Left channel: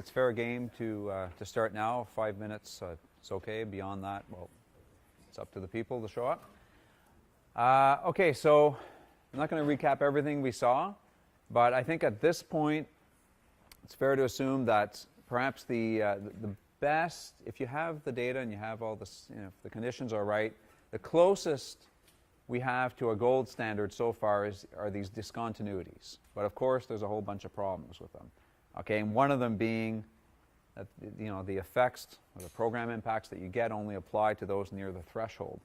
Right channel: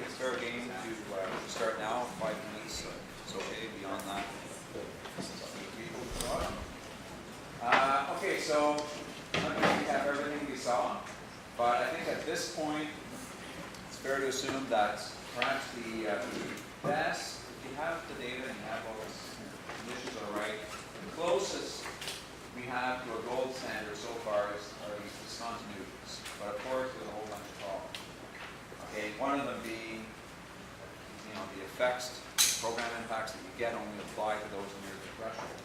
it's fair game to start now. 5 minutes, it's okay. Beyond that, it's up to the people to show up. Okay, so I'm not going to recap everything we saw, but I think at this point, it's fair to assume that perhaps the best, if you have the data and you have all this, the conditions are right, the closest we have to a gold standard so far are these discontinuities. But of course, there's a whole bunch of problems with them. Okay, and one of them being, the effects, the program impacts that you get only apply to those near the threshold.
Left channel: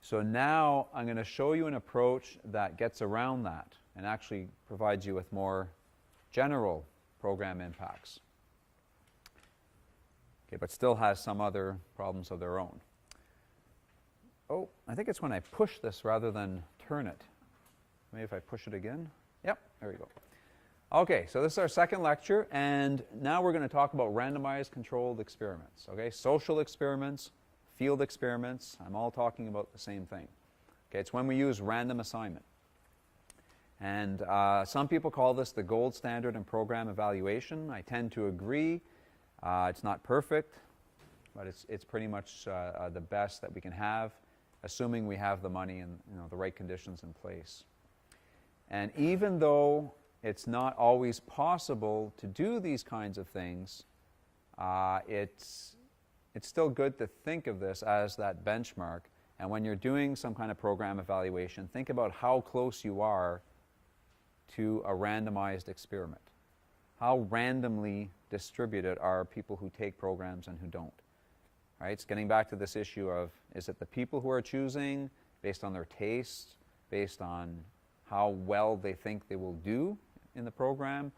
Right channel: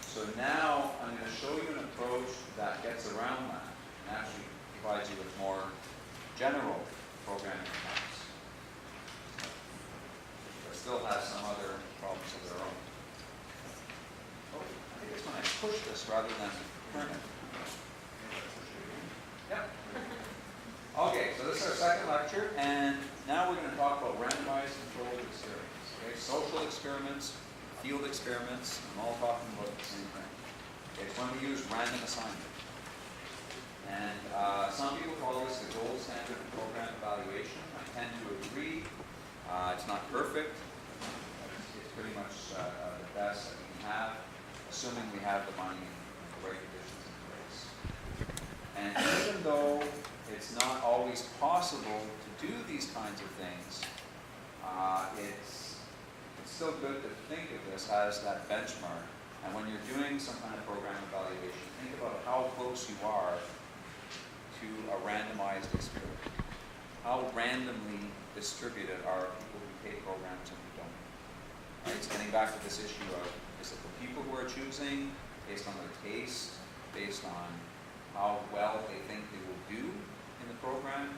So now I'm going to show you an approach that gets around that and actually provides you with more general program impacts. Okay, but still has some other problems of their own. Oh, I think it's when I push this rather than turn it. Maybe if I push it again. Yep, there we go. Okay, so this is our second lecture, and now we're going to talk about randomized controlled experiments. Okay, social experiments, field experiments, I'm all talking about the same thing. Okay, it's when we use random assignment. And some people call this the gold standard in program evaluation. I tend to agree. It's not perfect, but it's pretty much the best that we can have, assuming we have the money and the right conditions in place. And even though it's not always possible to do these kinds of things, it's still good to think of this as that benchmark. And when you're doing some kind of program evaluation, think about how close you are to a randomized experiment. How randomly distributed are people who take programs and who don't? Right? It's getting back to this issue of, is it the people who are choosing based on their taste, based on how well they think they will do in the program,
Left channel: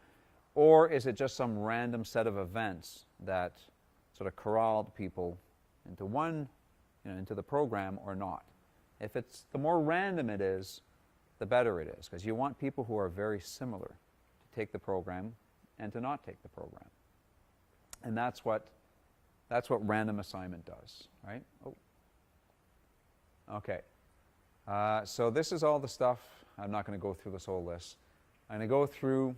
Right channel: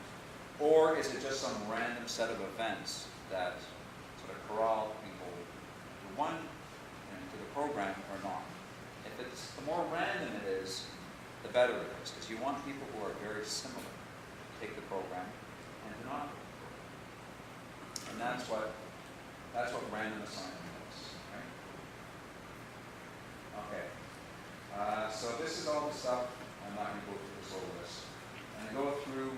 or is it just some random set of events that sort of corral people into one, into the program or not? If it's, the more random it is, the better it is, because you want people who are very similar to take the program and to not take the program. And that's what random assignment does, right? Okay. So this is all the stuff. I'm not going to go through this whole list. I'm going to go through,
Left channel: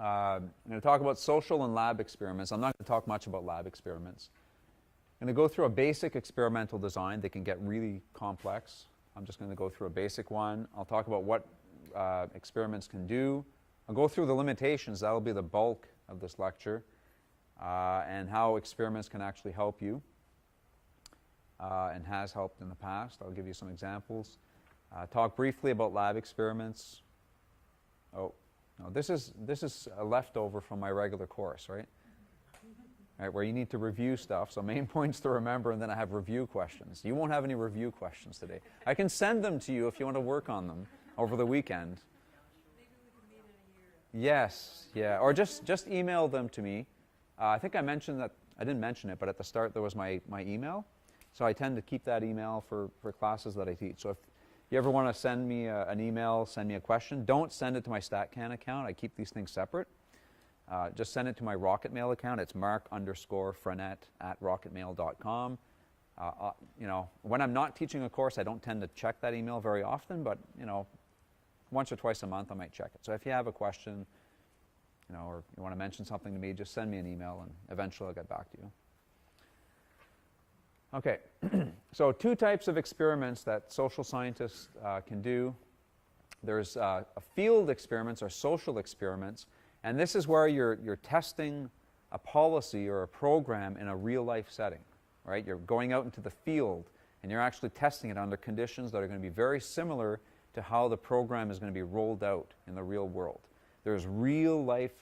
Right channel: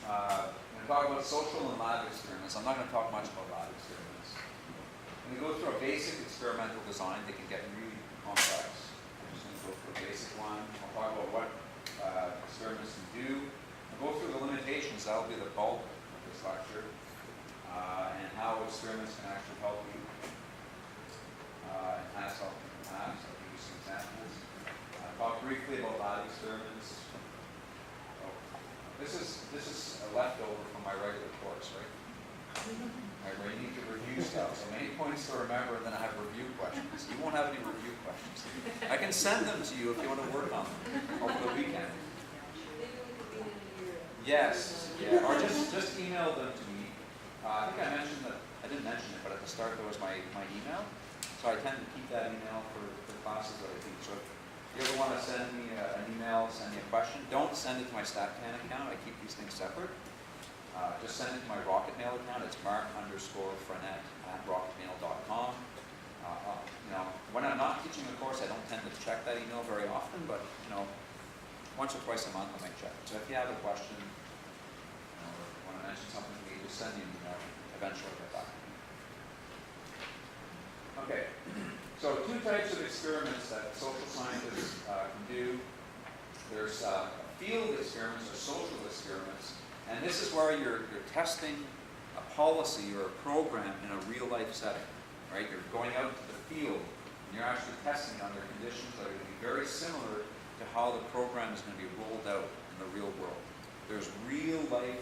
I'm going to talk about social and lab experiments. I'm not going to talk much about lab experiments. I'm going to go through a basic experimental design. They can get really complex. I'm just going to go through a basic one. I'll talk about what experiments can do. I'll go through the limitations. That'll be the bulk of this lecture. And how experiments can actually help you. And has helped in the past. I'll give you some examples. Talk briefly about lab experiments. Oh, this is a leftover from my regular course, right? Right, where you need to review stuff. So main points to remember, and then I have review questions. You won't have any review questions today. I can send them to you if you want to work on them over the weekend. Yes, yeah, or just email them to me. I think I mentioned that, I didn't mention it, but at the start there was my email. So I tend to keep that email for classes that I teach. So if you ever want to send me an email, send me a question, don't send it to my StatCan account. I keep these things separate. Just send it to my Rocket Mail account. It's marc_Frenette@rocketmail.com. When I'm not teaching a course, I don't tend to check that email very often, but once or twice a month I might check it. So if you have a question, or if you want to mention something to me, just send me an email and eventually I'll get back to you. Okay, so two types of experiments that social scientists can do. There's field experiments or social experiments, and this is where you're testing a policy or a program in a real life setting, right? You're going out into the field and you're actually testing it under conditions that are going to be very similar to how the program is going to be rolled out in the real world. There's real life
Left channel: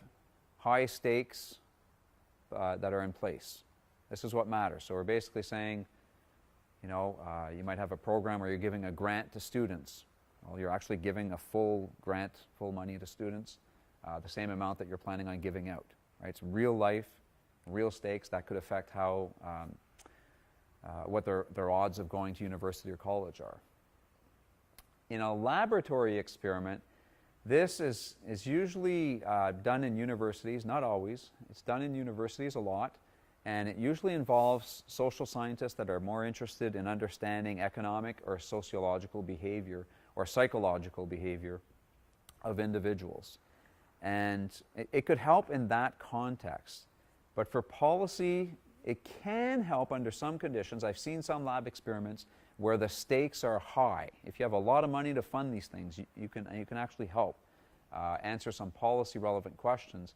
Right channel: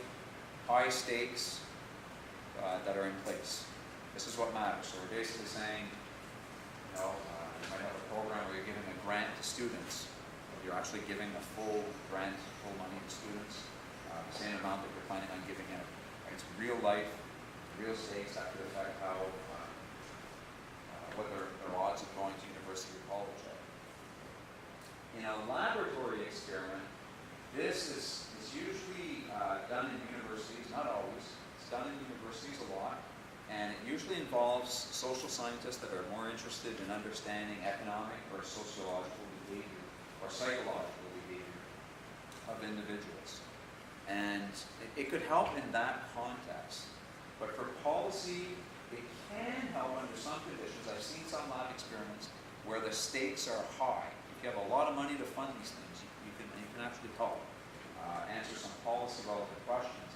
high stakes that are in place. This is what matters. So we're basically saying, you might have a program where you're giving a grant to students, or you're actually giving a full grant, full money to students, the same amount that you're planning on giving out. Right? It's real life, real stakes that could affect how, what their odds of going to university or college are. In a laboratory experiment, this is usually done in universities, not always. It's done in universities a lot. And it usually involves social scientists that are more interested in understanding economic or sociological behavior or psychological behavior of individuals. And it could help in that context. But for policy, it can help under some conditions. I've seen some lab experiments where the stakes are high. If you have a lot of money to fund these things, you can actually help answer some policy relevant questions.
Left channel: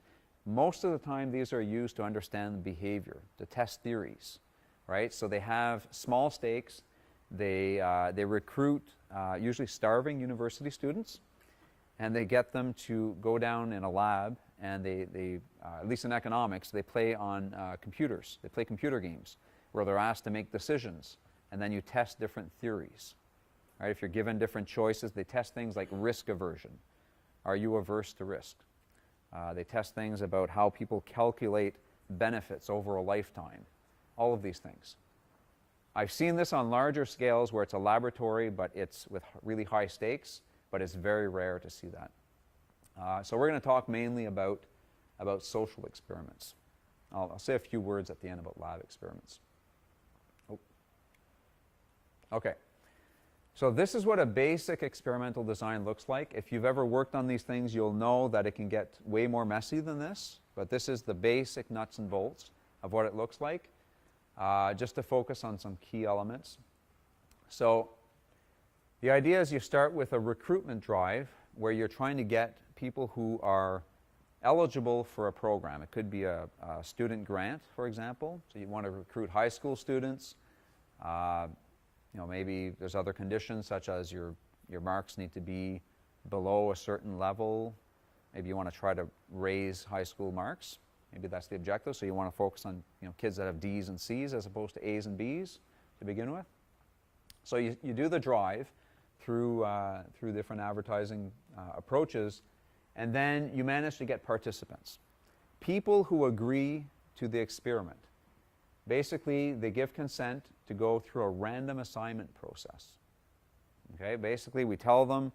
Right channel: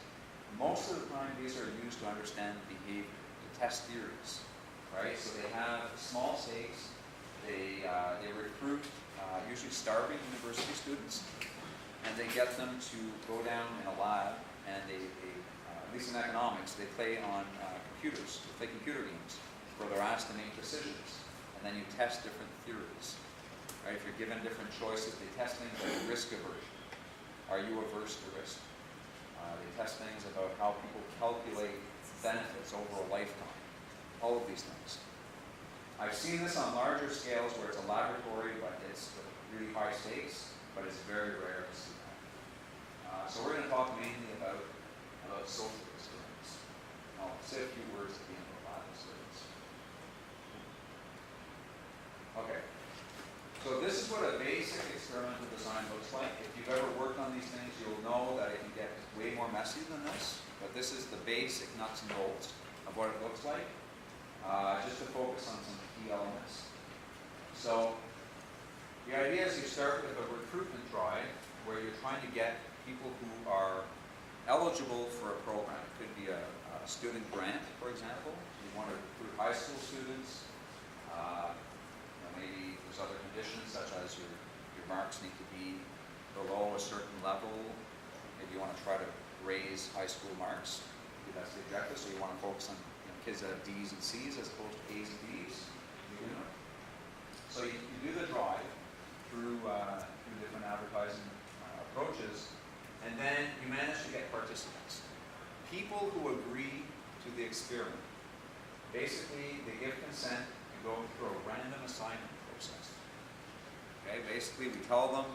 Most of the time, these are used to understand behavior, to test theories, right? So they have small stakes. They recruit usually starving university students, and they get them to go down in a lab, and they at least in economics, they play on computers. They play computer games where they're asked to make decisions, and then you test different theories, right? If you're given different choices, they test things like risk aversion. Are you averse to risk? They test things about how people calculate benefits over a lifetime. All of these things. I've seen this on larger scales where it's a laboratory, but it's with really high stakes, but it's very rare to see that. So we're going to talk mainly about social experiments. I'll say a few words at the end about lab experiments. Okay. So this is what a basic experimental design looks like. If you've ever worked on these things, you'll know that it can get way more messy than this, but this is the basic nuts and bolts of what it looks like, just to focus on some key elements. So the idea is you start with a recruitment drive where you're trying to get people who are eligible for a program. It could be a student grant, for example. So you want to recruit high school students. Maybe there's other conditions such as your marks need to be below a certain level. Maybe you want to try to raise high school marks. Maybe that's the objective. So you want to focus on kids that have D's and C's as opposed to A's and B's to begin with. So you do the drive through different advertising approaches, and then you manage to get participants. People who agree to the experiment. Basically, they give consent to go through a random assignment process. Okay, basically we tell them,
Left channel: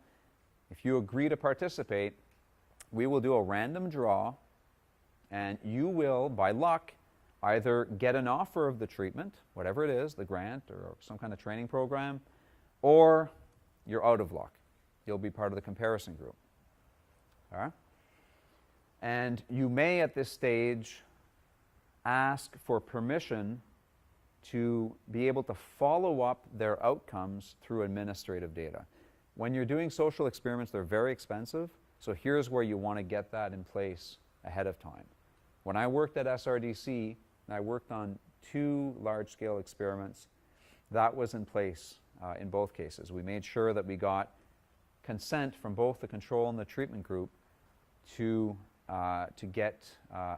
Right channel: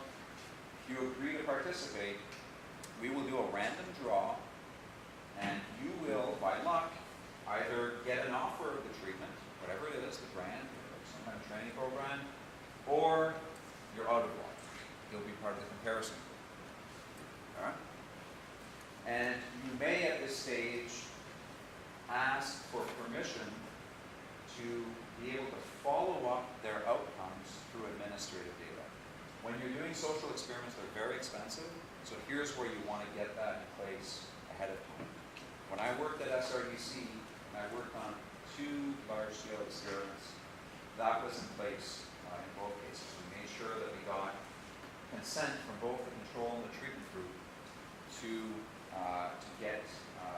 if you agree to participate, we will do a random draw, and you will, by luck, either get an offer of the treatment, whatever it is, a grant or some kind of training program, or you're out of luck. You'll be part of the comparison group. All right? And you may, at this stage, ask for permission to be able to follow up their outcomes through administrative data. When you're doing social experiments, they're very expensive, so here's where you want to get that in place ahead of time. When I worked at SRDC, I worked on 2 large-scale experiments. That was in place in both cases. We made sure that we got consent from both the control and the treatment group to get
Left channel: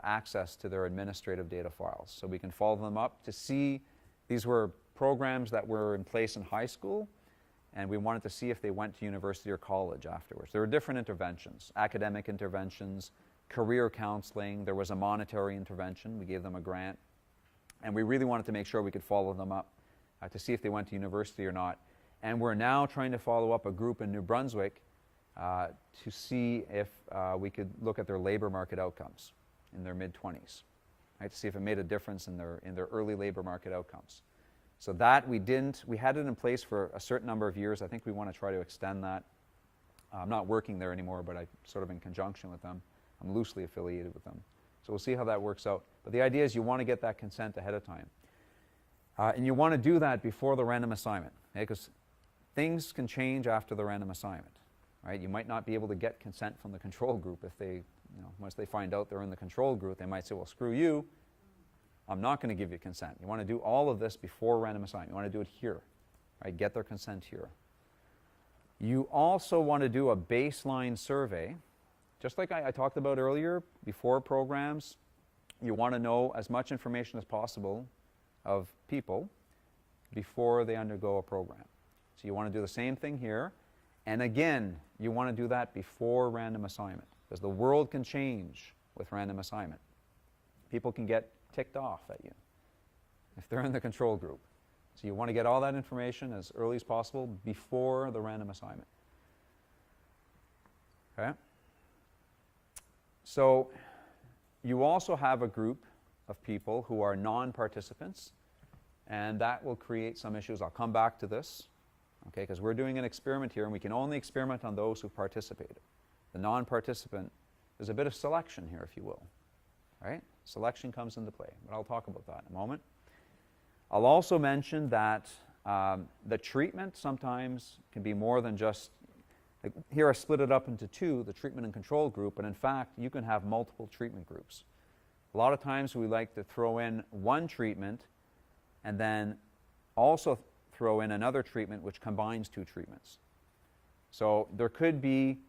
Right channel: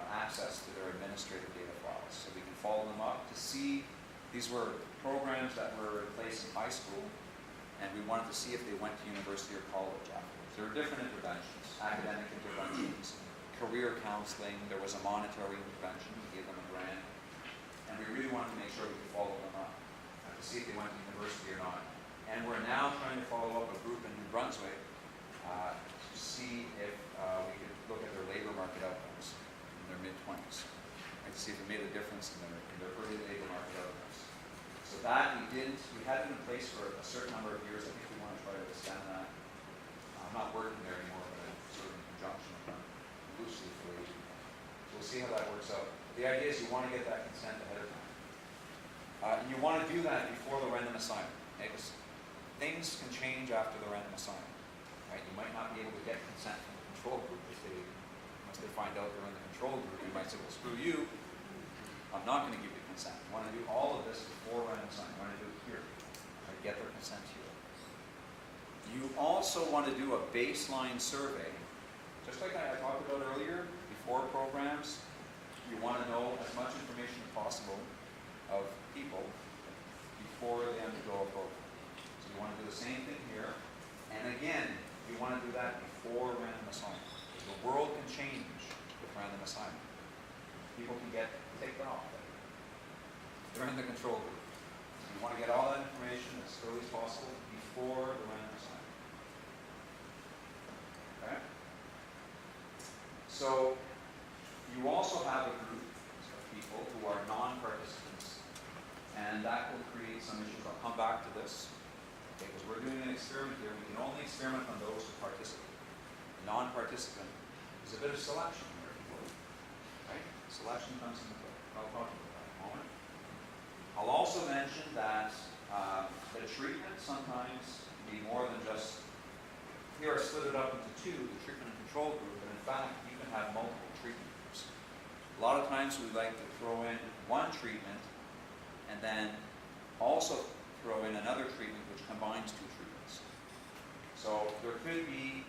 access to their administrative data files. So we can follow them up to see. These were programs that were in place in high school, and we wanted to see if they went to university or college afterwards. There were different interventions, academic interventions, career counseling. There was a monetary intervention. We gave them a grant. And we really wanted to make sure we could follow them up to see if they went to university or not. And we're now trying to follow up a group in New Brunswick to see if we could look at their labor market outcomes in their mid-20s, right, to see if it made a difference in their early labor market outcomes. So that we had it in place for a certain number of years. I think we want to try to extend that. I'm not working there anymore, but I'm sort of in conjunction with them. I'm loosely affiliated with them. So we'll see how that works out. But the idea is you want to get that consent ahead of time. And you want to do that before the random assignment, because things can change after the random assignment. Right? You might not be able to get consent from the control group if unless they find out they're in the control group. They might say, well, screw you. I'm not going to give you consent. You want to do all of this before random assignment. You want to do it here. Right? Get their consent here. You also want to do a baseline survey. Just like I talked about earlier, before programs, you want to know as much information as possible of people before they undergo a program. So you want to do the same thing here. And again, you want to do that before random assignment. Because the world can change with random assignment. People can get ticked off at you if they're in the control group. So you want to get all that information as early as possible before the random assignment. Okay? So you also have a group of people who are non-participants, and that will create some issues. I'll come back to this, okay, because we're doing an experiment here, and we can only experiment on those who participate. The non-participant, there's a bit of selection here, if you will. Right? Selection comes into play. I'll talk about that in a moment. I'll also mention that the treatment sometimes can be more than just, like here I split it up into two, the treatment and control group, but in fact you can have multiple treatment groups. A lot of times we like to throw in one treatment and then also throw in another treatment which combines two treatments. So there could be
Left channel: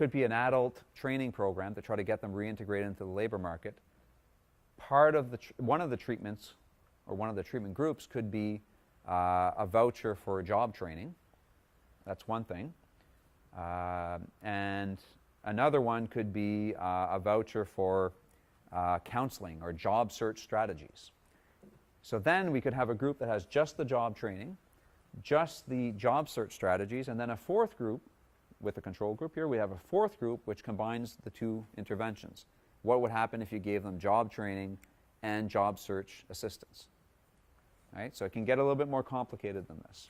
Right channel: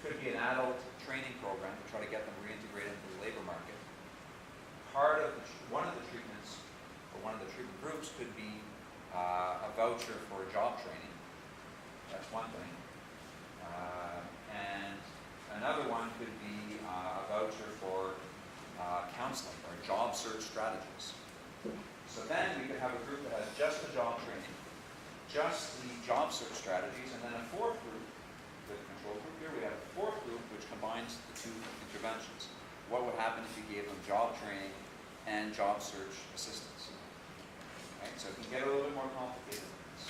an adult training program to try to get them reintegrated into the labor market. One of the treatments or one of the treatment groups could be a voucher for job training. That's one thing. And another one could be a voucher for counseling or job search strategies. So then we could have a group that has just the job training, just the job search strategies, and then a fourth group with the control group here. We have a fourth group which combines the two interventions. What would happen if you gave them job training and job search assistance? Right? So it can get a little bit more complicated than this.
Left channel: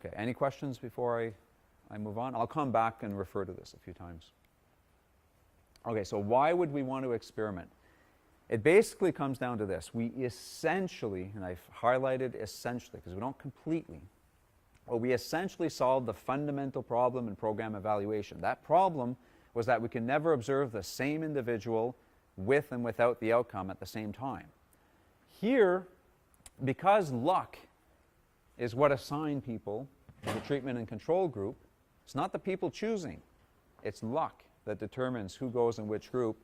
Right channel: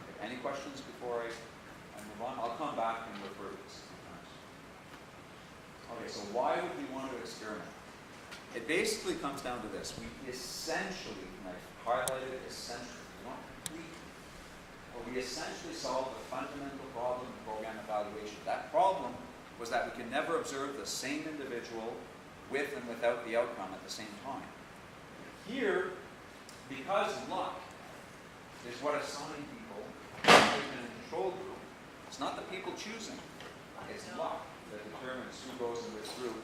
Okay, any questions before I move on? I'll come back and refer to this a few times. Okay, so why would we want to experiment? It basically comes down to this. We essentially, and I've highlighted essentially, we don't completely, but we essentially solved the fundamental problem in program evaluation. That problem was that we can never observe the same individual with and without the outcome at the same time. Here, because luck is what assigned people to the treatment and control group, it's not the people choosing, it's luck that determines who goes in which group.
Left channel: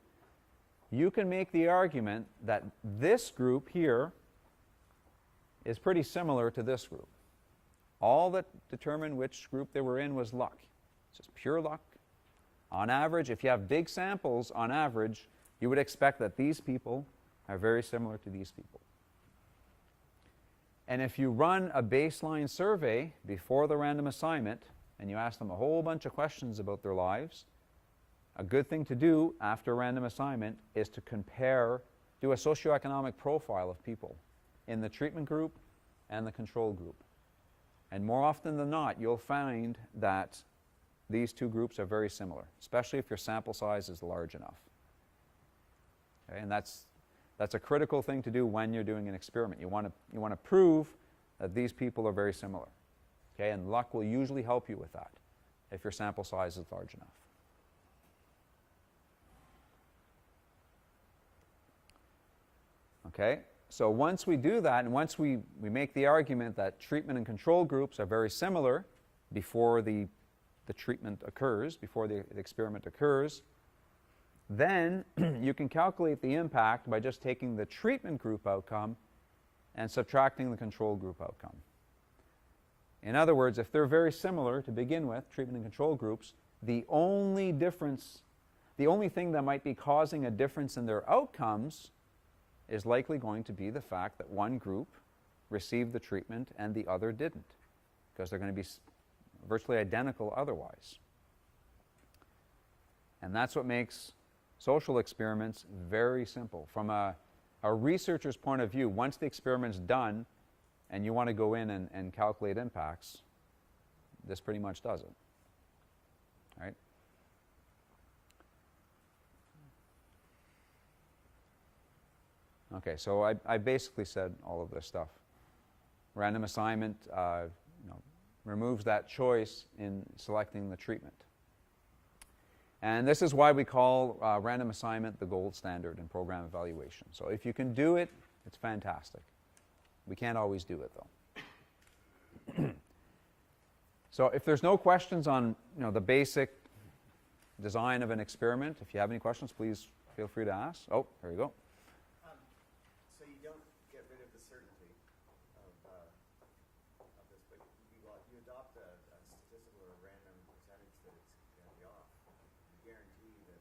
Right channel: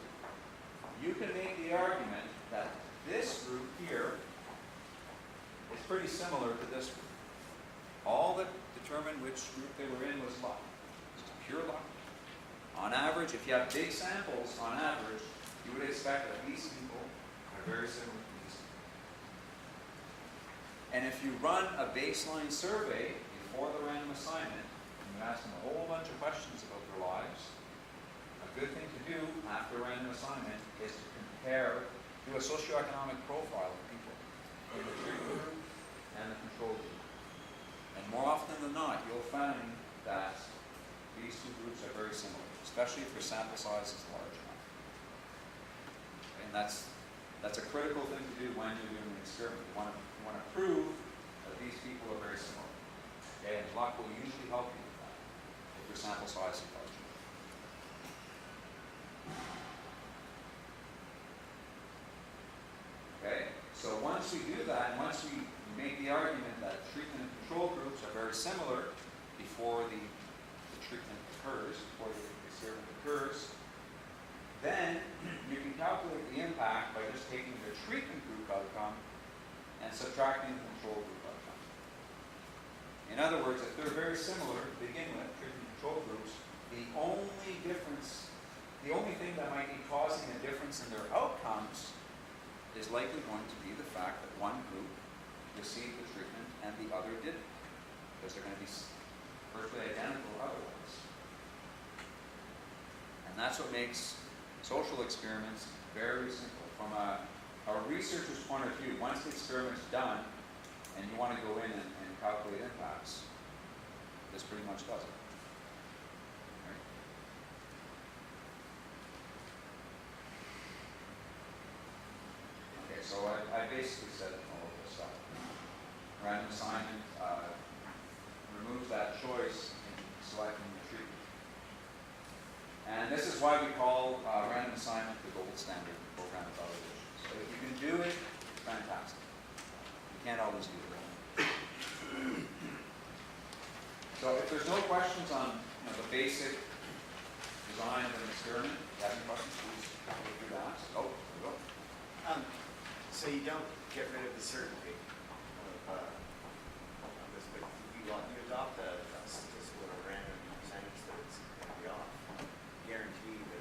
You can make the argument that this group here is pretty similar to this group. All that determined which group they were in was luck. It's pure luck. On average, if you have big samples, on average, you would expect that these people are very similar to these people. And if you run a baseline survey before the random assignment, and you ask them a whole bunch of questions about their lives, a good thing to do after a random assignment is to compare, do a socioeconomic profile of people in the treatment group and the control group. And more often than not, you'll find that these two groups are very similar, especially if your sample size is large enough. Okay, and that's a critical thing to do when you're doing an experiment. You want to prove that these people are very similar. Okay, and luck will usually help you with that if your sample size is large enough. Okay, so once we do that, and once we make the argument that treatment and control groups are very similar before the treatment occurs, before the experiment occurs, then you can calculate the impact by just taking the treatment group outcome and subtracting the control group outcome. In other words, if they're very similar to begin with, treatment and control groups, the only thing that might be causing a difference in their outcomes is likely going to be the fact that one group received the treatment and the other didn't, because they're going to be virtually identical otherwise. And that's what makes social experiments very simple. From a researcher's point of view, once the experiment's done and you want to go in and calculate impacts, this pretty much does it. Right? Okay, so I basically said all of this stuff. Random assignment removes that choice in selecting the treatment. And this is why we call random assignment the gold standard in program evaluation. So if you can do it, it's fantastic. We can't always do it. So if there's no questions on the basic design of an experiment, if you have any questions, please feel free to ask. Oh, there we go. So you don't get rid of the certainty of this, but you adopt a statistical or random percentage that it's going to be off. Guarantee that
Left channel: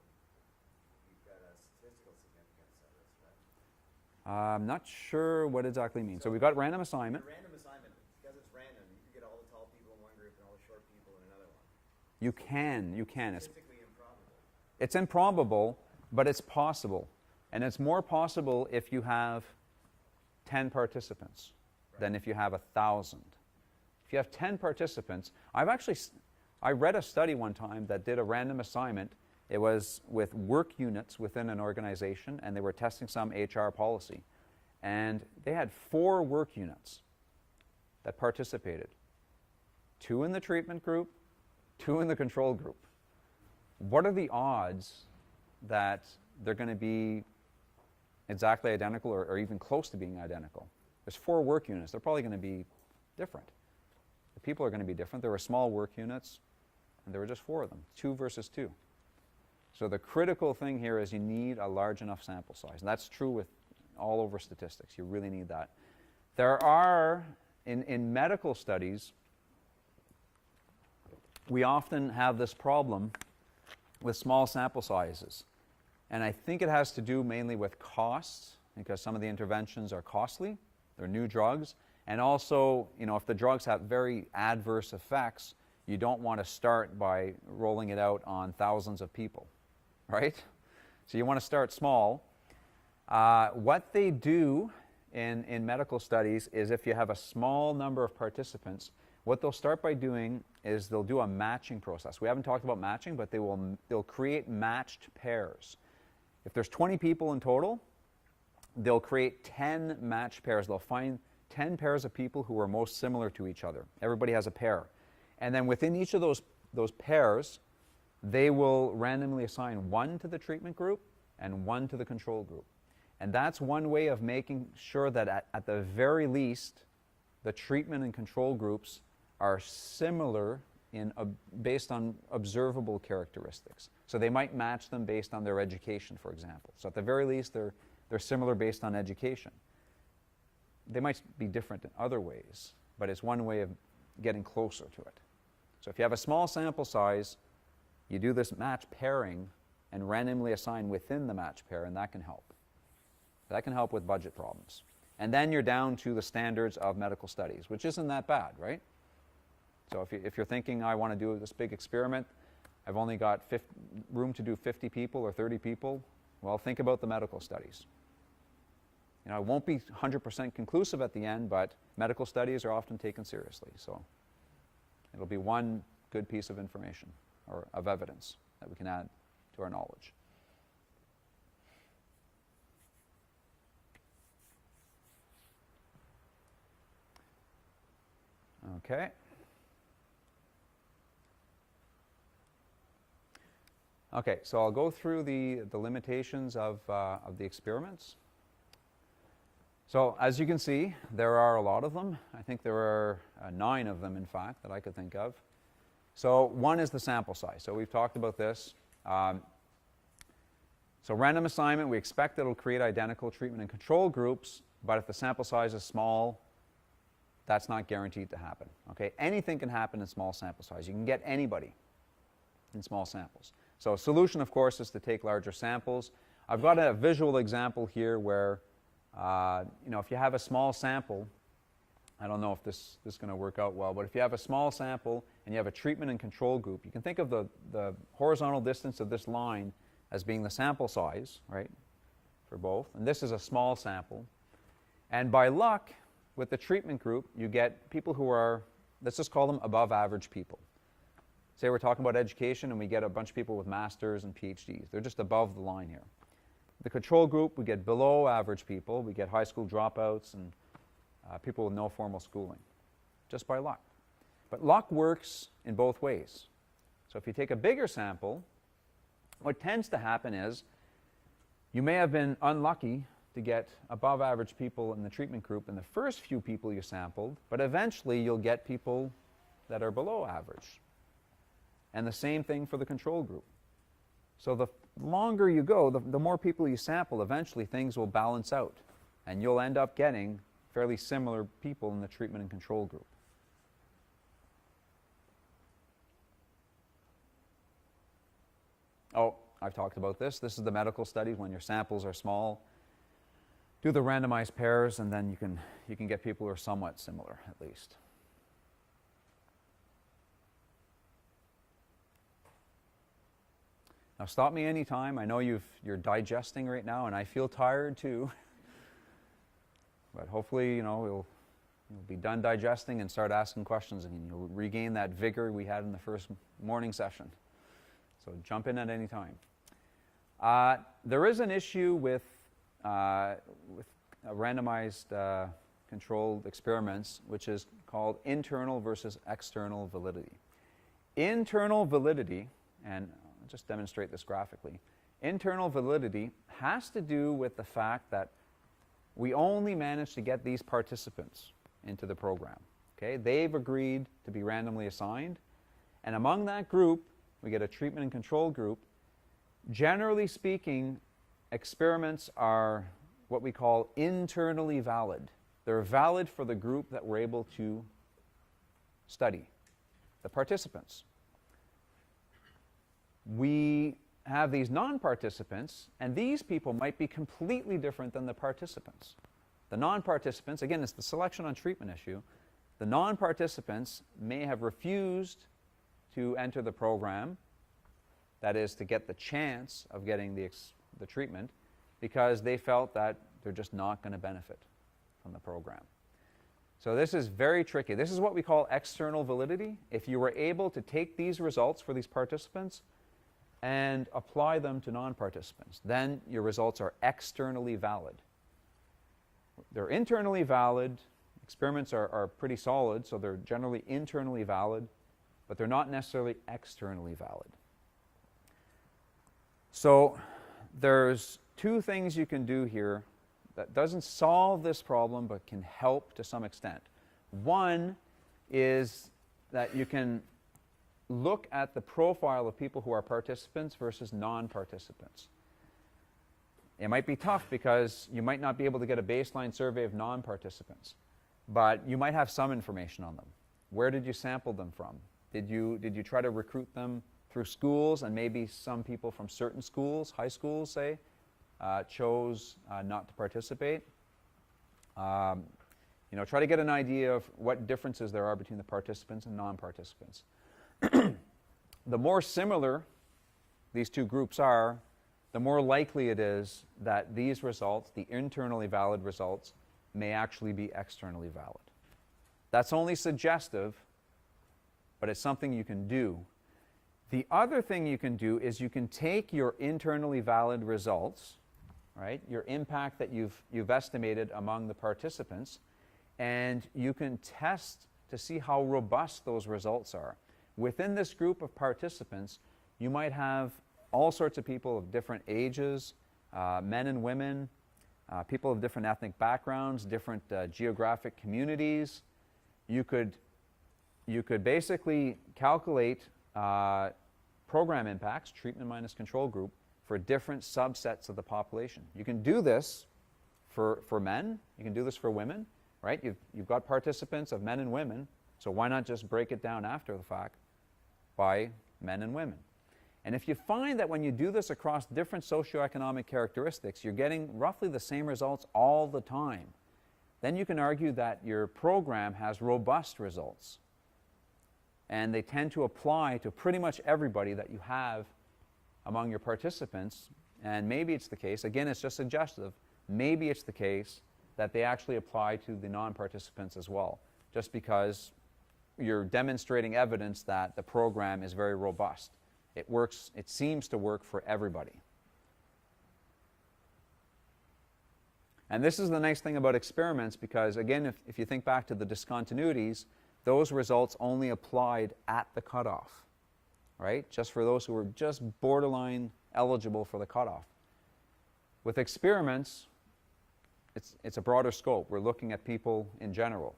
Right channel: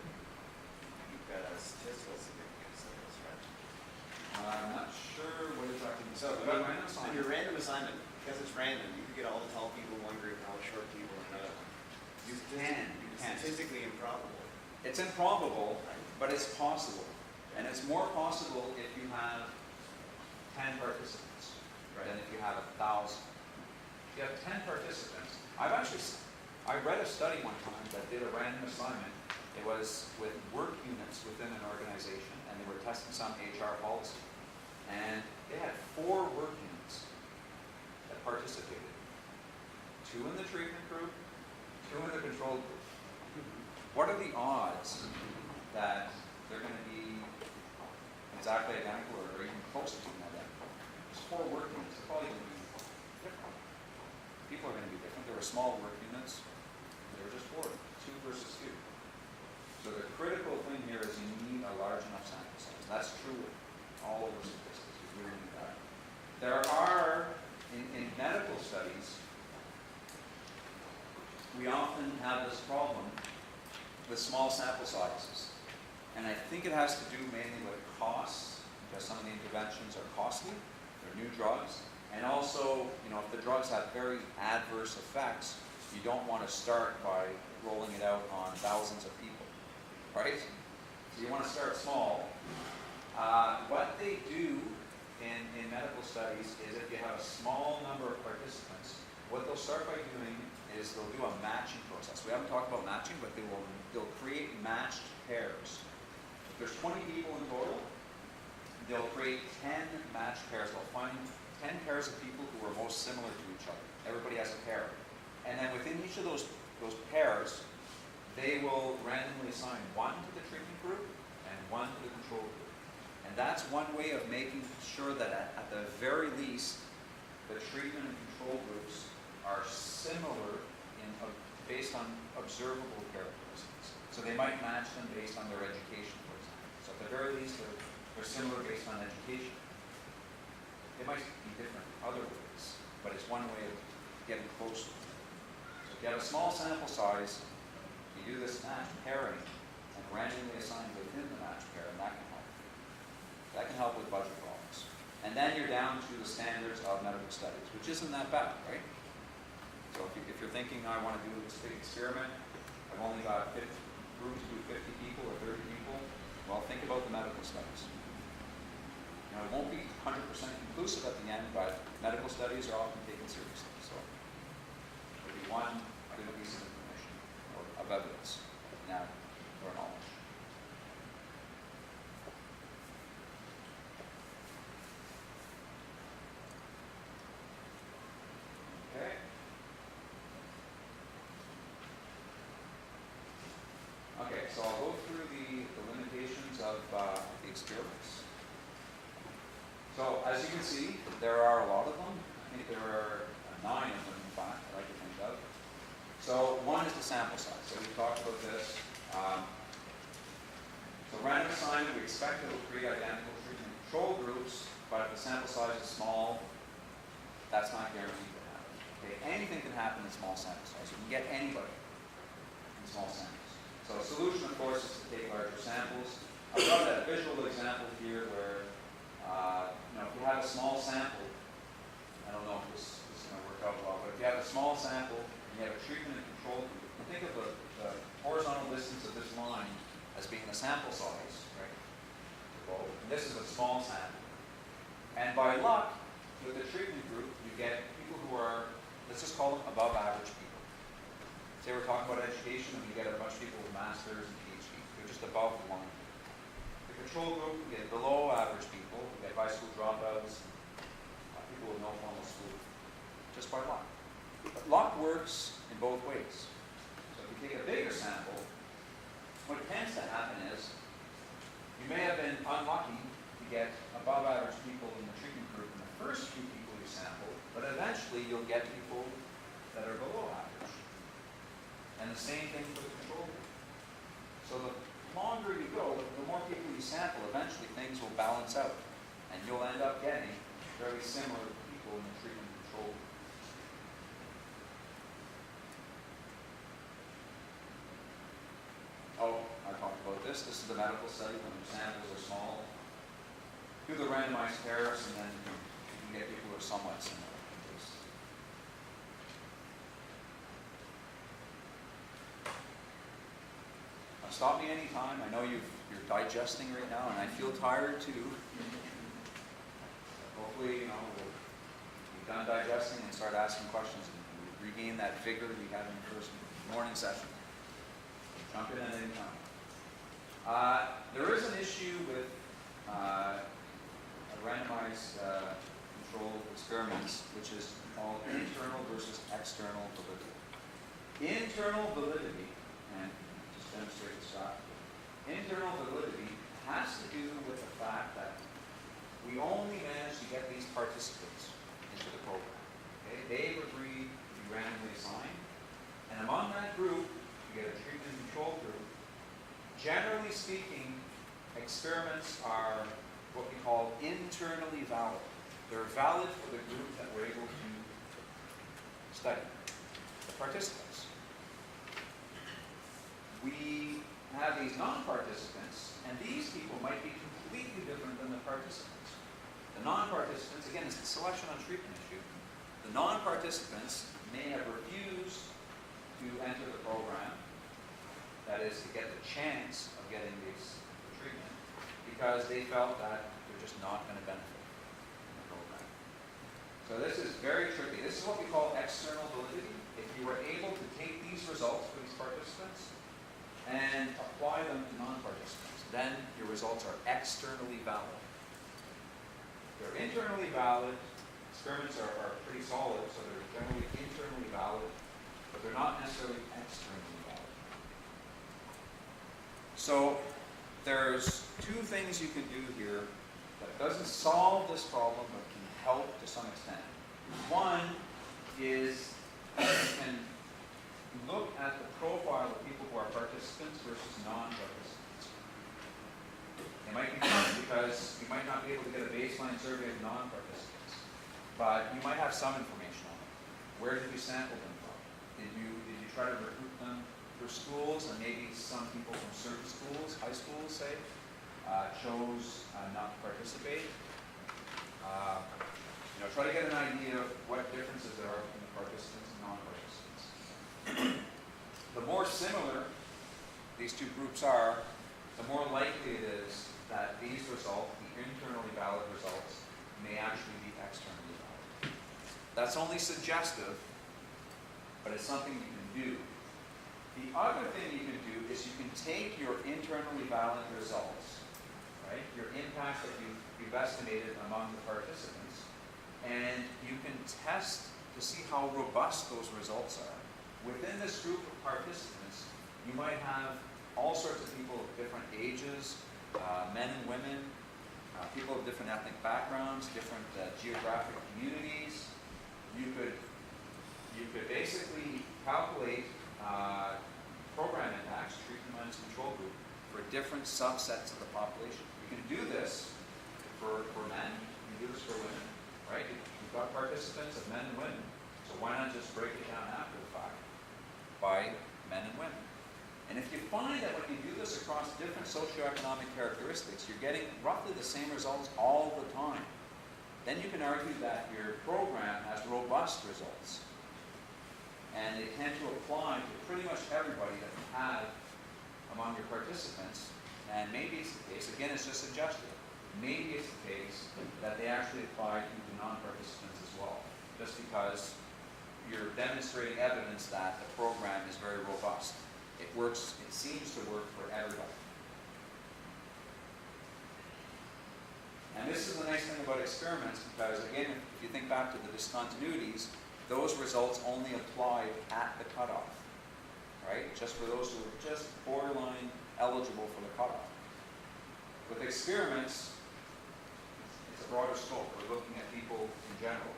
you've got a statistical significance of this, right? I'm not sure what exactly it means. So we've got random assignment. Your random assignment, because it's random, you can get all the tall people in one group and all the short people in another one. You can. Statistically improbable. It's improbable, but it's possible. And it's more possible if you have 10 participants than if you have 1,000. If you have 10 participants, I read a study one time that did a random assignment It was with work units within an organization, and they were testing some HR policy. And they had 4 work units that participated. 2 in the treatment group, 2 in the control group. What are the odds that they're going to be exactly identical or even close to being identical? There's 4 work units. They're probably going to be different. The people are going to be different. There were small work units. There were just 4 of them, 2 versus 2. So the critical thing here is you need a large enough sample size. And that's true with all over statistics. You really need that. There are, in medical studies, we often have this problem with small sample sizes. And I think it has to do mainly with costs, because some of the interventions are costly. They're new drugs. And also, if the drugs have very adverse effects, you don't want to start by rolling it out on thousands of people, right? So you want to start small. What they do in medical studies is if you have a small number of participants, what they'll start by doing is they'll do a matching process. We haven't talked about matching, but they'll create matched pairs. If there's 20 people in total, they'll create 10 matched pairs. They'll find 10 pairs of people who are most similar to each other. Everybody has a pair. And then within each of those pairs, they will randomly assign 1 to the treatment group and 1 to the control group. And that's one way of making sure that at the very least, the treatment and control groups are similar based on observable characteristics. So they might match them based on their education, for example. So at the very least, they're similar based on education. They might be different in other ways, but it's one way of getting closer to it. So if you have a small sample size, you do this matched pairing and randomly assign within the matched pair, and that can help. That can help with budget problems. And then you're down to the standards of medical studies, which isn't that bad, right? So if you're thinking, I want to do this big experiment, I've only got room to do 50 people or 30 people, well, think about the medical studies. It won't be 100% conclusive at the end, but medical studies are often taken seriously. So it'll be one good piece of information or of evidence that we can add to our knowledge. Okay. Okay, so I'll go through the limitations of the experiments. So as you can see, there are a lot of them. I think there are 9 of them, in fact, that I could think of. So one is the sample size. So we've talked about this. So random assignment, we expect it will create identical treatment and control groups, but if the sample size is small, that's not guaranteed to happen. Okay, anything can happen in small sample size. You can get anybody in small samples. So solution, of course, is to take larger samples. I've got a visual example here where, if you have a small sample, I don't know if this is going to work out well, but if you have a small sample and you have a treatment and control group, you can think of the horizontal distance of this line as being the sample size, right, for both. And this is a small sample. And by luck, with the treatment group, you get people who are, let's just call them above average people. Say we're talking about education and we get a bunch of people with masters and PhDs. They're just above the line here. The control group, we get below average people. We get high school dropouts and people with no formal schooling, just by luck. But luck works in both ways. So if you take a bigger sample, what tends to happen is you may have been unlucky to get above average people in the treatment group in the first few people you sampled, but eventually you'll get people that are below average. And the same thing for the control group. So the longer you go, the more people you sample, eventually things will balance out. And you'll end up getting fairly similar people in the treatment and control group. Oh, I've talked about this. This is the medical study when your samples are small. Do the randomized pairs, and then you can get people who are somewhat similar, at least. Now stop me anytime. I know you're digesting right now, and I feel tired too. But hopefully, we'll be done digesting and start asking questions, and we regain that vigor we had in the first morning session. So Jump in at any time. There is an issue with randomized controlled experiments, which is called internal versus external validity. Internal validity, and I'll just demonstrate this graphically, internal validity has to do with the fact that we only managed to get these participants into the program. Okay? They've agreed to be randomly assigned, and among that group, we get a treatment and control group. Generally speaking, experiments are what we call internally valid. They're valid for the group that we're able to study, the participants. We have these non-participants, and these people might be completely different than the participants. The non-participants, again, it's the selection on treatment issue. The non-participants may have refused to enter the program, that is, to get the chance of getting the treatment, because they felt that they're just not going to benefit from the program. So this is very tricky. This is what we call external validity. If you were able to take these results for these participants and apply them to non-participants, then your results are externally valid. They're internally valid. Experiments are pretty solid, so they're generally internally valid, but they're not necessarily externally valid. So there's two things you can do here that doesn't solve this problem, but can help to some extent. One is that you can look at the profile of people who are participants versus non-participants. It might be tough because you might not be able to get a baseline survey of non-participants, but you might have some information on them. Where did you sample them from? Did you try to recruit them through schools, and maybe some people from certain schools, high schools say, chose not to participate? Try to get an idea of what differences there are between the participants and non-participants. The more similar these two groups are, the more likely it is that these results, the internally valid results, may actually be externally valid. That's only suggestive, but it's something you can do. The other thing you can do is you can take your internally valid results, right, your impact that you've estimated among the participants, and you can test to see how robust those results are. Within this group of participants, you might have all sorts of people of different ages, men and women, people of different ethnic backgrounds, different geographic communities. You could basically calculate program impacts, treatment minus control group, for different subsets of the population. You can do this for men, you can do this for women, right? You've got participants of men and women, so why not just break it down after the fact by men and women? And if you find that when you do this across different socioeconomic characteristics, you're getting roughly the same results all the time, then you can argue that your program has robust results. And they tend to apply to pretty much everybody that you have among your participants. And maybe it's the case, again, it's just suggestive, maybe it's the case that they actually apply to the non-participants as well, just because you're demonstrating evidence that the program is very robust. It works, it seems to work for everybody. And this is the nice thing about experiments, because again, if you think back to the discontinuities, those results only applied at the cutoff, right? Just for those who were just borderline eligible for the cutoff. With experiments, it's a broader scope. We're looking at people in general,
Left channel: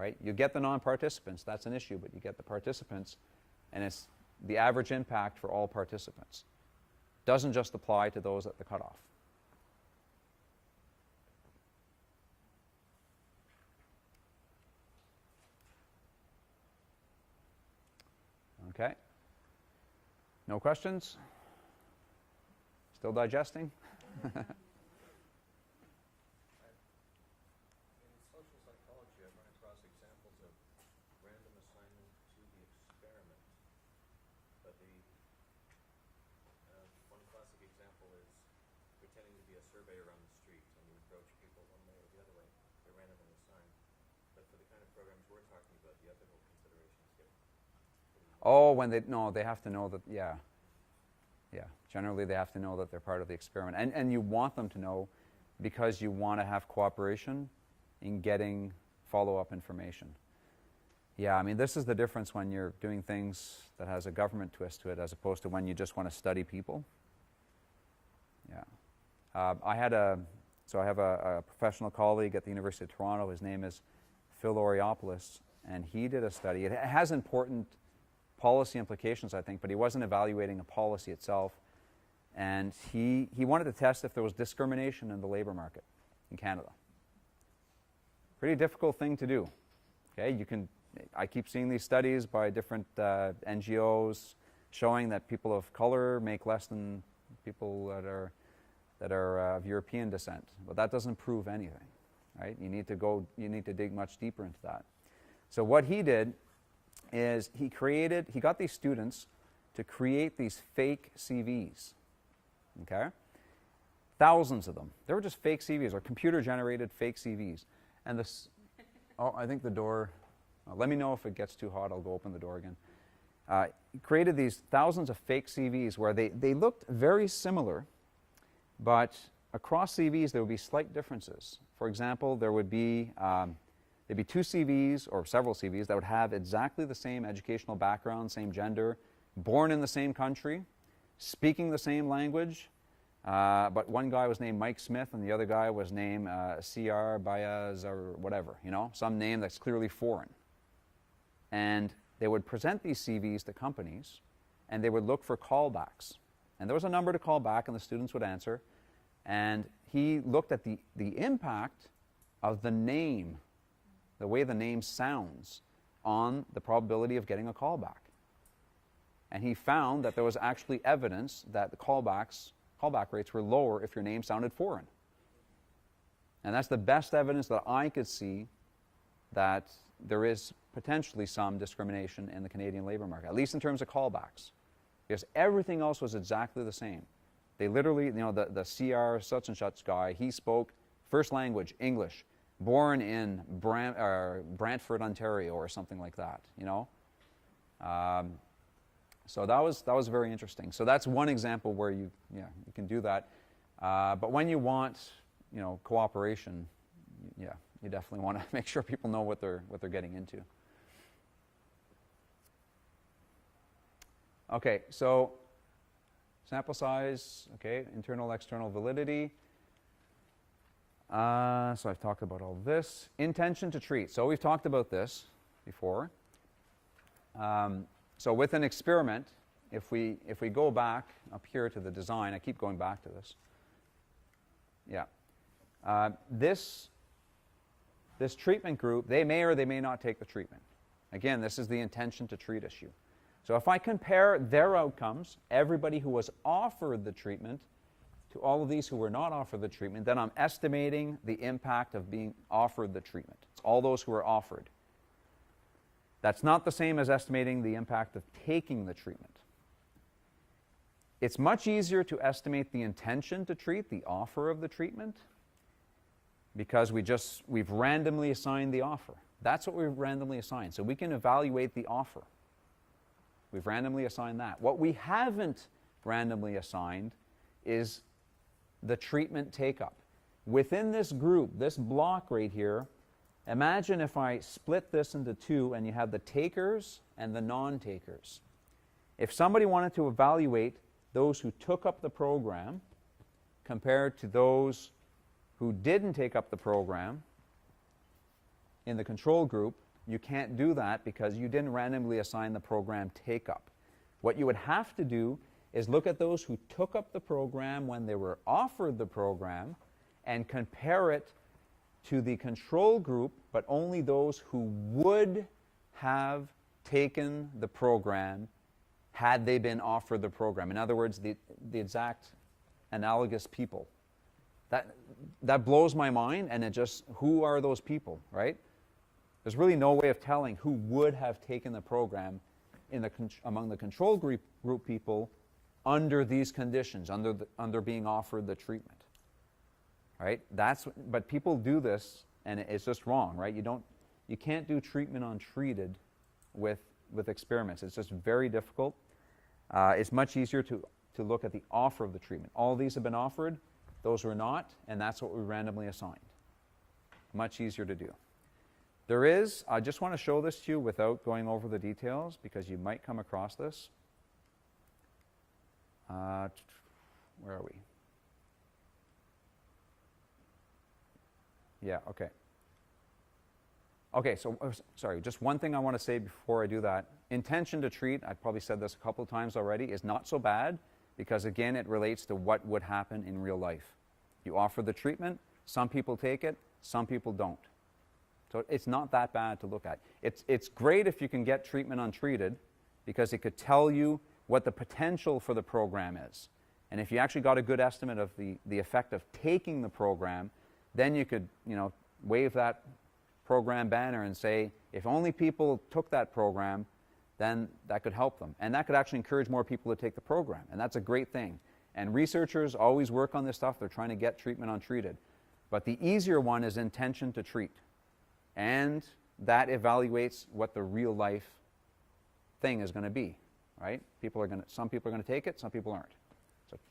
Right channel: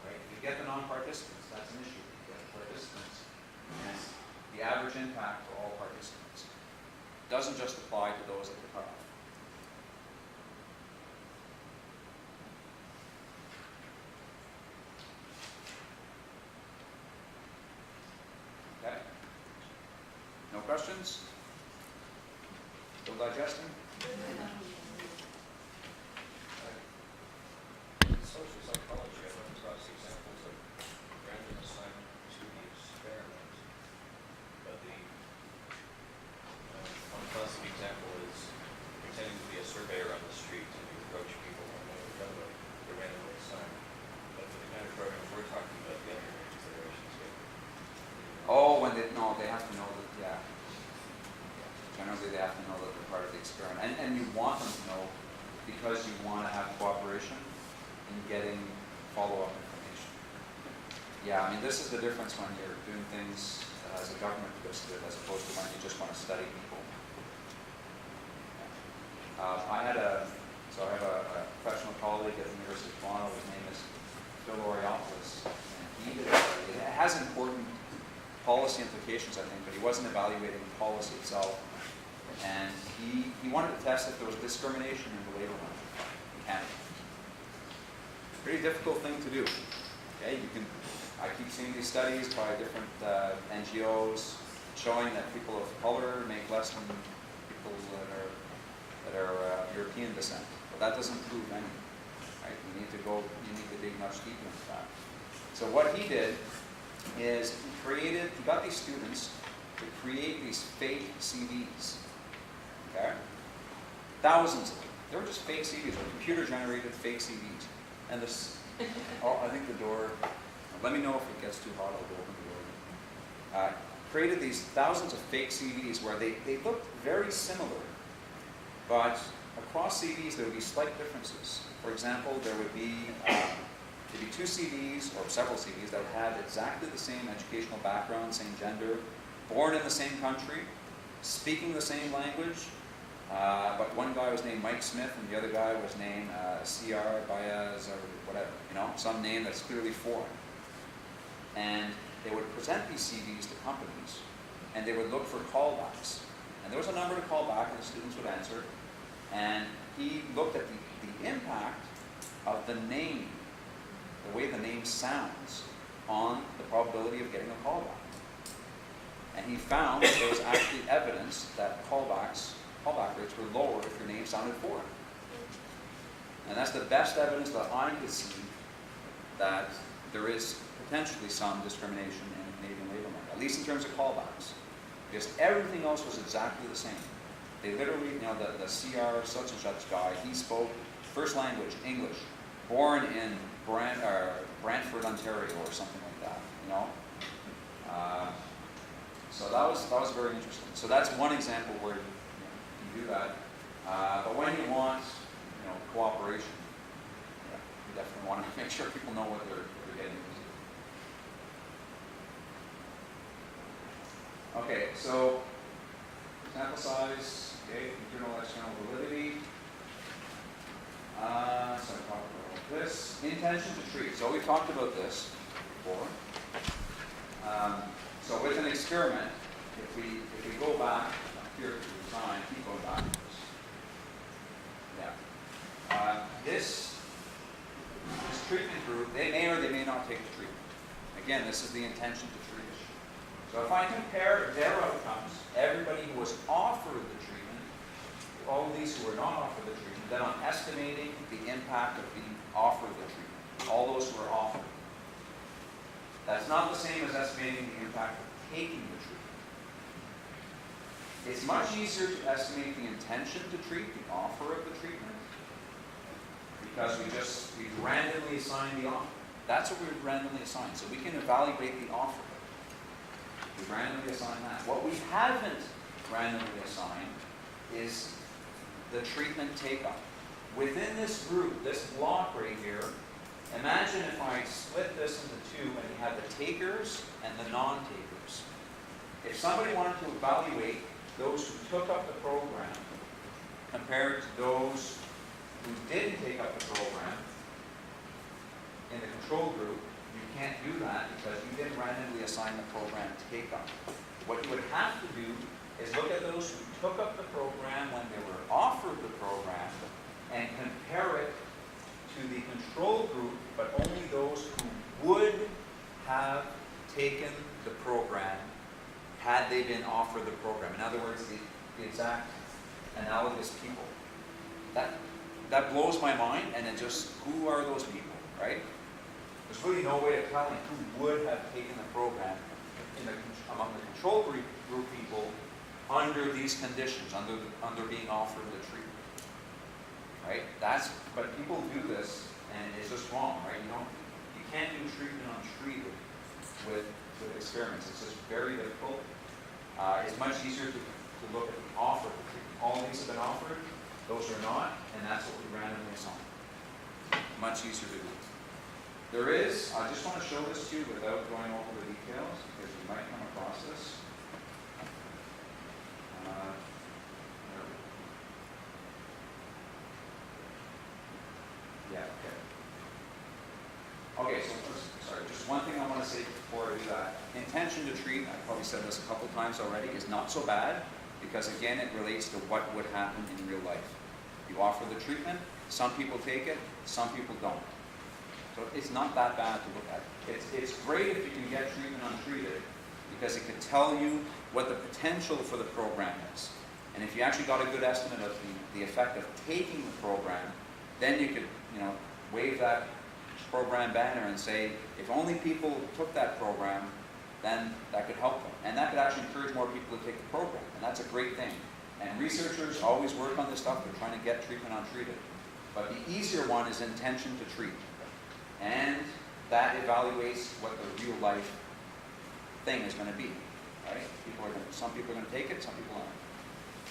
right? You get the non-participants, that's an issue, but you get the participants, and it's the average impact for all participants. Doesn't just apply to those at the cutoff. Okay? No questions? Still digesting? Social psychology, I've run across examples of random assignment to the experiment. But one classic example is pretending to be a surveyor on the street and you approach people one way or another, they're randomly assigned. But for the kind of programs we're talking about, the other considerations here. Oh, when they have to know that, yeah. have to know that they're part of the experiment. And you want them to know because you want to have cooperation in getting follow-up information. Yeah, I mean, this is the difference when you're doing things that has a government twist to it as opposed to when you just want to study people. Yeah. I have a professional colleague at the University of Toronto. His name is Phil Oriopoulos, and he did a study. It has important policy implications, I think, but he wasn't evaluating the policy itself. And he wanted to test if there was discrimination in the labor market in Canada. Pretty difficult thing to do. Okay, I keep seeing these studies by different NGOs showing that people of color make less than people that are European descent. But that doesn't prove anything, right? You need to dig much deeper into that. So what he did is he got these students to create these fake CVs. Okay? Thousands of them. They were just fake CVs, or computer-generated fake CVs. And this, I think the door, let me know if it gets too hot, I'll go open the door again. Created these thousands of fake CVs where they looked very similar, but across CVs there would be slight differences. For example, there'd be two CVs, or several CVs, that would have exactly the same educational background, same gender, born in the same country, speaking the same language, but one guy was named Mike Smith and the other guy was named C.R. Baez or whatever, some name that's clearly foreign. And they would present these CVs to companies and they would look for callbacks. And there was a number to call back and the students would answer. And he looked at the impact of the name, the way the name sounds, on the probability of getting a callback. And he found that there was actually evidence that callback rates were lower if your name sounded foreign. And that's the best evidence that I could see that there is potentially some discrimination in the Canadian labour market, at least in terms of callbacks. Because everything else was exactly the same. They literally, the CR such and such guy, he spoke first language, English, born in Brantford, Ontario, or something like that, So that was very interesting. So that's one example where you can do that. But when you want, cooperation, you definitely want to make sure people know what they're getting into. Okay, so sample size, internal, external validity. So I talked about all this. Intention to treat. So we talked about this before. So with an experiment, if we go back up here to the design, I keep going backwards. Yeah. This treatment group, they may or they may not take the treatment. Again, this is the intention to treat issue. So if I compare their outcomes, everybody who was offered the treatment, to all of these who were not offered the treatment, then I'm estimating the impact of being offered the treatment. All those who were offered. That's not the same as estimating the impact of taking the treatment. It's much easier to estimate the intention to treat, the offer of the treatment, because we've randomly assigned the offer. That's what we've randomly assigned. So we can evaluate the offer. We've randomly assigned that. What we haven't randomly assigned is the treatment take-up. Within this group, this block right here, imagine if I split this into two and you had the takers and the non-takers. If somebody wanted to evaluate those who took up the program compared to those who didn't take up the program in the control group, you can't do that because you didn't randomly assign the program take-up. What you would have to do is look at those who took up the program when they were offered the program and compare it to the control group, but only those who would have taken the program had they been offered the program. In other words, the exact analogous people. That blows my mind, and who are those people, right? There's really no way of telling who would have taken the program among the control group people under these conditions, under being offered the treatment. Right? But people do this, and it's just wrong, right? You can't do treatment untreated with experiments. It's just very difficult. It's much easier to to look at the offer of the treatment. All these have been offered, those are not, and that's what we randomly assign. Much easier to do. There is, I just want to show this to you without going over the details, because you might come across this. Where are we? Yeah, okay. Okay, so, sorry, just one thing I want to say before I do that. Intention to treat, I've probably said this a couple of times already, is not so bad, because again, it relates to what would happen in real life. You offer the treatment, some people take it, some people don't. So it's not that bad to look at. It's great if you can get treatment untreated, because it could tell you what the potential for the program is. And if you actually got a good estimate of the effect of taking the program, then you could, wave that program banner and say, if only people took that program, then that could help them. And that could actually encourage more people to take the program. And that's a great thing. And researchers always work on this stuff. They're trying to get treatment untreated. But the easier one is intention to treat. And that evaluates what the real life thing is going to be, right? Some people are going to take it, some people aren't.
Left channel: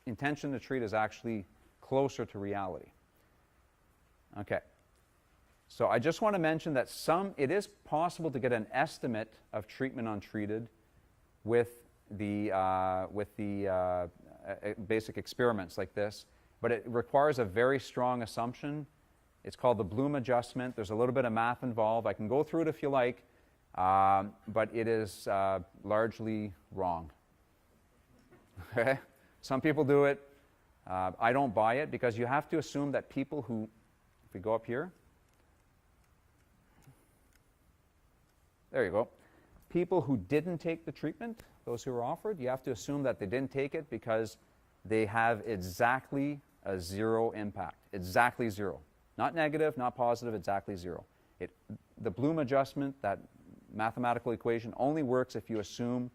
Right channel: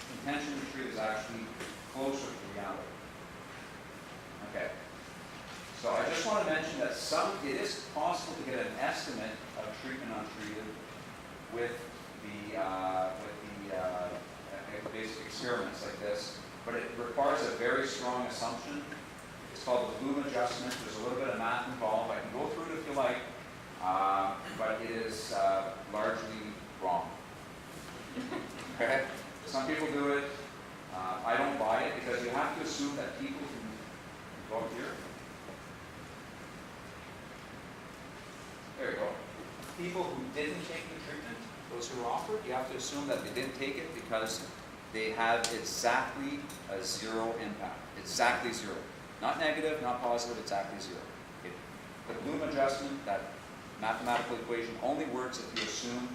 Intention to treat is actually closer to reality. Okay. So I just want to mention that it is possible to get an estimate of treatment untreated with the basic experiments like this, but it requires a very strong assumption. It's called the Bloom adjustment. There's a little bit of math involved. I can go through it if you like, but it is largely wrong. Okay? Some people do it. I don't buy it, because you have to assume that people who go up here. There you go. People who didn't take the treatment, those who were offered, you have to assume that they didn't take it because they have exactly a zero impact. Exactly zero. Not negative, not positive, exactly zero. Okay. The Bloom adjustment, that mathematical equation, only works if you assume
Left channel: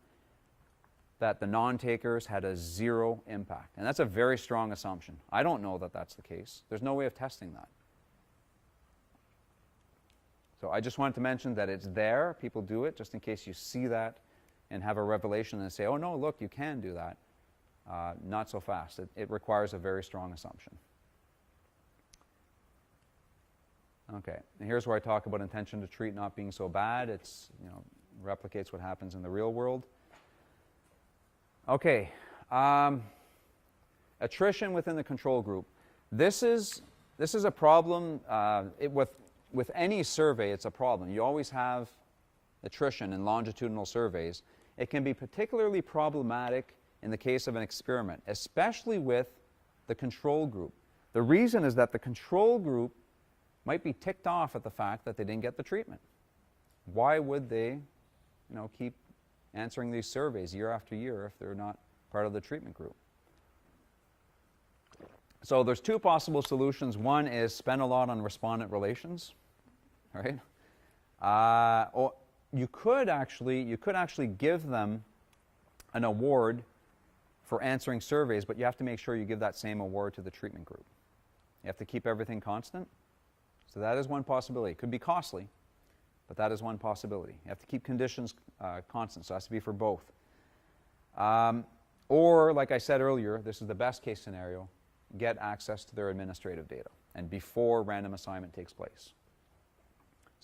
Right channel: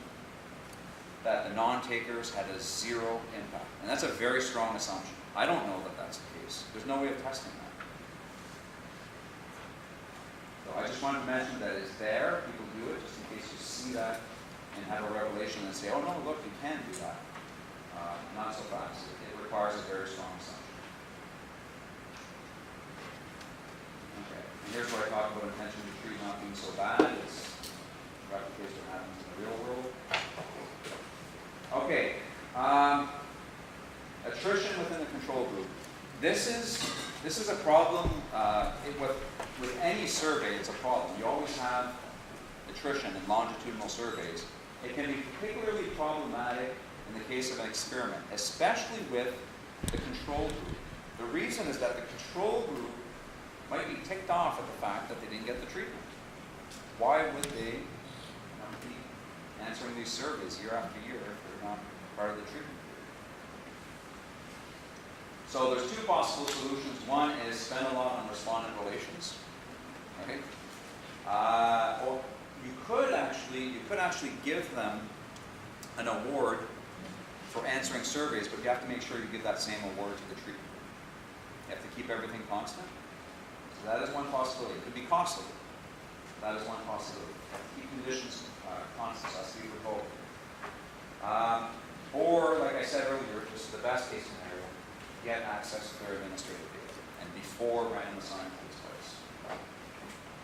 that the non-takers had a zero impact. And that's a very strong assumption. I don't know that that's the case. There's no way of testing that. So I just wanted to mention that it's there. People do it just in case you see that and have a revelation and say, oh no, look, you can do that. Not so fast. It requires a very strong assumption. Okay, and here's where I talk about intention to treat not being so bad. It replicates what happens in the real world. Okay, attrition within the control group. This is a problem with any survey. It's a problem. You always have attrition in longitudinal surveys. It can be particularly problematic in the case of an experiment, especially with the control group. The reason is that the control group might be ticked off at the fact that they didn't get the treatment. Why would they, keep answering these surveys year after year if they're not part of the treatment group? So there's two possible solutions. One is spend a lot on respondent relations, right? Or you could actually give them an award for answering surveys, but you have to make sure you give that same award to the treatment group. You have to keep everything constant. So that is one possibility. It could be costly, but that is one possibility. You have to keep conditions constant. So it has to be for both. Or, like I said earlier, this is the best case scenario, get access to their administrative data, and before random assignment takes place.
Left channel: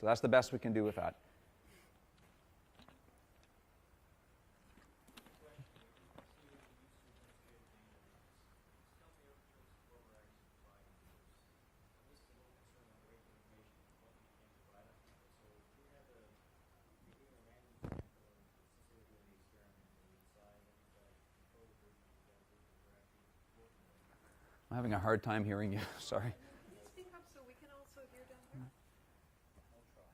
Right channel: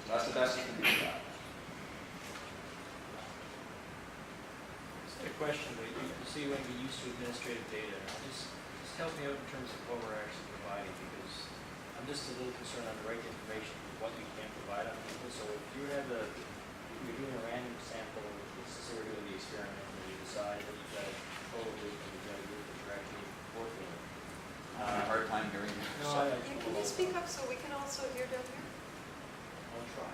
So that's the best you can do with that. Just a question, but you see when we used to administrative data, just help me out in terms of what we're actually providing, because I'm just a little concerned on the right information, what you can provide on people. So if you're doing a random sample, let's say we're doing the experiment, and you decide that you've got a control group and you've got a group that you're actually working with. I'm having a hard time hearing you. No, Sorry. Can you speak up so we can also hear down here? I'll try.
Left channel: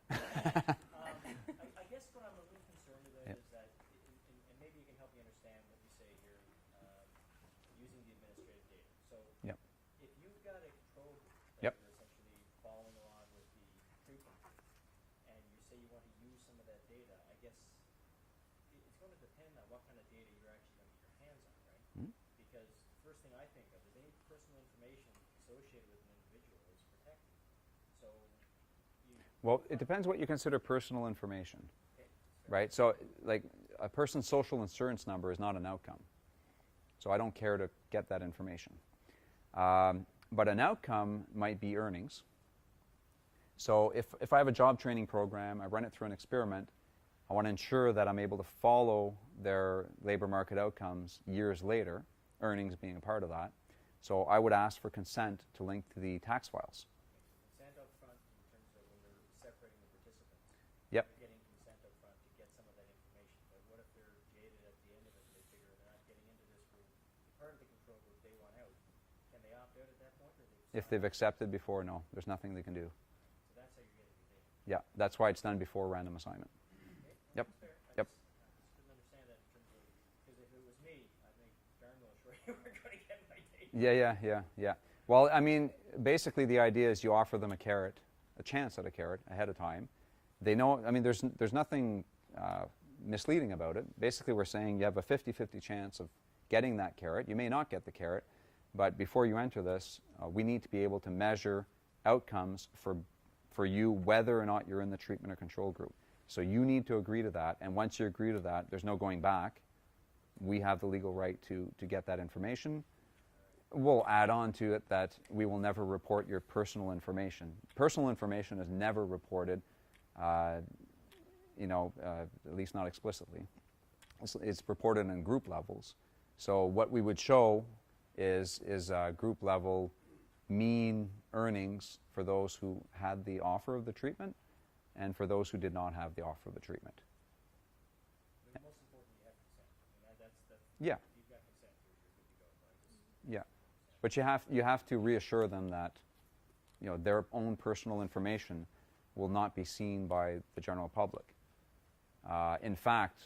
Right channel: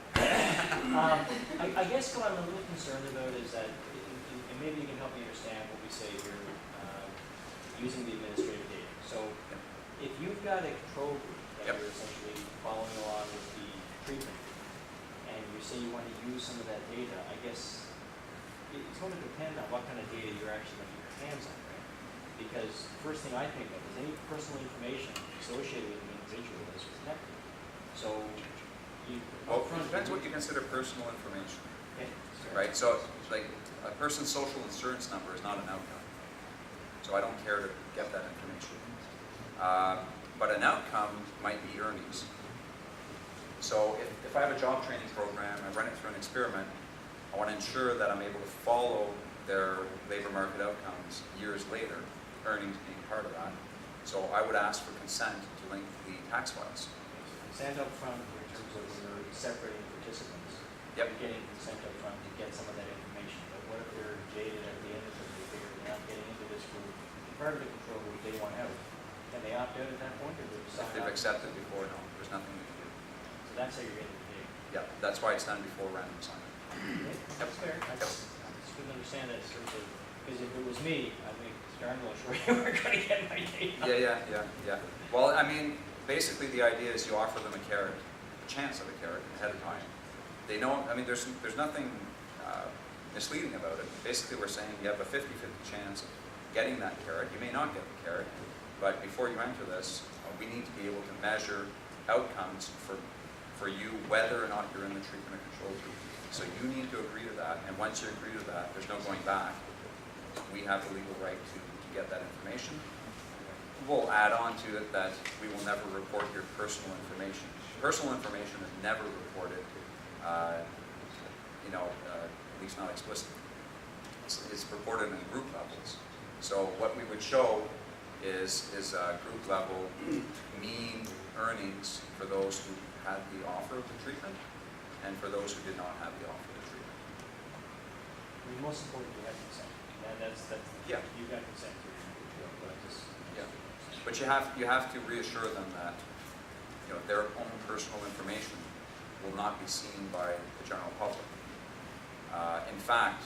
I guess what I'm a little concerned about is that, and maybe you can help me understand what we say here, using the administrative data. So if you've got a control group that you're essentially following along with the treatment, and you say you want to use some of that data, I guess it's going to depend on what kind of data you're actually going to get your hands on, right? Because the first thing I think of is any personal information associated with an individual is protected. So Well, it depends what you consider personal information, okay, right? So, like, a person's social insurance number is not an outcome. so I don't care to get that information. But an outcome might be earnings. So if I have a job training program, I run it through an experiment, I want to ensure that I'm able to follow their labor market outcomes years later, earnings being part of that. So I would ask for consent to link to the tax files. Consent up front in terms of you're separating participants. Yep. You're getting consent up front to get some of that information, but what if they're jaded at the end of it, they figure they're not getting into this group, part of the control group, they want out. Can they opt out at that point, or do they If they've accepted before, no, there's nothing we can do. So that's how you're getting the data. Yeah, that's why it's done before random assignment. Okay, that's fair. That's it's good to understand that sort of, because if it was me, I'd make darn well sure you were going to get my data. Yeah. Well, I mean, basically the idea is you offer them a carrot, a chance of a carrot ahead of time. They know, I mean, there's nothing misleading about it. Basically, we're saying you have a 50-50 chance of getting that carrot. You may not get the carrot, but before you enter this, we need to be able to measure outcomes for you, whether or not you're in the treatment or control group. So you need to agree to that, and once you agree to that, there's no going back. We have the legal right to get that information. We'll add on to it that we will never report your personal information. Personal information is never reported, at least not explicitly. It's reported in group levels. So what we would show is group level mean earnings for those who had the offer of the treatment and for those who did not have the offer of the treatment. The most important, you have consent. That's Yeah. you got consent to your but I just Yeah. But you have to reassure them that their own personal information will not be seen by the general public. In fact,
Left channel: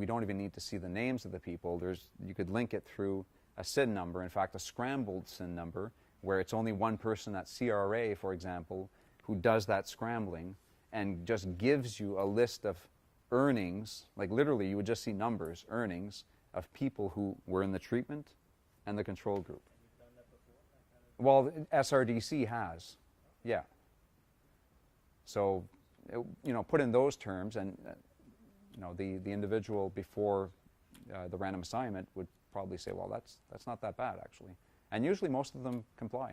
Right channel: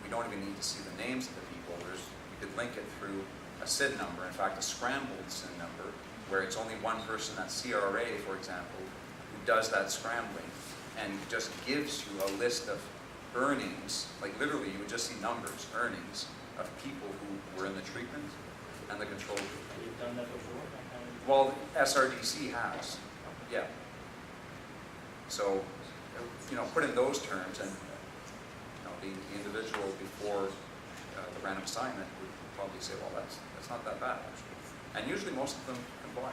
we don't even need to see the names of the people. You could link it through a SID number, in fact a scrambled SID number, where it's only one person at CRA, for example, who does that scrambling and just gives you a list of earnings, like literally you would just see numbers, earnings, of people who were in the treatment and the control group. you've done that before? That kind of- Well, SRDC has, yeah. So, put in those terms, and the individual before the random assignment would probably say, well, that's not that bad actually, and usually most of them comply.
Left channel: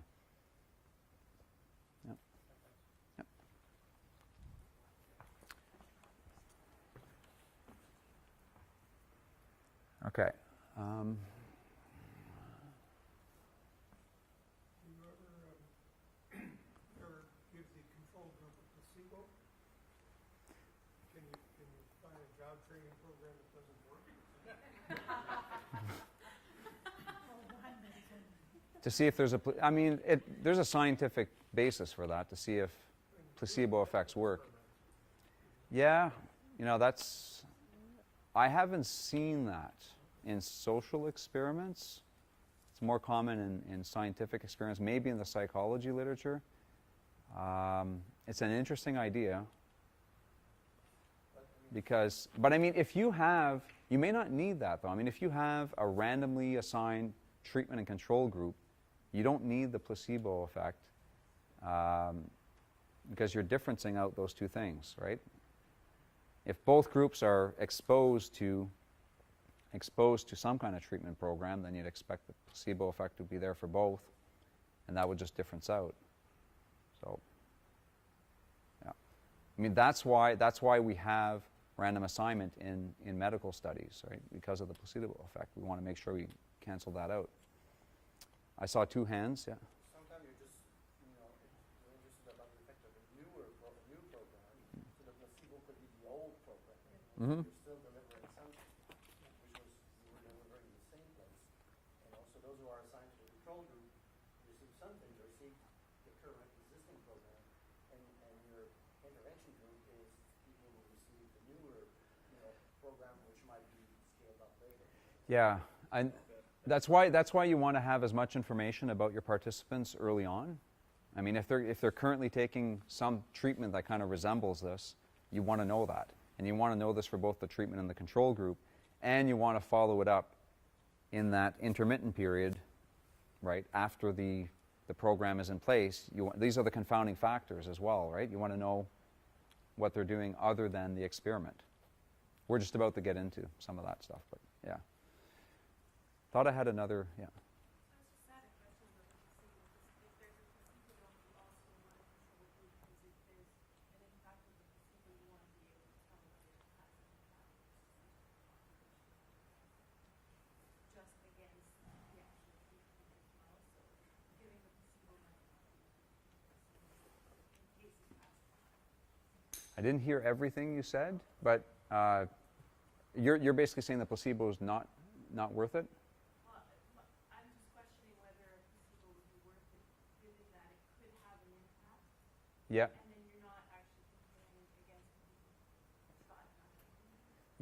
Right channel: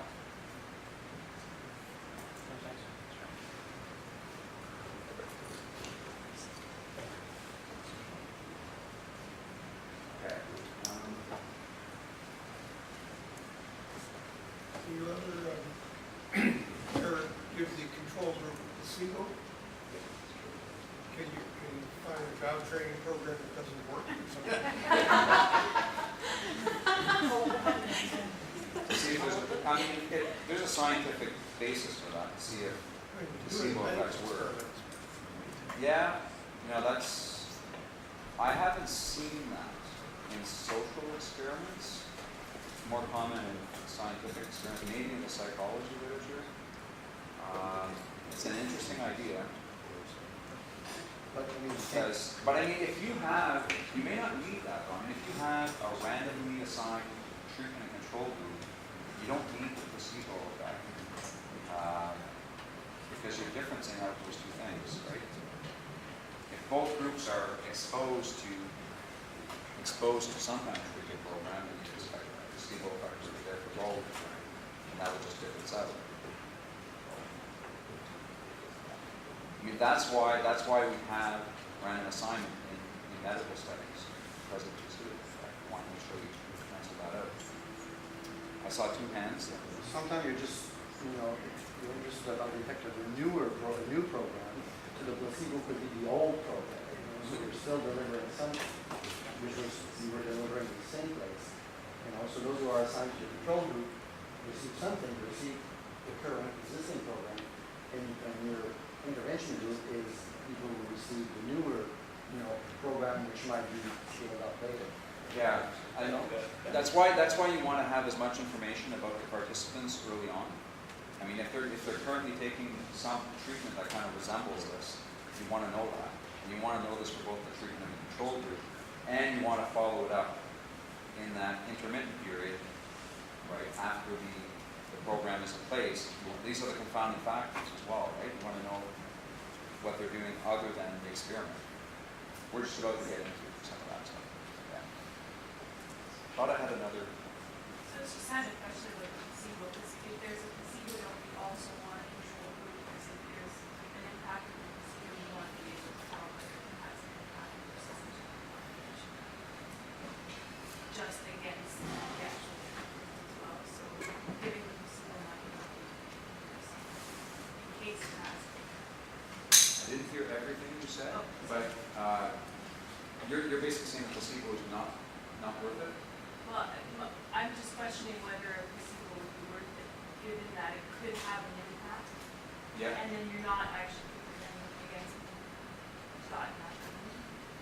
Okay. Do you ever give the control group a placebo? Can you find a job training program that doesn't work or something? To see if there's a scientific basis for that, to see if placebo effects work. Yeah, I haven't seen that in social experiments. It's more common in scientific experiments, maybe in the psychology literature. It's an interesting idea. But if you have, you may not need that though. If you have a randomly assigned treatment and control group, you don't need the placebo effect because you're differencing out those two things, right? If both groups are exposed to some kind of treatment program, then you'd expect the placebo effect to be there for both, and that would just difference out. So, that's why we have random assignment in medical studies, right? Because of the placebo effect. We want to make sure you cancel that out. I saw two hands. Sometimes you're just, you're interested about the effect of a new program, so the placebo could be the old program. So you're still delivering something, which was you were delivering in the same place. So those who are assigned to the control group receive something, receive the current existing program, and your intervention group is people who receive the newer, program which might be scaled up later. Yeah, that's why you want to have as much information about the participants early on. If they're currently taking some treatment that kind of resembles this, you want to know that, and you want to know this for both the treatment and the control group, and you want to follow it up in that intermittent period, right after the program is in place. These are the confounding factors as well, right? You want to know what they're doing other than the experiment. We're just about to get into some of that stuff. But yeah. thought I had another. So it's just had a question about the placebo, because if there's a placebo, don't we also want a control group, because if there's an impact of the placebo, we want to be able to tell whether it has an impact versus the general population. Just against the actual group as well, so giving the placebo might not be in case it has. I didn't hear everything you said, but you're basically saying the placebo is not worth it? Well, I'm just questioning whether a placebo would be worth it, given that it could have an impact. Yeah. And then you're not actually putting anything against it. Thought not.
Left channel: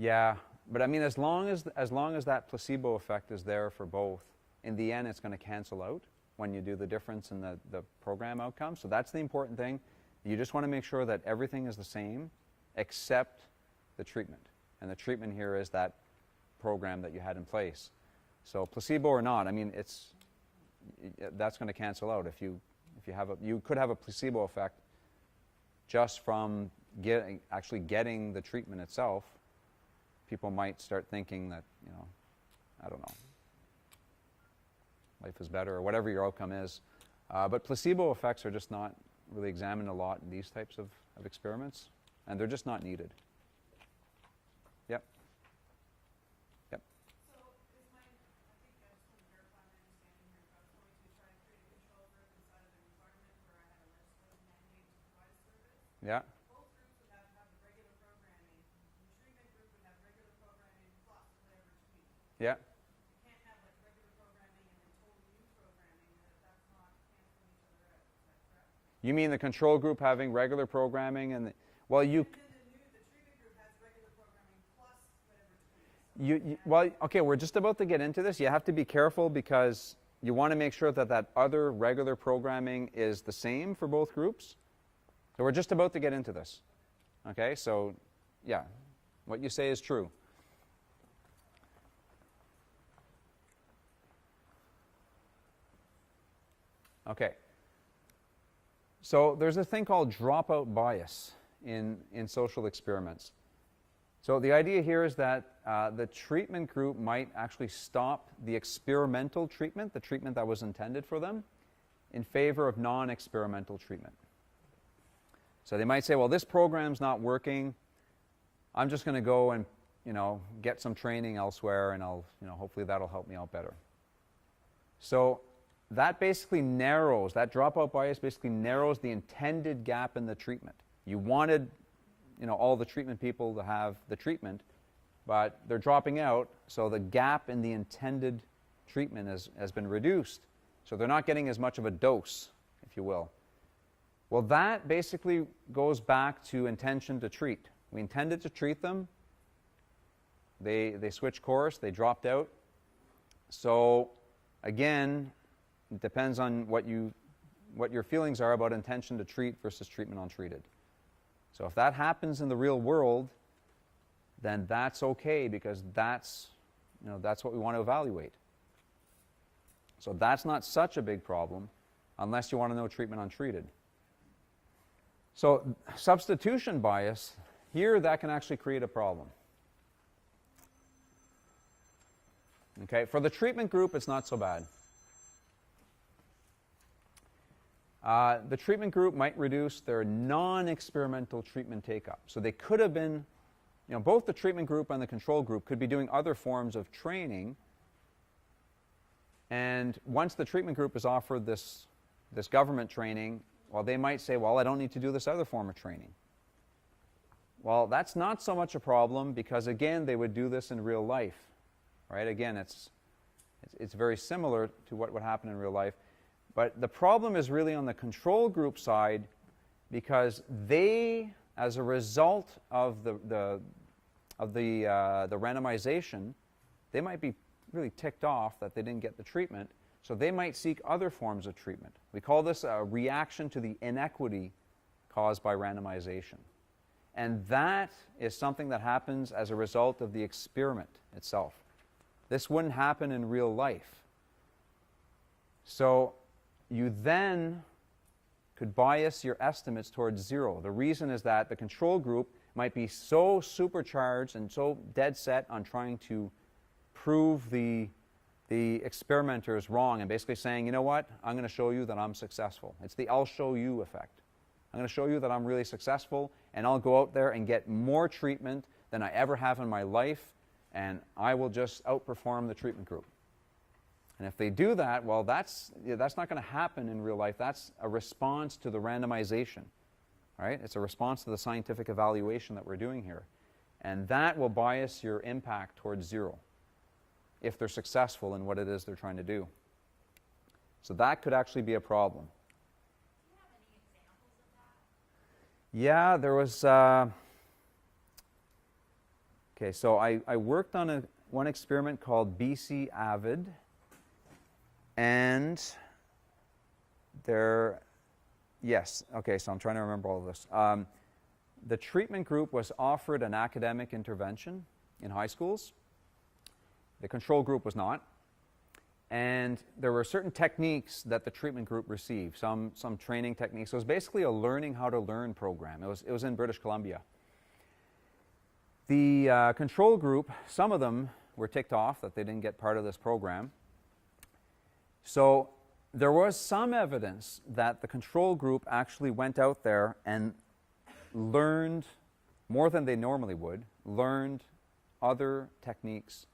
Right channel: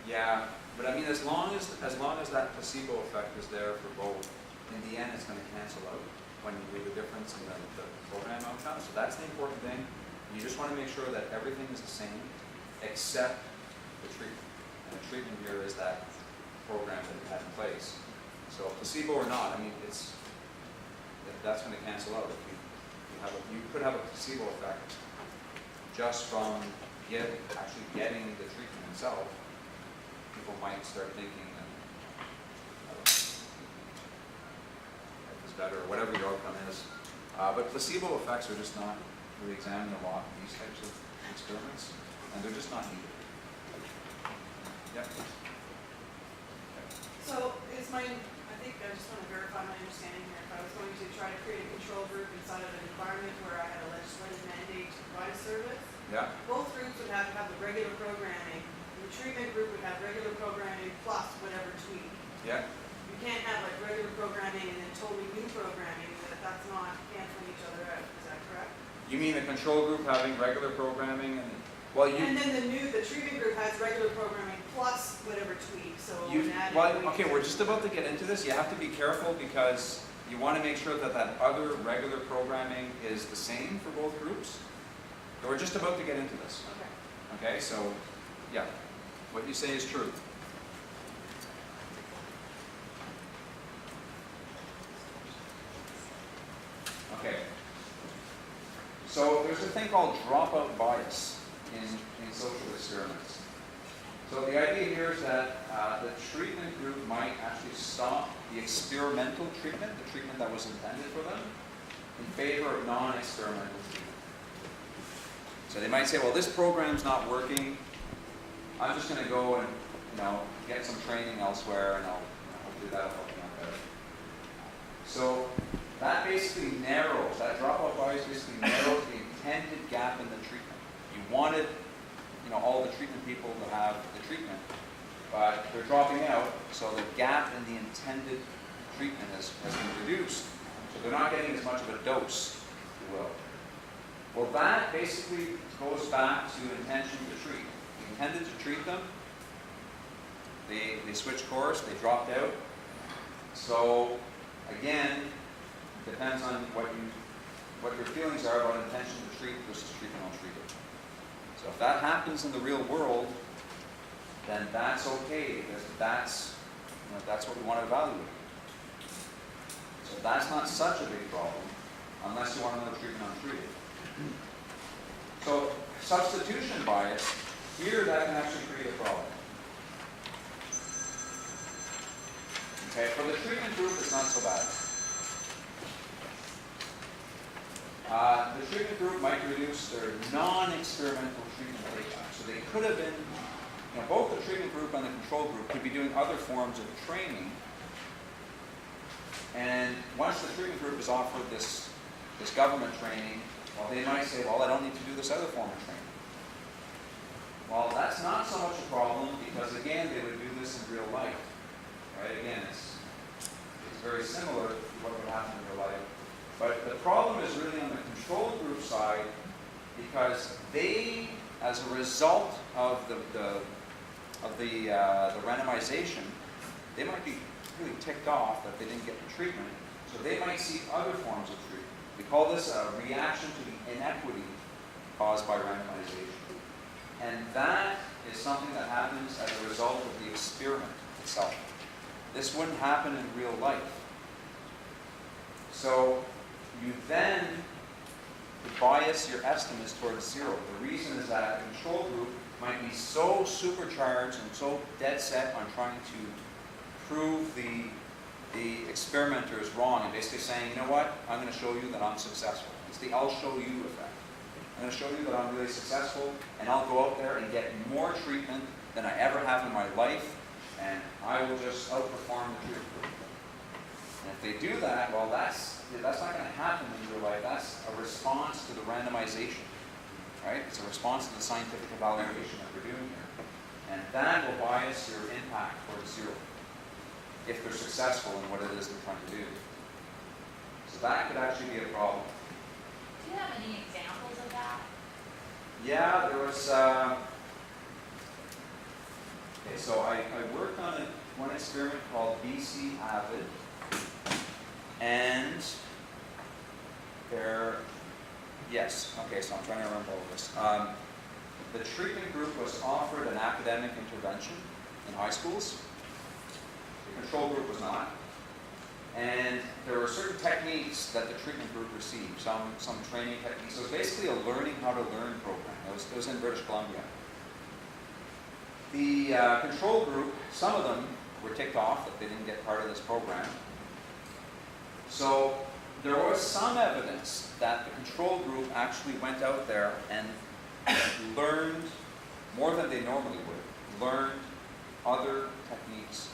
Yeah, but I mean, as long as that placebo effect is there for both, in the end, it's going to cancel out when you do the difference in the program outcome. So that's the important thing. You just want to make sure that everything is the same, except the treatment. And the treatment here is that program that you had in place. So placebo or not, I mean, that's going to cancel out. If you could have a placebo effect just from actually getting the treatment itself. People might start thinking that, I don't know, life is better, or whatever your outcome is. But placebo effects are just not really examined a lot in these types of experiments, and they're just not needed. Yeah. So is I think I just want to verify my understanding here. If I was going to try to create a control group inside of an environment where I had a legislative mandate to provide a service, Yeah. both groups would have to have the regular programming. The treatment group would have regular programming plus whatever tweak. Yeah. You can't have like regular programming and then totally new programming. That's not canceling each other out. Is that correct? You mean the control group having regular programming and And then the treatment group has regular programming plus whatever tweak. So okay, we're just about to get into this. You have to be careful because you want to make sure that other regular programming is the same for both groups. But we're just about to get into this. Okay. Okay, so yeah, what you say is true. Okay. So there's a thing called dropout bias in social experiments. So the idea here is that the treatment group might actually stop the experimental treatment, the treatment that was intended for them, in favor of non-experimental treatment. So they might say, well, this program's not working. I'm just going to go and get some training elsewhere, and hopefully that'll help me out better. So that basically narrows, that dropout bias basically narrows the intended gap in the treatment. You wanted all the treatment people to have the treatment, but they're dropping out, so the gap in the intended treatment has been reduced. So they're not getting as much of a dose, if you will. Well, that basically goes back to intention to treat. We intended to treat them. They switched course, they dropped out. So again, it depends on what your feelings are about intention to treat versus treatment untreated. So if that happens in the real world, then that's okay because that's what we want to evaluate. So that's not such a big problem unless you want to know treatment untreated. So substitution bias, here that can actually create a problem. Okay, for the treatment group it's not so bad. The treatment group might reduce their non-experimental treatment take-up. So they could have been, both the treatment group and the control group could be doing other forms of training. And once the treatment group is offered this government training, well, they might say, well, I don't need to do this other form of training. Well, that's not so much a problem because, again, they would do this in real life. Right? Again, it's very similar to what would happen in real life. But the problem is really on the control group side because they, as a result of the randomization, they might be really ticked off that they didn't get the treatment. So they might seek other forms of treatment. We call this a reaction to the inequity caused by randomization. And that is something that happens as a result of the experiment itself. This wouldn't happen in real life. So you then could bias your estimates towards zero. The reason is that the control group might be so supercharged and so dead set on trying to prove the the experimenter is wrong and basically saying, you know what, I'm going to show you that I'm successful. It's the I'll show you effect. I'm going to show you that I'm really successful, and I'll go out there and get more treatment than I ever have in my life, and I will just outperform the treatment group. And if they do that, well, that's not going to happen in real life. That's a response to the randomization, right? It's a response to the scientific evaluation that we're doing here. And that will bias your impact towards zero if they're successful in what it is they're trying to do. So that could actually be a problem. Do you have any examples of that? Yeah, there was, okay, so I worked on one experiment called BC Avid, and yes, okay, so I'm trying to remember all of this. The treatment group was offered an academic intervention in high schools. The control group was not. And there were certain techniques that the treatment group received, some training techniques. So it was basically a learning how to learn program. It was in British Columbia. The control group, some of them were ticked off that they didn't get part of this program. So there was some evidence that the control group actually went out there and learned more than they normally would, learned other techniques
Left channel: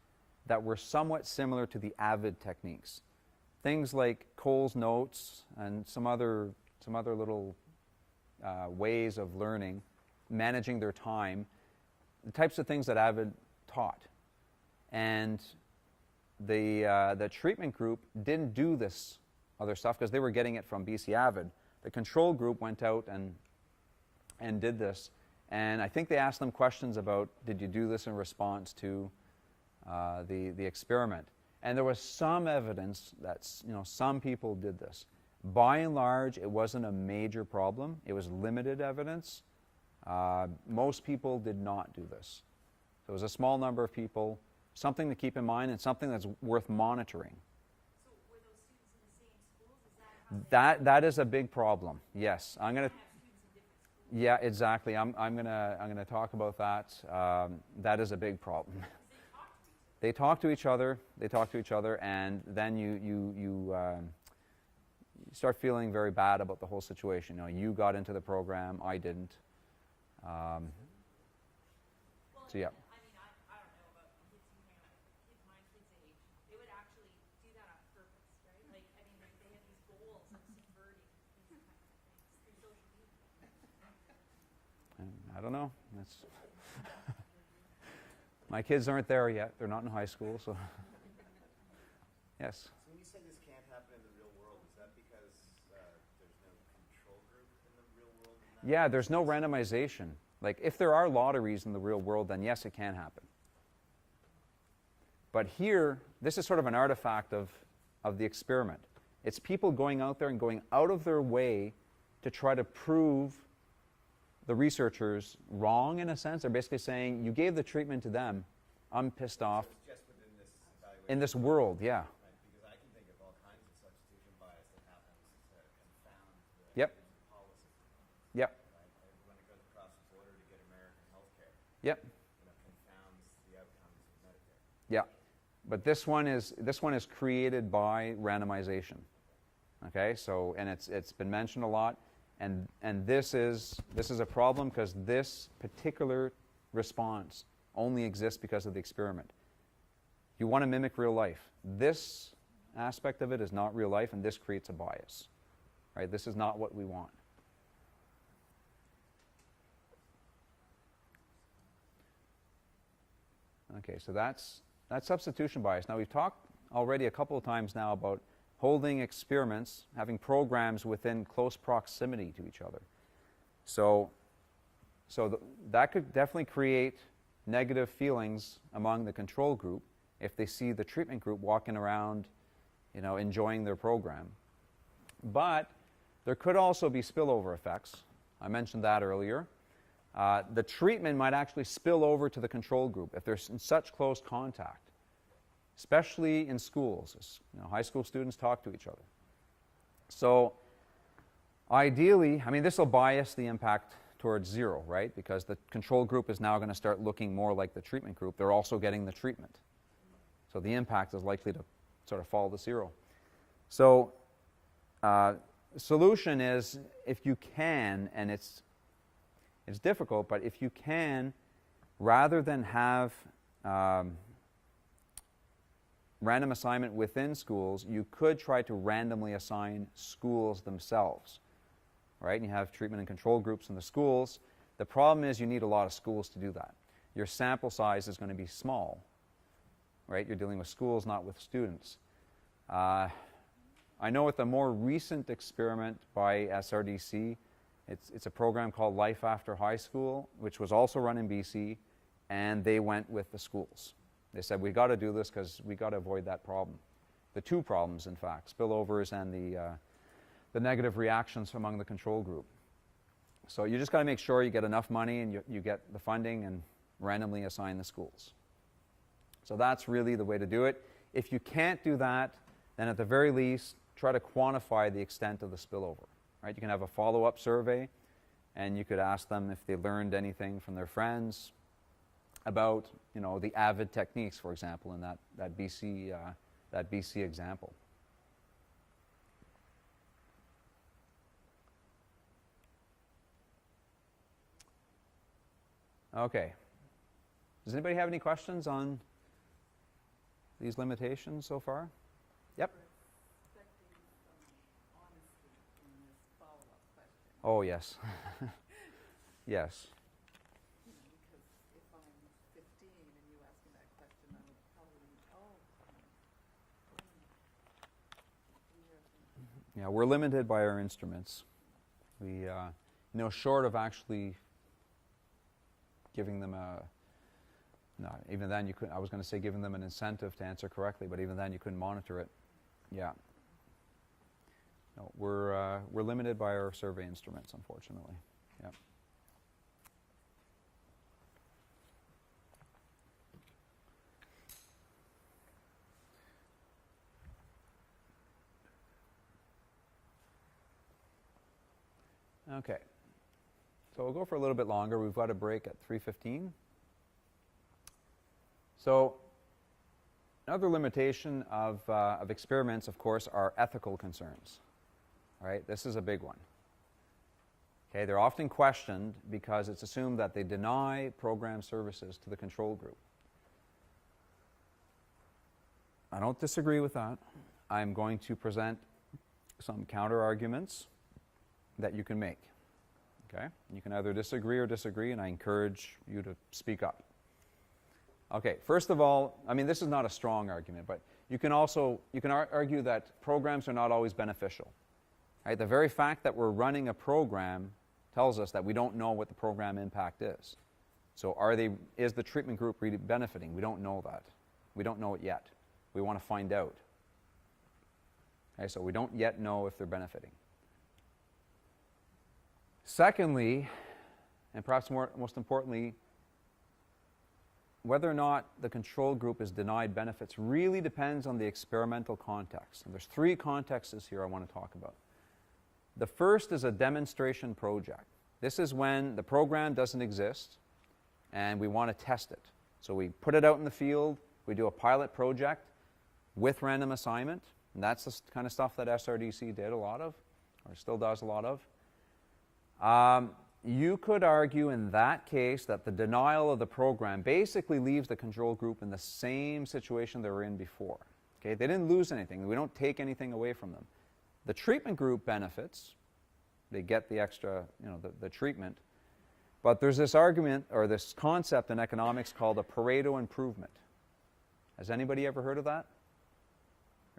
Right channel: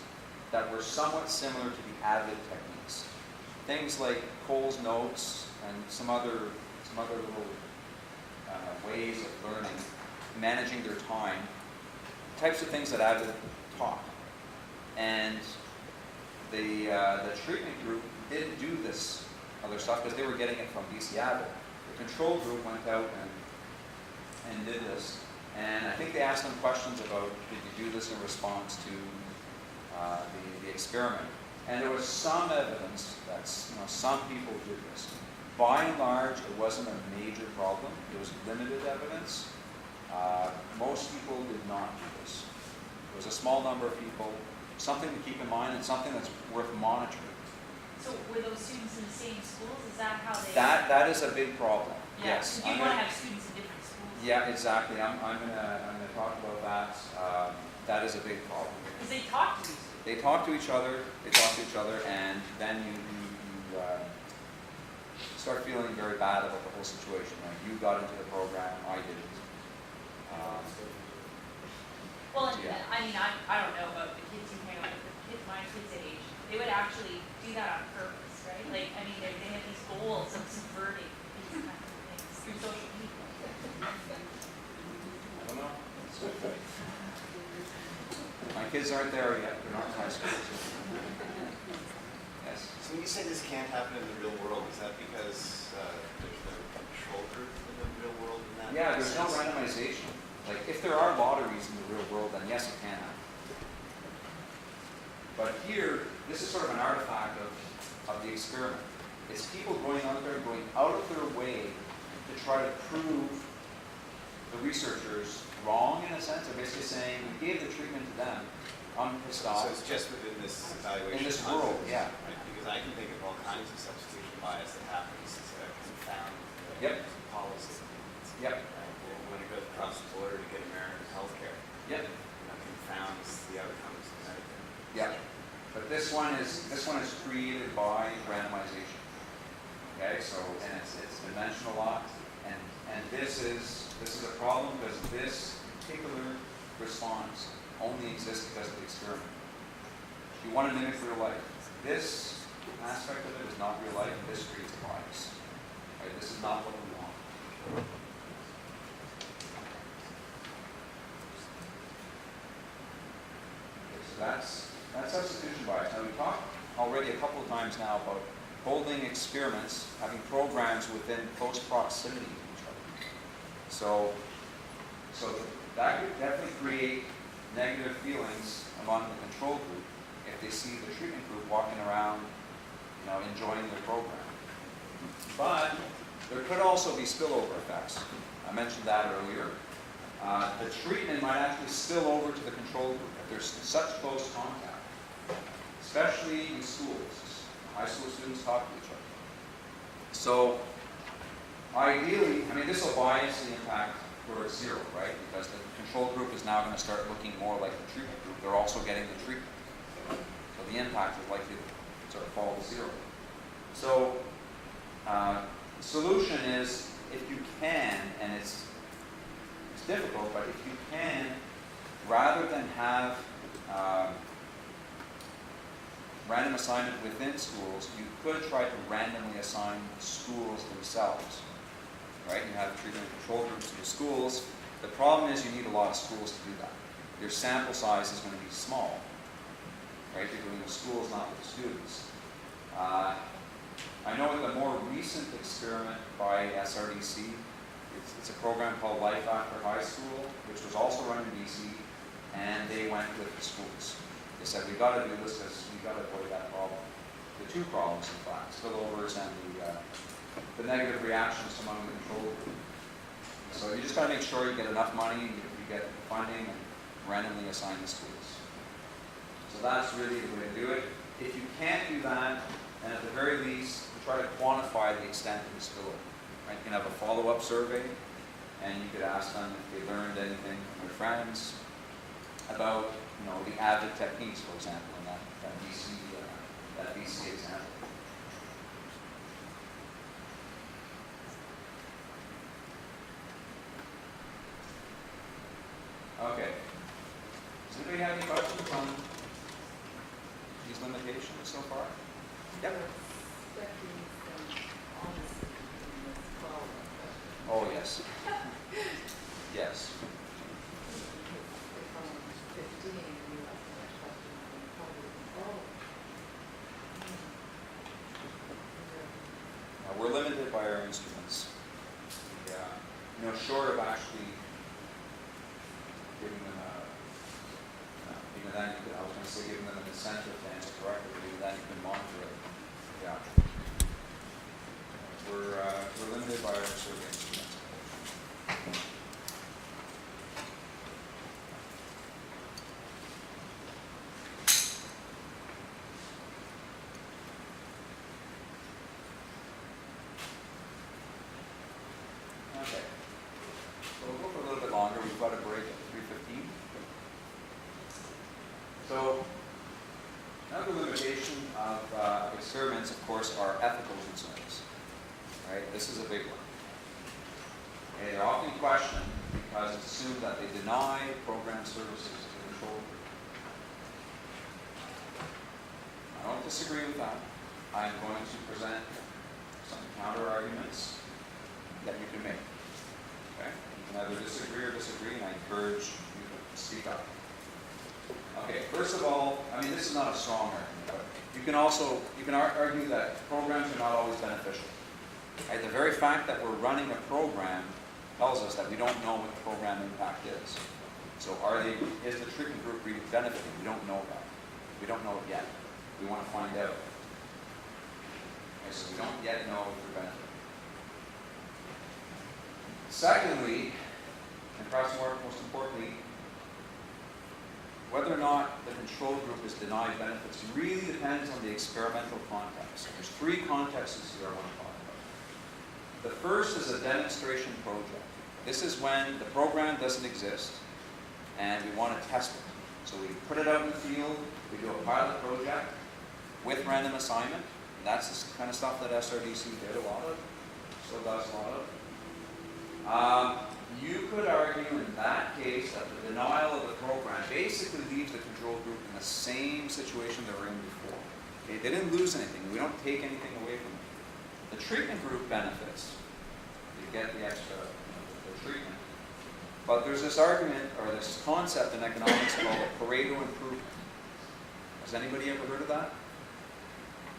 that were somewhat similar to the AVID techniques. Things like Cole's notes and some other little ways of learning, managing their time, the types of things that AVID taught. And the treatment group didn't do this other stuff because they were getting it from BC AVID. The control group went out and did this. And I think they asked them questions about, did you do this in response to the experiment? And there was some evidence that some people did this. By and large, it wasn't a major problem. It was limited evidence. Most people did not do this. There was a small number of people. Something to keep in mind and something that's worth monitoring. So were those students in the same schools? Is that how they? That is a big problem. Yes. Do you want to have students in different schools? Yeah, exactly. I'm gonna talk about that. That is a big problem. Because they talk to each other. They talk to each other. They talk to each other, and then you start feeling very bad about the whole situation. You got into the program, I didn't. Well, Yeah. I mean, I don't know about the kids who hang out with the kids my kids' age. They would actually do that on purpose, right? Like, I mean, they have these goals of subverting these kinds of things through social media. I don't know. My kids aren't there yet. They're not in high school. So. Yes. So when you say this can't happen in the real world, is that because there's no control group in the real world? Yeah, there's no randomization. Like, if there are lotteries in the real world, then yes, it can happen. But here, this is sort of an artifact of the experiment. It's people going out there and going out of their way to try to prove the researchers wrong, in a sense. They're basically saying, you gave the treatment to them, I'm pissed off. So it's just within this evaluation. In this world, yeah. Right? Because I can think of all kinds of substitution bias that happens to confound Yep. policy. Yep. Right? When it goes across the border to get American health care, Yep. confounds the outcomes of Medicare. Yep. But this one is created by randomization. Okay, so and it's dimensioned a lot, and this is a problem because this particular response only exists because of the experiment. You want to mimic real life. This aspect of it is not real life, and this creates a bias. Right? This is not what we want. Okay, so that's substitution bias. Now we've talked already a couple of times now about holding experiments, having programs within close proximity to each other. So that could definitely create negative feelings among the control group if they see the treatment group walking around, enjoying their program. But there could also be spillover effects. I mentioned that earlier. The treatment might actually spill over to the control group if there's such close contact, especially in schools. High school students talk to each other. So ideally, this will bias the impact towards zero, right? Because the control group is now going to start looking more like the treatment group. They're also getting the treatment. So the impact is likely sort of fall to zero. So, the solution is, if you can, and it's difficult, but if you can, rather than have random assignment within schools, you could try to randomly assign schools themselves, right? And have treatment and control groups in your schools. The problem is you need a lot of schools to do that. Your sample size is going to be small, right? You're doing with schools, not with students. I know with the more recent experiment by SRDC, it's a program called Life After High School, which was also run in BC, and they went with the schools. They said, we got to do this because we got to avoid that problem. The two problems, in fact, spillovers and the negative reactions among the control group. So you just got to make sure you get enough money, you get the funding, and randomly assign the schools. So that's really the way to do it. If you can't do that, then at the very least, try to quantify the extent of the spillover. Right? You can have a follow-up survey, and you could ask them if they learned anything from their friends about, the avid techniques, for example, in that BC example. Okay. Does anybody have any questions on these limitations so far? Yep. Oh, yes. Yes. Now, we're limited by our instruments. We, short of actually giving them even then you could, I was going to say giving them an incentive to answer correctly, but even then you couldn't monitor it. Yeah. We're limited by our survey instruments, unfortunately. Okay. So we'll go for a little bit longer. We've got a break at 3:15. So, another limitation of experiments, of course, are ethical concerns. Right? This is a big one. Okay, they're often questioned because it's assumed that they deny program services to the control group. I don't disagree with that. I'm going to present some counter-arguments that you can make. Okay? You can either disagree or disagree, and I encourage you to speak up. Okay, first of all, this is not a strong argument, but you can argue that programs are not always beneficial. Right? The very fact that we're running a program tells us that we don't know what the program impact is. So is the treatment group really benefiting? We don't know that. We don't know it yet. We want to find out. Okay, so we don't yet know if they're benefiting. Secondly, and perhaps most importantly, whether or not the control group is denied benefits really depends on the experimental context. And there's three contexts here I want to talk about. The first is a demonstration project. This is when the program doesn't exist and we want to test it. So we put it out in the field, we do a pilot project with random assignment, and that's the kind of stuff that SRDC did a lot of, still does a lot of. You could argue in that case that the denial of the program basically leaves the control group in the same situation they were in before. Okay? They didn't lose anything. We don't take anything away from them. The treatment group benefits. They get the extra, the treatment. But there's this argument, or this concept in economics called a Pareto improvement. Has anybody ever heard of that?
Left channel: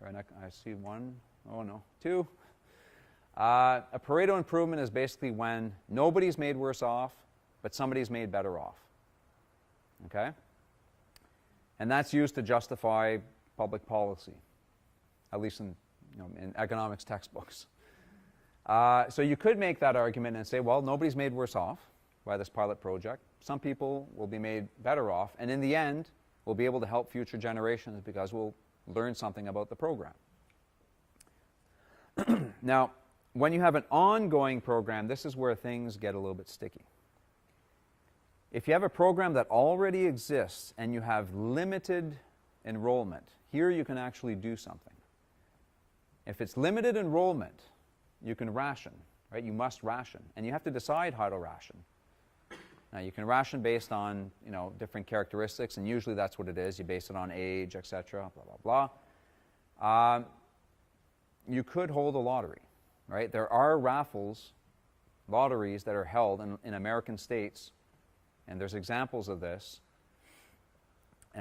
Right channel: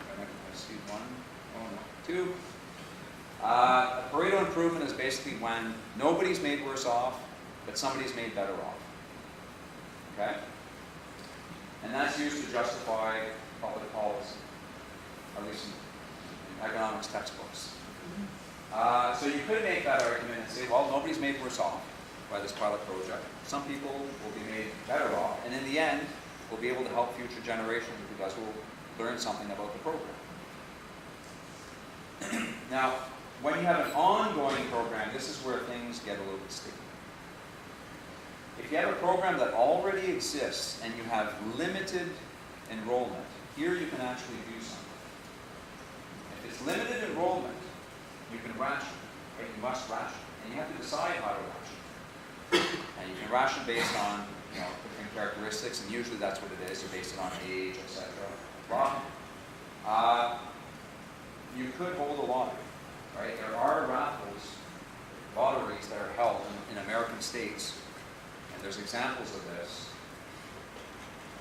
I see one. Oh, no. Two. A Pareto improvement is basically when nobody's made worse off, but somebody's made better off. Okay? And that's used to justify public policy, at least in economics textbooks. So you could make that argument and say, well, nobody's made worse off by this pilot project. Some people will be made better off, and in the end, we'll be able to help future generations because we'll learn something about the program. Now, when you have an ongoing program, this is where things get a little bit sticky. If you have a program that already exists and you have limited enrollment, Here you can actually do something. If it's limited enrollment, you can ration, right? You must ration, and you have to decide how to ration. And you can ration based on, different characteristics, and usually that's what it is. You base it on age, etc. Blah. You could hold a lottery, right? There are lotteries that are held in American states, and there's examples of this.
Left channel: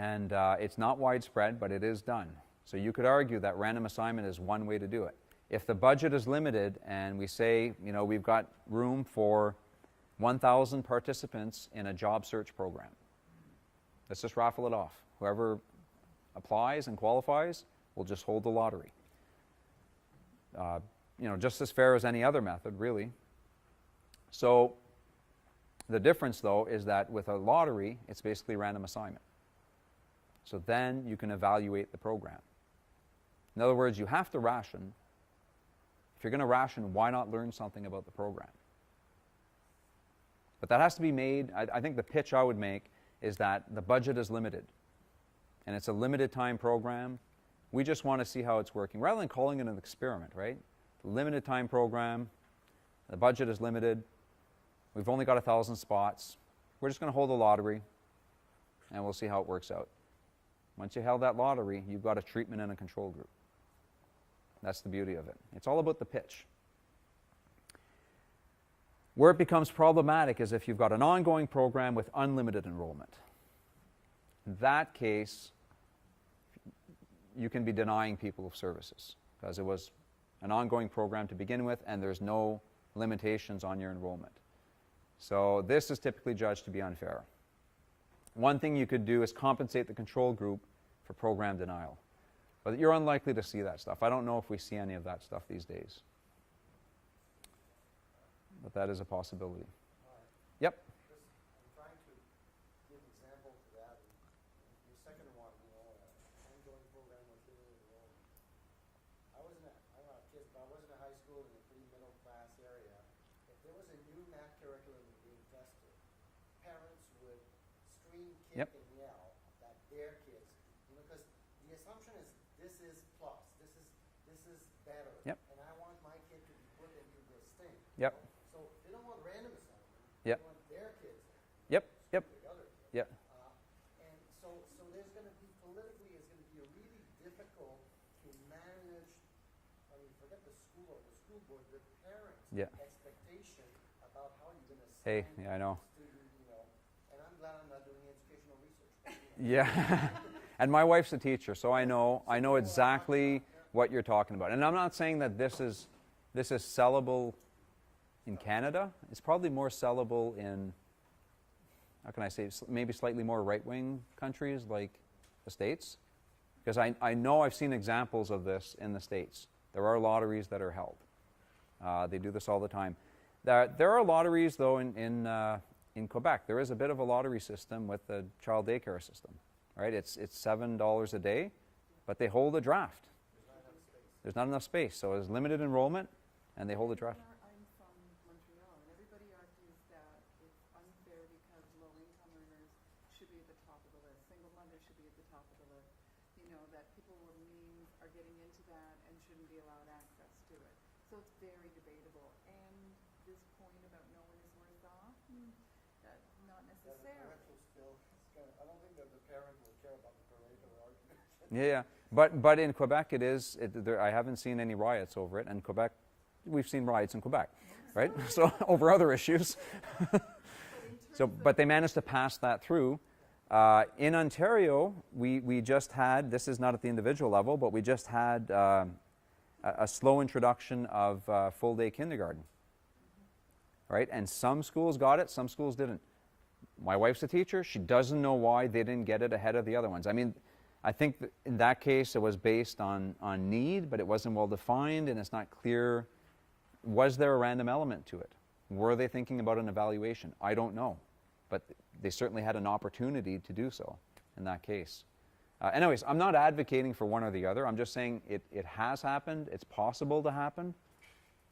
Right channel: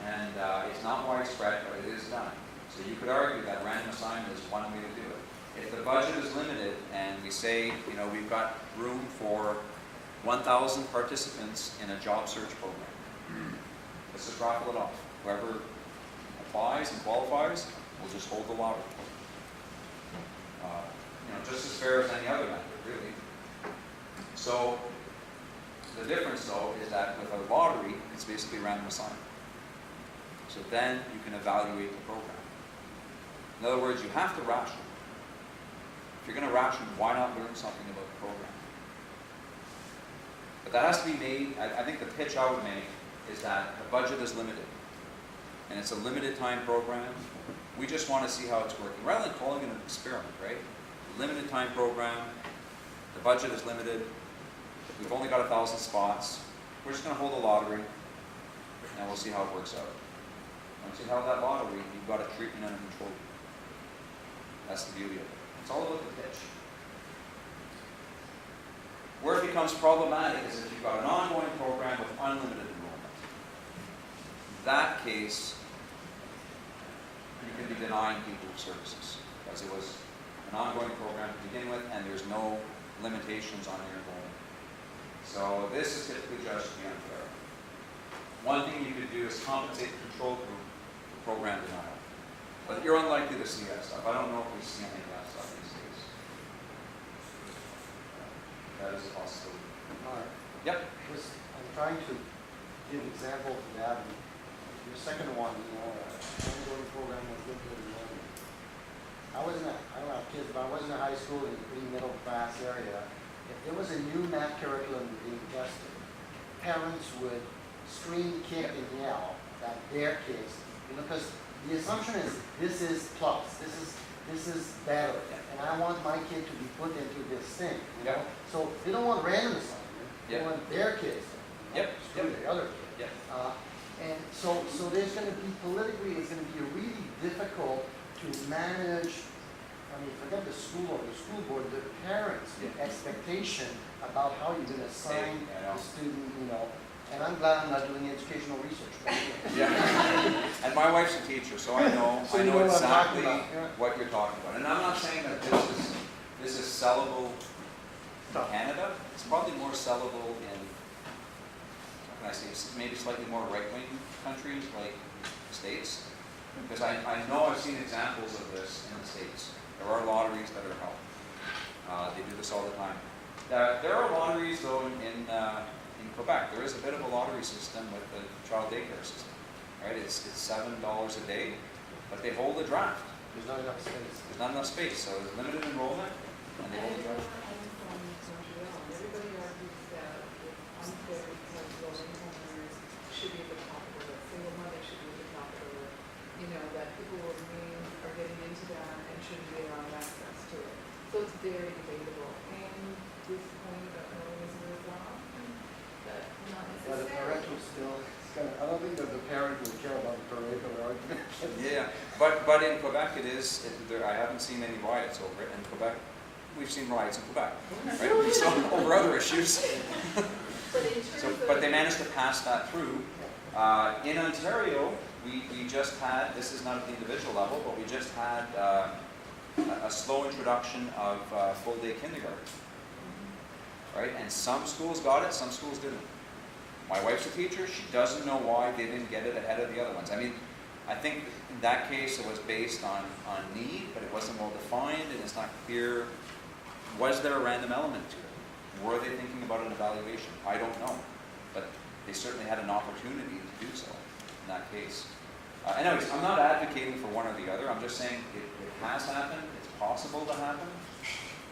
And it's not widespread, but it is done. So you could argue that random assignment is one way to do it. If the budget is limited, and we say, we've got room for 1,000 participants in a job search program, let's just raffle it off. Whoever applies and qualifies, we'll just hold the lottery. Just as fair as any other method, really. So the difference, though, is that with a lottery, it's basically random assignment. So then you can evaluate the program. In other words, you have to ration. If you're going to ration, why not learn something about the program? But that has to be made, I think the pitch I would make is that the budget is limited. And it's a limited time program. We just want to see how it's working. Rather than calling it an experiment, right? A limited time program, the budget is limited, we've only got 1,000 spots, we're just going to hold a lottery, and we'll see how it works out. Once you held that lottery, you've got a treatment and a control group. That's the beauty of it. It's all about the pitch. Where it becomes problematic is if you've got an ongoing program with unlimited enrollment. In that case, you can be denying people services, as it was an ongoing program to begin with, and there's no limitations on your enrollment. So this is typically judged to be unfair. One thing you could do is compensate the control group for program denial. But you're unlikely to see that stuff. I don't know if we see any of that stuff these days. That is a possibility. Mark, Yep. I'm trying to give example to that. Your second one, ongoing program was limited enrollment. I don't have kids, but I was in a high school in a pretty middle class area. If there was a new math curriculum being tested, parents would scream, kick, and yell that their kids, because the assumption is this is plus, this is better, and I want my kid to be put into this thing. You know? So they don't want random assignment. They want their kids to screw the other kid. And so there's going to be politically, it's going to be really difficult to manage. I mean, forget the school or the school board, the parents' expectation about how you're going to assign a student, And I'm glad I'm not doing educational research. And my wife's a teacher, so I know exactly what you're talking about. And I'm not saying that this is sellable in Canada. It's probably more sellable in, how can I say, maybe slightly more right-wing countries like the States. Because I know I've seen examples of this in the States. There are lotteries that are held. They do this all the time. There are lotteries, though, in Quebec. There is a bit of a lottery system with the child daycare system. Right? It's $7 a day, but they hold a draft. There's not enough space. There's not enough space, so there's limited enrollment, and they hold a draft. Everybody argues that it's unfair because low-income earners should be at the top of the list. Single mother should be at the top of the list. That people with means are getting into that and shouldn't be allowed access to it. So it's very debatable. And this point that Mark was moved on, that not But the parent necessarily. will still, I don't think that the parent will care about the parental argument. But in Quebec I haven't seen any riots over it. In Quebec, we've seen riots in Quebec, right? So over other issues. But they managed to pass that through. In Ontario, we just had, this is not at the individual level, but we just had a slow introduction of full-day kindergarten. Right? And some schools got it, some schools didn't. My wife's a teacher. She doesn't know why they didn't get it ahead of the other ones. I mean, I think in that case it was based on need, but it wasn't well defined, and it's not clear. Was there a random element to it? Were they thinking about an evaluation? I don't know. But they certainly had an opportunity to do so in that case. Anyways, I'm not advocating for one or the other. I'm just saying it has happened. It's possible to happen.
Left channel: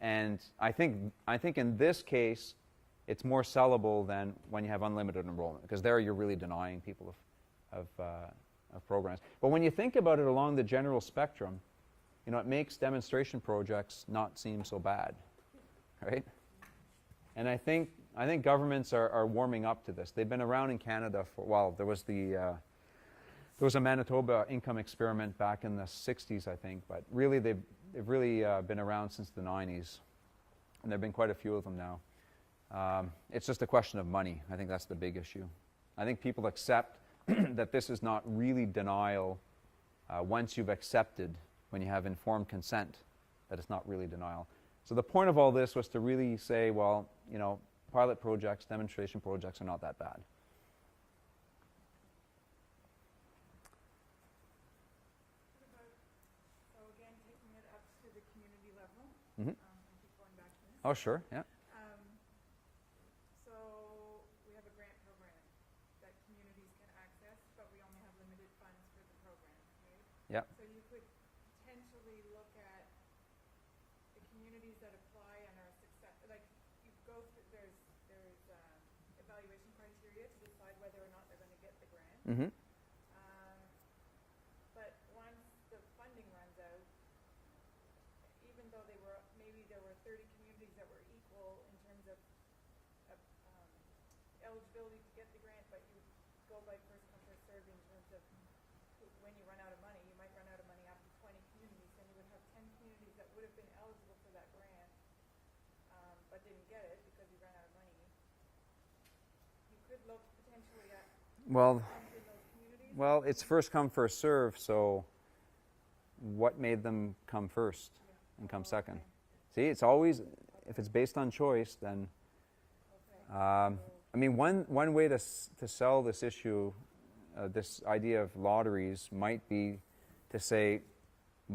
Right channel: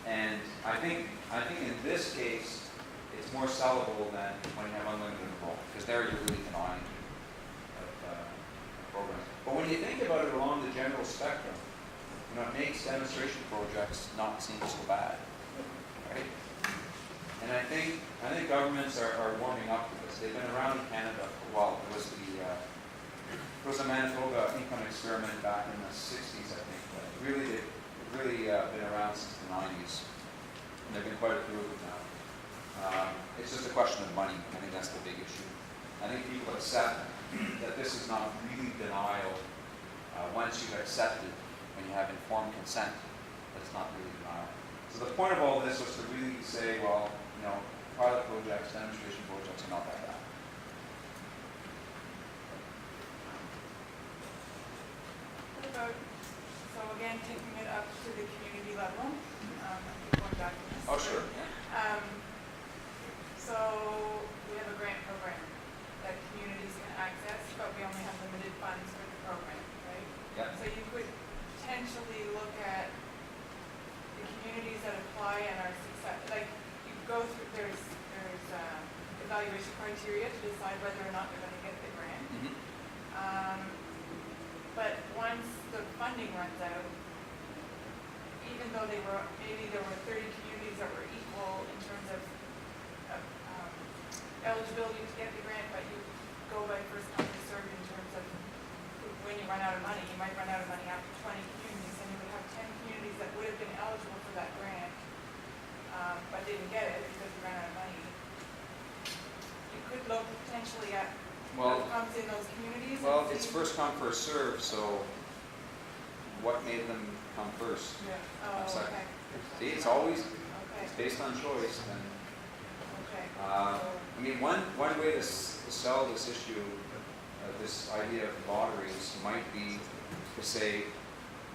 And I think in this case, it's more sellable than when you have unlimited enrollment, because there you're really denying people of programs. But when you think about it along the general spectrum, you know, it makes demonstration projects not seem so bad, right? And I think governments are warming up to this. They've been around in Canada for a while. There was a Manitoba income experiment back in the 60s, I think, but really they've really been around since the 90s. And there have been quite a few of them now. It's just a question of money. I think that's the big issue. I think people accept that this is not really denial once you've accepted, when you have informed consent, that it's not really denial. So the point of all this was to really say, well, you know, pilot projects, demonstration projects, and all that. What about, so again, taking it up to the community level, Mhm. going back to this. Oh, sure, yeah. So we have a grant program that communities can access, but we only have limited funds for the program, right? Yeah. So you could potentially look at the communities that apply and are success, like you go through, there's evaluation criteria to decide whether or not they're going to get the grant. Mm-hmm. But once the funding runs out, even though maybe there were 30 communities that were equal in terms of eligibility to get the grant, but you go by first come first served in terms of when you run out of money. You might run out of money after 20 communities, and you would have 10 communities that would have been eligible for that grant, but didn't get it because you ran out of money. You could look potentially at Well, what comes in those communities. well, and it's see- first come, first served, so what made them come first? Yeah. Come Oh, second. okay. See, it's always, if Okay. it's based on choice, then, Okay. I mean, one way to sell this issue, this idea of lotteries might be to say,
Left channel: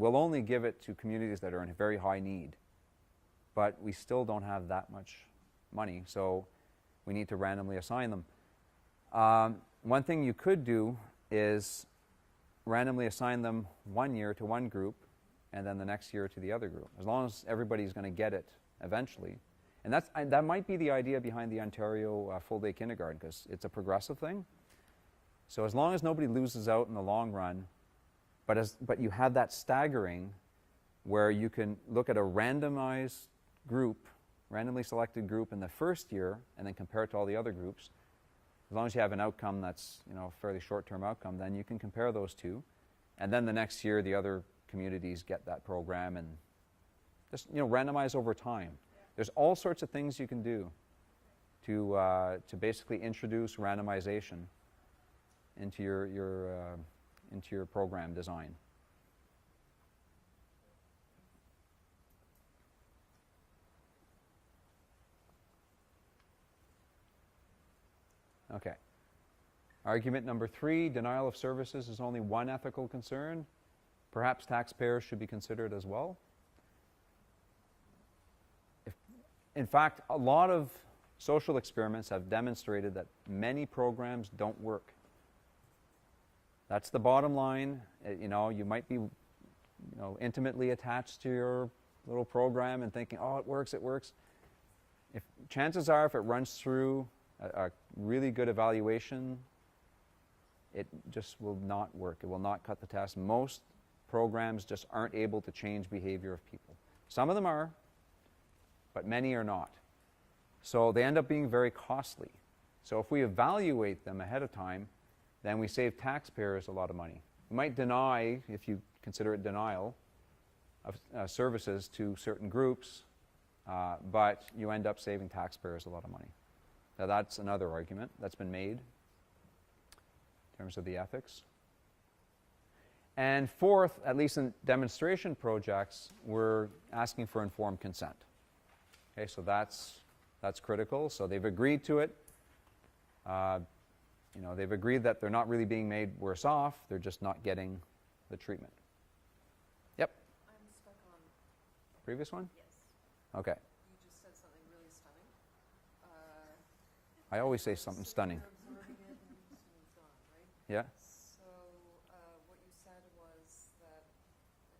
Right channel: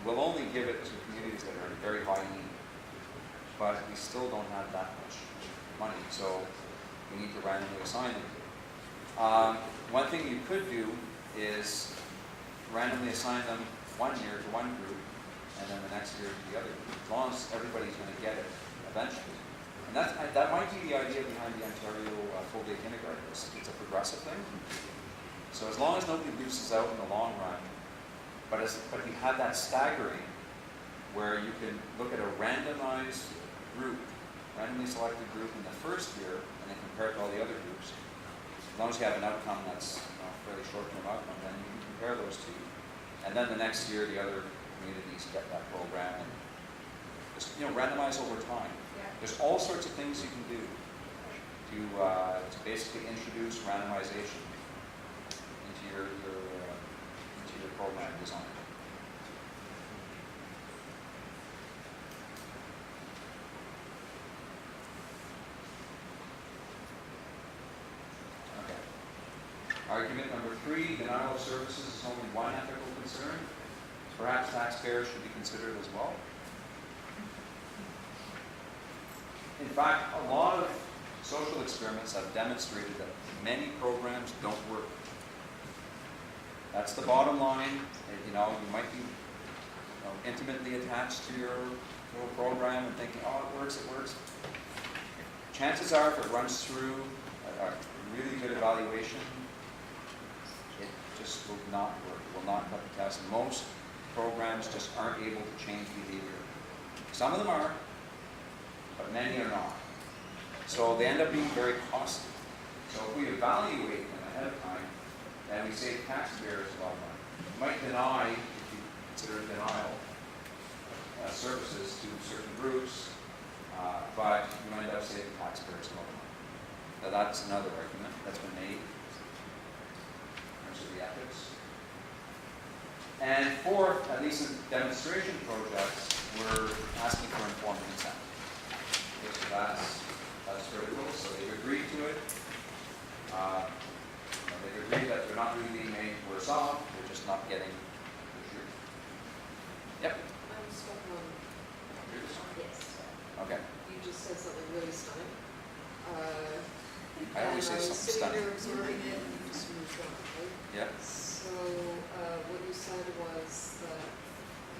we'll only give it to communities that are in very high need, but we still don't have that much money, so we need to randomly assign them. One thing you could do is randomly assign them 1 year to one group, and then the next year to the other group, as long as everybody's going to get it eventually. And that might be the idea behind the Ontario full-day kindergarten. It's a progressive thing. So as long as nobody loses out in the long run, but you have that staggering where you can look at a randomized group, randomly selected group in the first year, and then compare it to all the other groups. As long as you have an outcome that's, you know, a fairly short-term outcome, then you can compare those two. And then the next year, the other communities get that program, and just, you know, randomize over time. Yeah. There's all sorts of things you can do to basically introduce randomization into your program design. Okay. Argument number 3, denial of services is only one ethical concern. Perhaps taxpayers should be considered as well. In fact, a lot of social experiments have demonstrated that many programs don't work. That's the bottom line. You know, you might be, you know, intimately attached to your little program and thinking, oh, it works, it works. Chances are, if it runs through a really good evaluation, it just will not work. It will not cut the test. And most programs just aren't able to change behavior. Some of them are, but many are not. So they end up being very costly. So if we evaluate them ahead of time, then we save taxpayers a lot of money. You might deny, if you consider it denial, of services to certain groups, but you end up saving taxpayers a lot of money. Now that's another argument that's been made in terms of the ethics. And fourth, at least in demonstration projects, we're asking for informed consent. Okay, so that's critical. So they've agreed to it. They've agreed that they're not really being made worse off. They're just not getting the treatment. Yep. I'm stuck on, Previous one? yes, Okay. you just said something really stunning. I always say something stunning. I was sitting here observing it and you just moved on, right? Yeah. So, what you said was that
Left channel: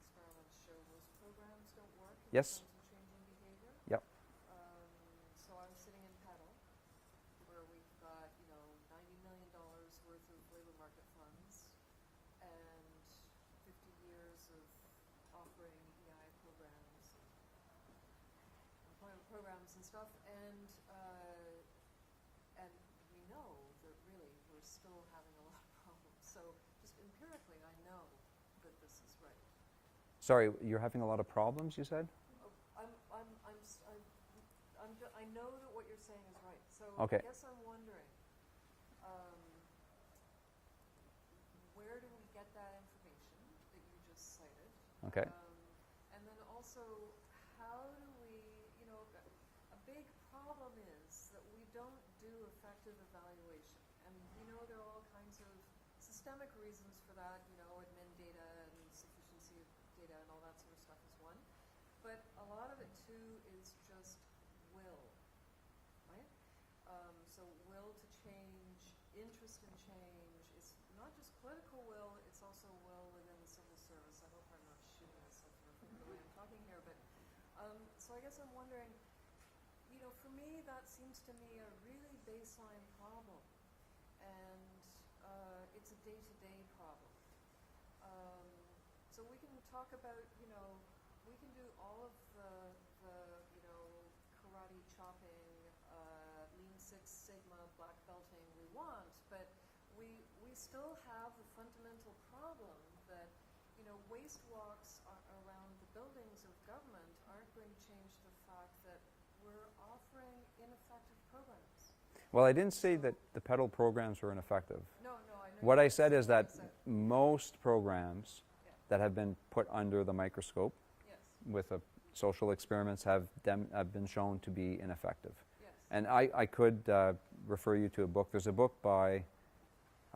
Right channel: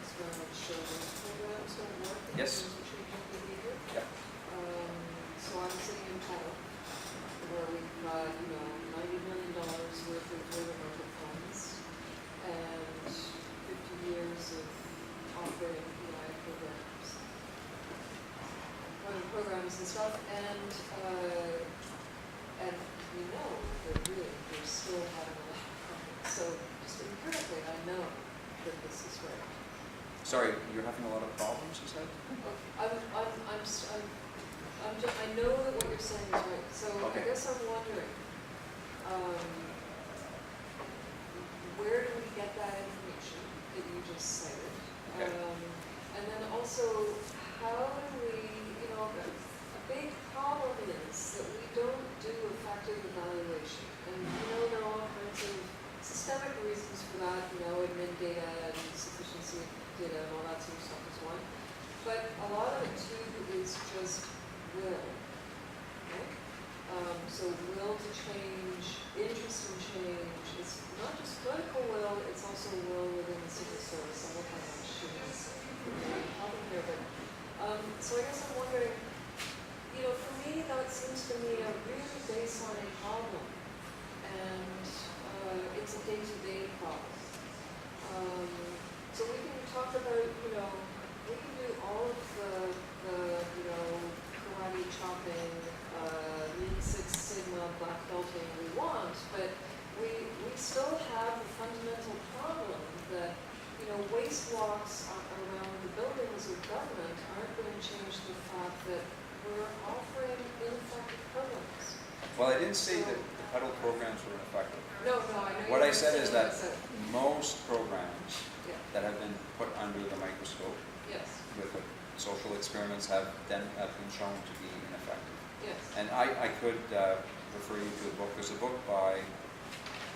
experiment showed that programs don't work. in Yes. terms of changing behavior. Yep. So I'm sitting in Total, where we've got, $90 million worth of labor market funds, and programs and stuff, and we know that really we're still having a lot of problems. So just empirically, I know that this is right. Sorry, you're having a lot of problems, you said? I know that what you're saying is right. So Okay. I guess I'm wondering, where do we get that information that you just cited? Okay. And then also, how do we, a big problem is that we don't do effective evaluation. And there are all kinds of systemic reasons for that, admin data and sufficiency of data and all that sort of stuff is one. But a lot of it too is just will, right? So will to change, interest in change. It's not just political will, it's also will within the civil service. I'm looking at students. Problem here, but so I guess I'm wondering, for me that seems to me a really baseline problem, and it's a day-to-day problem. So we can talk about, we can do all of the karate chopping, Lean Six Sigma, black belting we want, but we still have the fundamental problem that, waste walks around the buildings of government aren't going to change the fact that we're offering ineffective programs. Well, I didn't say that the huddle programs were ineffective. No, I know. What you I said is what I that said. most programs Yeah. that have been put under the microscope Yes, with the social experiments have been shown to be ineffective. yes. And I could refer you to a book. There's a book by,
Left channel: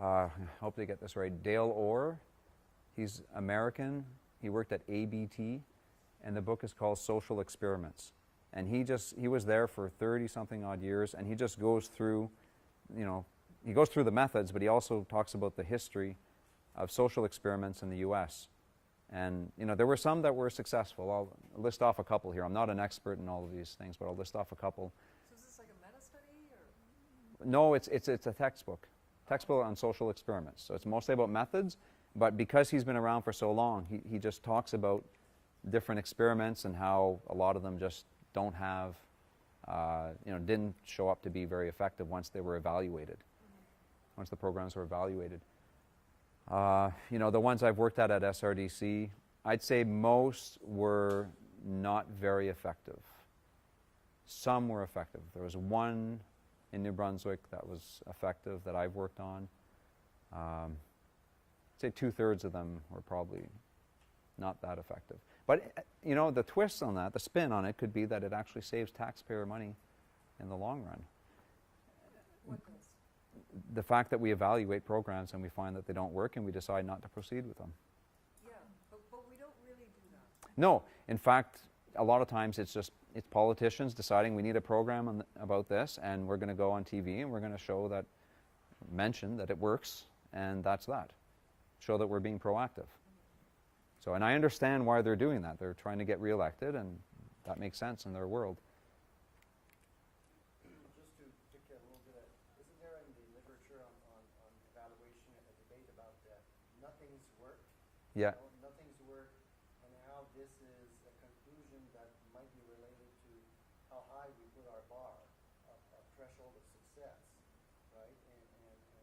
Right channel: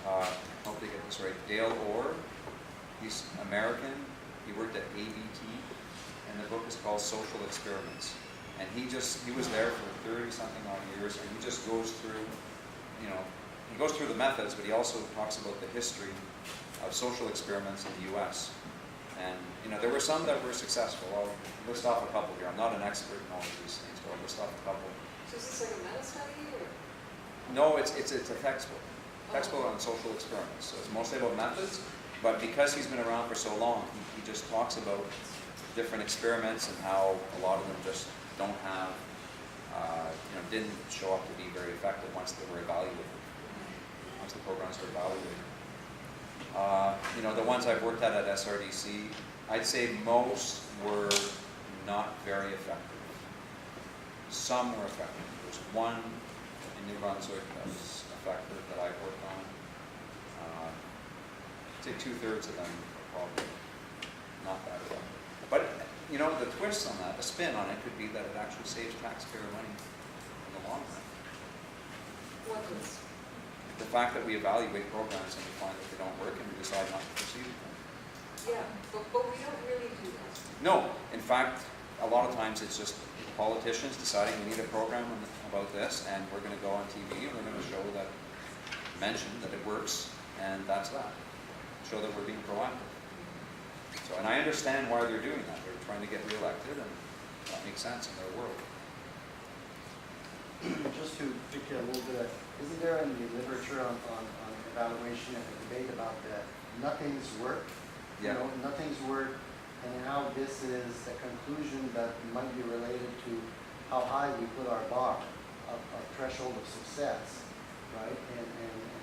hope I get this right, Dale Orr. He's American. He worked at ADT, and the book is called Social Experiments. And he was there for 30-something odd years, and he just goes through, he goes through the methods, but he also talks about the history of social experiments in the U.S. And there were some that were successful. I'll list off a couple here. I'm not an expert in all of these things, so I'll list off a couple. So is this like a meta study or? No, it's a textbook on social experiments. So it's mostly about methods, but because he's been around for so long, he just talks about different experiments and how a lot of them just don't have, didn't show up to be very effective once they were evaluated, once the programs were evaluated. The ones I've worked at SRDC, I'd say most were not very effective. Some were effective. There was one in New Brunswick that was effective that I've worked on. I'd say 2/3 of them were probably not that effective. But, the twist on that, the spin on it could be that it actually saves taxpayer money in the long run. What was? The fact that we evaluate programs and we find that they don't work and we decide not to proceed with them. Yeah, but we don't really do that. No, in fact, a lot of times it's just politicians deciding we need a program about this, and we're going to go on TV and we're going to show that, mention that it works, and that's that. Show that we're being proactive. So, and I understand why they're doing that. They're trying to get reelected, and that makes sense in their world. Just to pick a little bit, isn't there in the literature on evaluation and the debate about that nothing's worked? Yeah. Nothing's worked, and how this is a conclusion that might be related to how high we put our bar, our threshold of success, right? And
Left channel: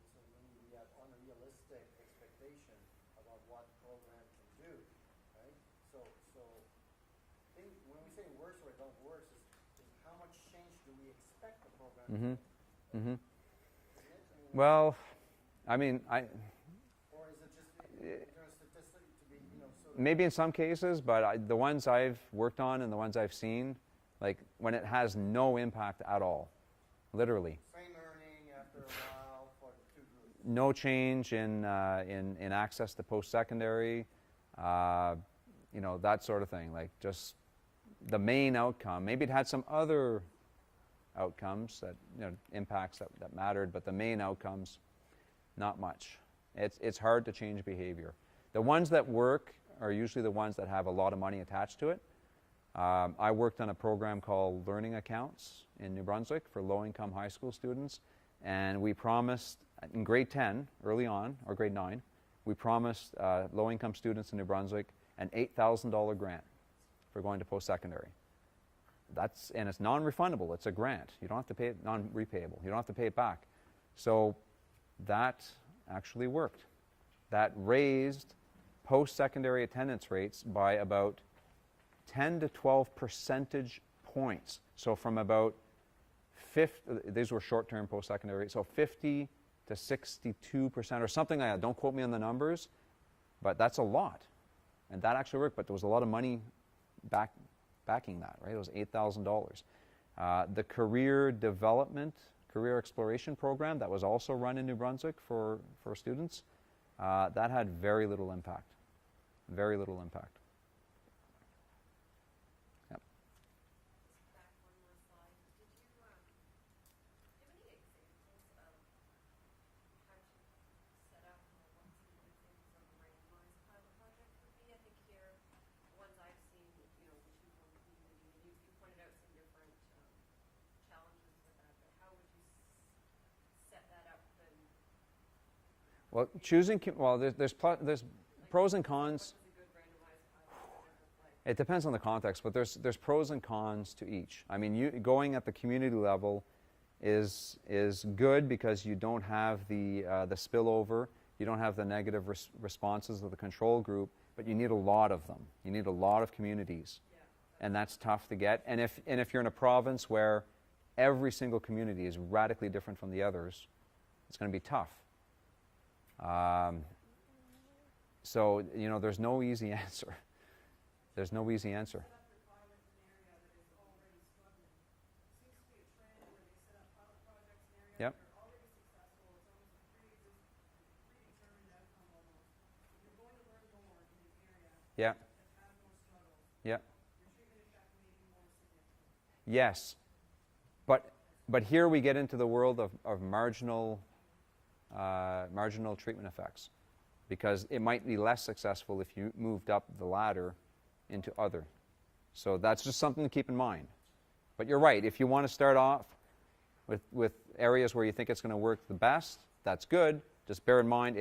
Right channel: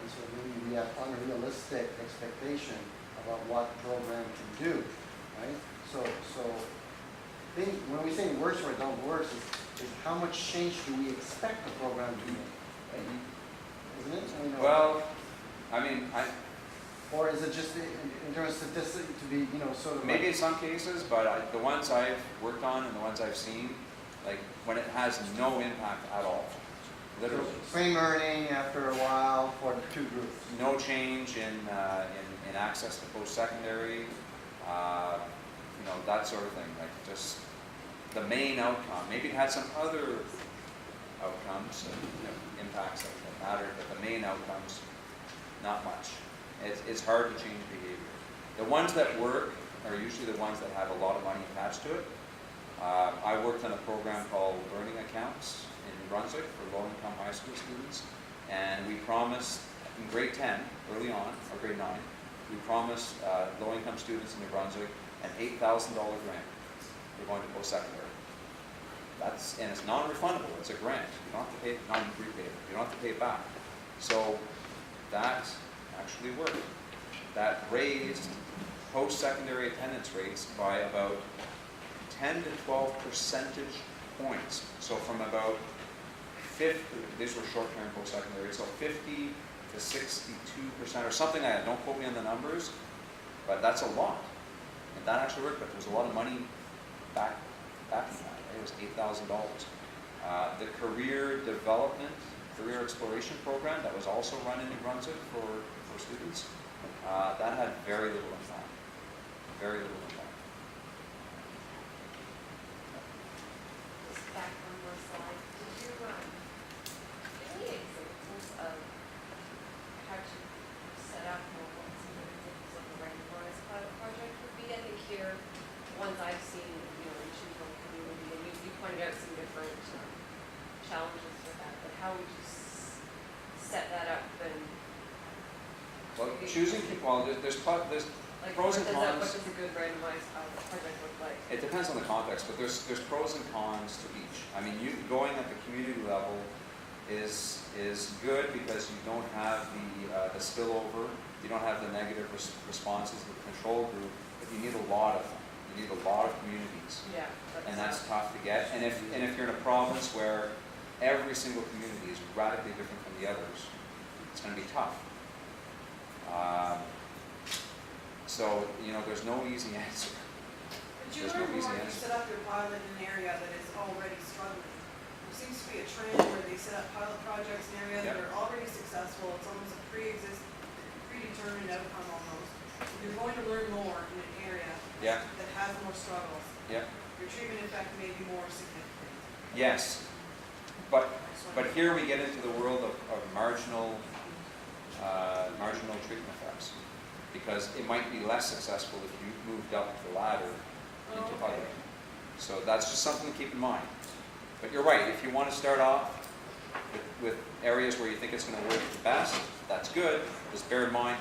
so maybe we have unrealistic expectation about what program can do, right? So when we say works or don't work, is how much change do we expect the program to make? Right? Isn't it? Well, or is it just in terms of statistics to be, sort of maybe like, in some cases, but the ones I've worked on and the ones I've seen, like when it has no impact at all, literally. same earning after a while for the two groups? No change in access to post-secondary, that sort of thing. Like just the main outcome. Maybe it had some other outcomes and impacts that mattered, but the main outcomes, not much. It's hard to change behavior. The ones that work are usually the ones that have a lot of money attached to it. I worked on a program called Learning Accounts in New Brunswick for low-income high school students, and we promised in grade 10, early on, or grade 9, we promised low-income students in New Brunswick an $8,000 grant for going to post-secondary. and it's non-refundable, it's a grant, you don't have to pay, non-repay it, you don't have to pay it back. So that actually worked. That raised post-secondary attendance rates by about 10 to 12 percentage points. So from about 50, these were short-term post-secondary rates, so 50 to 62% or something like that. Don't quote me on the numbers, but that's a lot. And that actually worked, but there was a lot of money backing that. Right? It was $8,000. The career development, career exploration program that was also run in New Brunswick for students, that had very little impact. Very little impact. Just back one more slide. Did you, give me examples of how to set up or what some of the examples of a randomized pilot project would be? I think here, ones I've seen, you know, in Choose-One community, and you pointed out some different challenges with that, but how would you set that up and? Well, there's Like, pros and cons. what does a good randomized pilot project look like? It depends on the context, but there's pros and cons to each. I mean, going at the community level is good because you don't have the spillover, you don't have the negative responses of the control group, but you need a lot of them. You need a lot of communities, Yeah. and that's tough to get. And if you're in a province where every single community is radically different from the others, it's going to be tough. So, you know, there's no easy answer. But you There's learn no easy more if you answer. set up your pilot in an area that is already struggling. There seems to be a trend where they set up pilot projects in areas that are already successful, it's almost a predetermined outcome almost. You're going to learn more in an area Yeah, that has more struggles. yeah. Your treatment effect may be more significant. Yes, but here we get into the world of marginal treatment effects, because it might be less successful if you moved up the ladder into other. So that's just something to keep in mind. But you're right, if you want to start off with areas where you think it's going to work the best, that's good. Just bear in mind,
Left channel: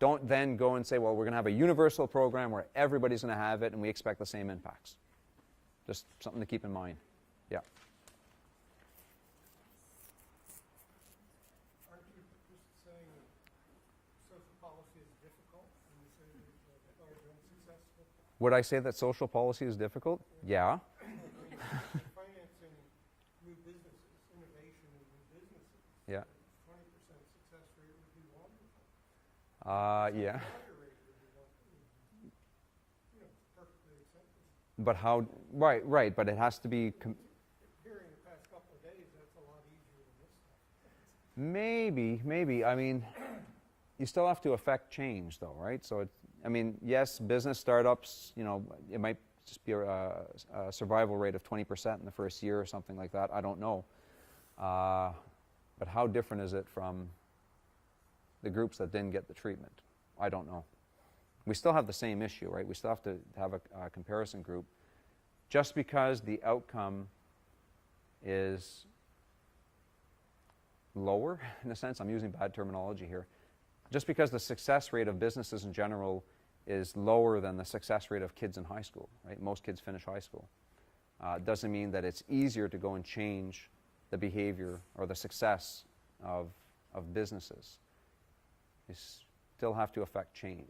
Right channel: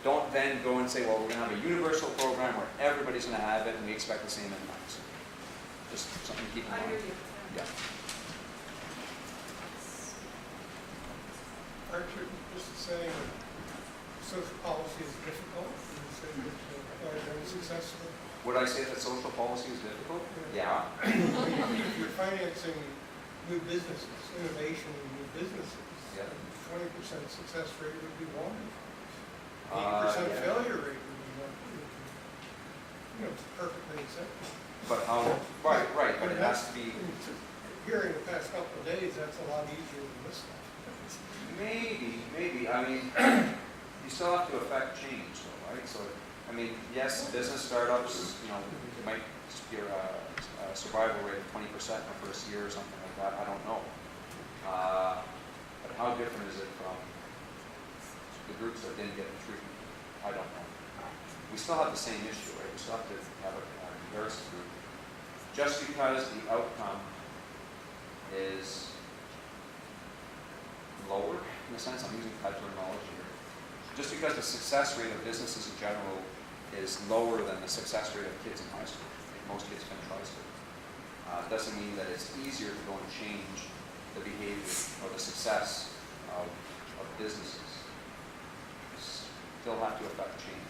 don't then go and say, well, we're going to have a universal program where everybody's going to have it and we expect the same impacts. Just something to keep in I mind. hear you. Yeah. Aren't you just saying that social policy is difficult, and say that are very successful? Would I say that social policy is difficult? Yeah. If you're financing new businesses, innovation in new businesses, Yeah. 20% success rate would be wonderful. 80% Yeah. failure rate would be wonderful. You know, it's perfectly acceptable. But how? Right. But it has to be. Here in the past couple of days, that's a lot easier than this stuff. Maybe. I mean, you still have to affect change, though, right? So, I mean, yes, business startups, you know, it might be a survival rate of 20% in the first year or something like that. I don't know. But how different is it from the groups that didn't get the treatment? I don't know. We still have the same issue, right? We still have to have a comparison group. Just because the outcome is lower, in a sense, I'm using bad terminology here. Just because the success rate of businesses in general is lower than the success rate of kids in high school, right? Most kids finish high school. Doesn't mean that it's easier to go and change the behavior or the success of businesses. You still have to affect change.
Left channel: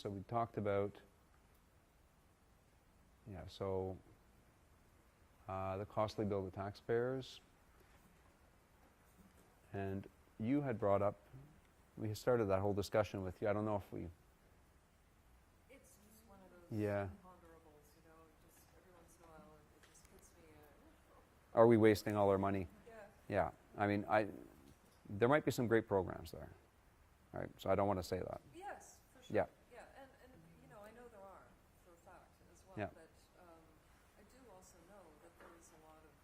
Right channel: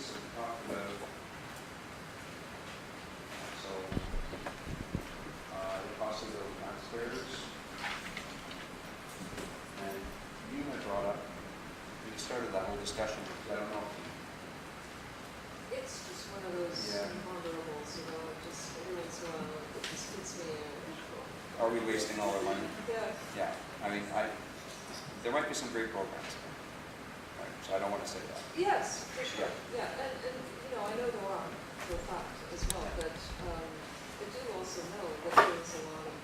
So we talked about, the cost of building taxpayers. And you had brought up, you started that whole discussion with, I don't know if you, It's just one of those Yeah. imponderables, you know, just every once in a while, it just hits me are we wasting all our money? Yeah. Yeah, I mean, there might be some great programs there. All right, so I don't want to say that. Yes, for sure, Yeah. yeah, and, you know, I know there are, for a fact as well, Yeah. but, I do also know that there's a lot of,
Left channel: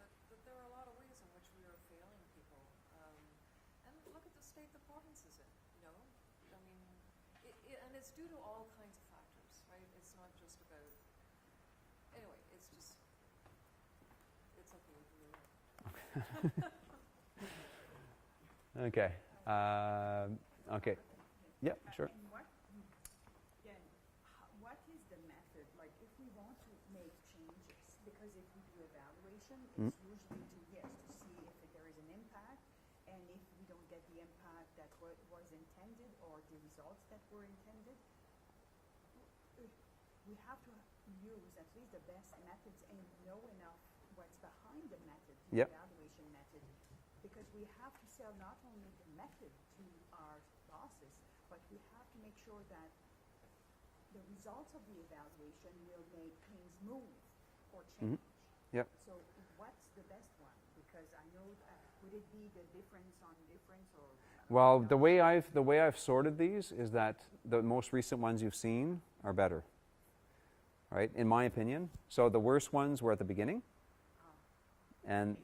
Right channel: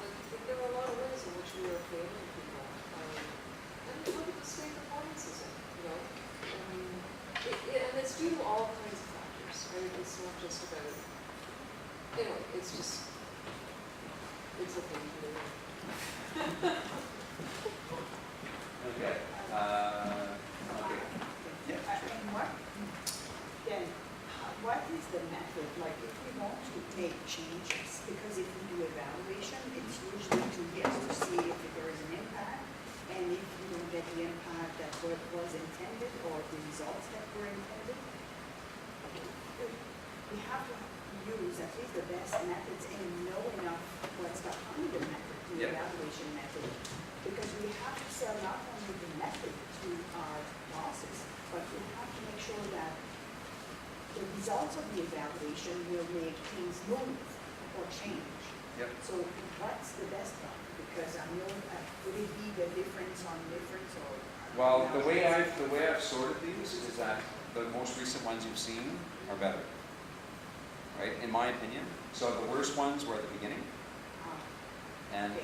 like, there are a lot of ways in which we are failing people, and look at the state the province is in, you know, and it's due to all kinds of factors, right, it's not just about, you know, it's just, Okay. Okay. Yeah, sure. And what, then, what is the method, like if we want to make changes, because if we do evaluation, it's usually 2 years to see if there is an impact, and if you don't get the impact that was intended, or the results that were intended, we have to use at least the best methods and know enough what's behind the method, the Yep. evaluation method, because we have to sell not only the method to our bosses, but we have to make sure that the results of the evaluation will make things move or change. Yep. So what's the best one? Because I know, would it be the difference on difference or? Well, the way I've sorted these is that the most recent ones you've seen are better, right? In my opinion. So the worst ones were at the beginning, and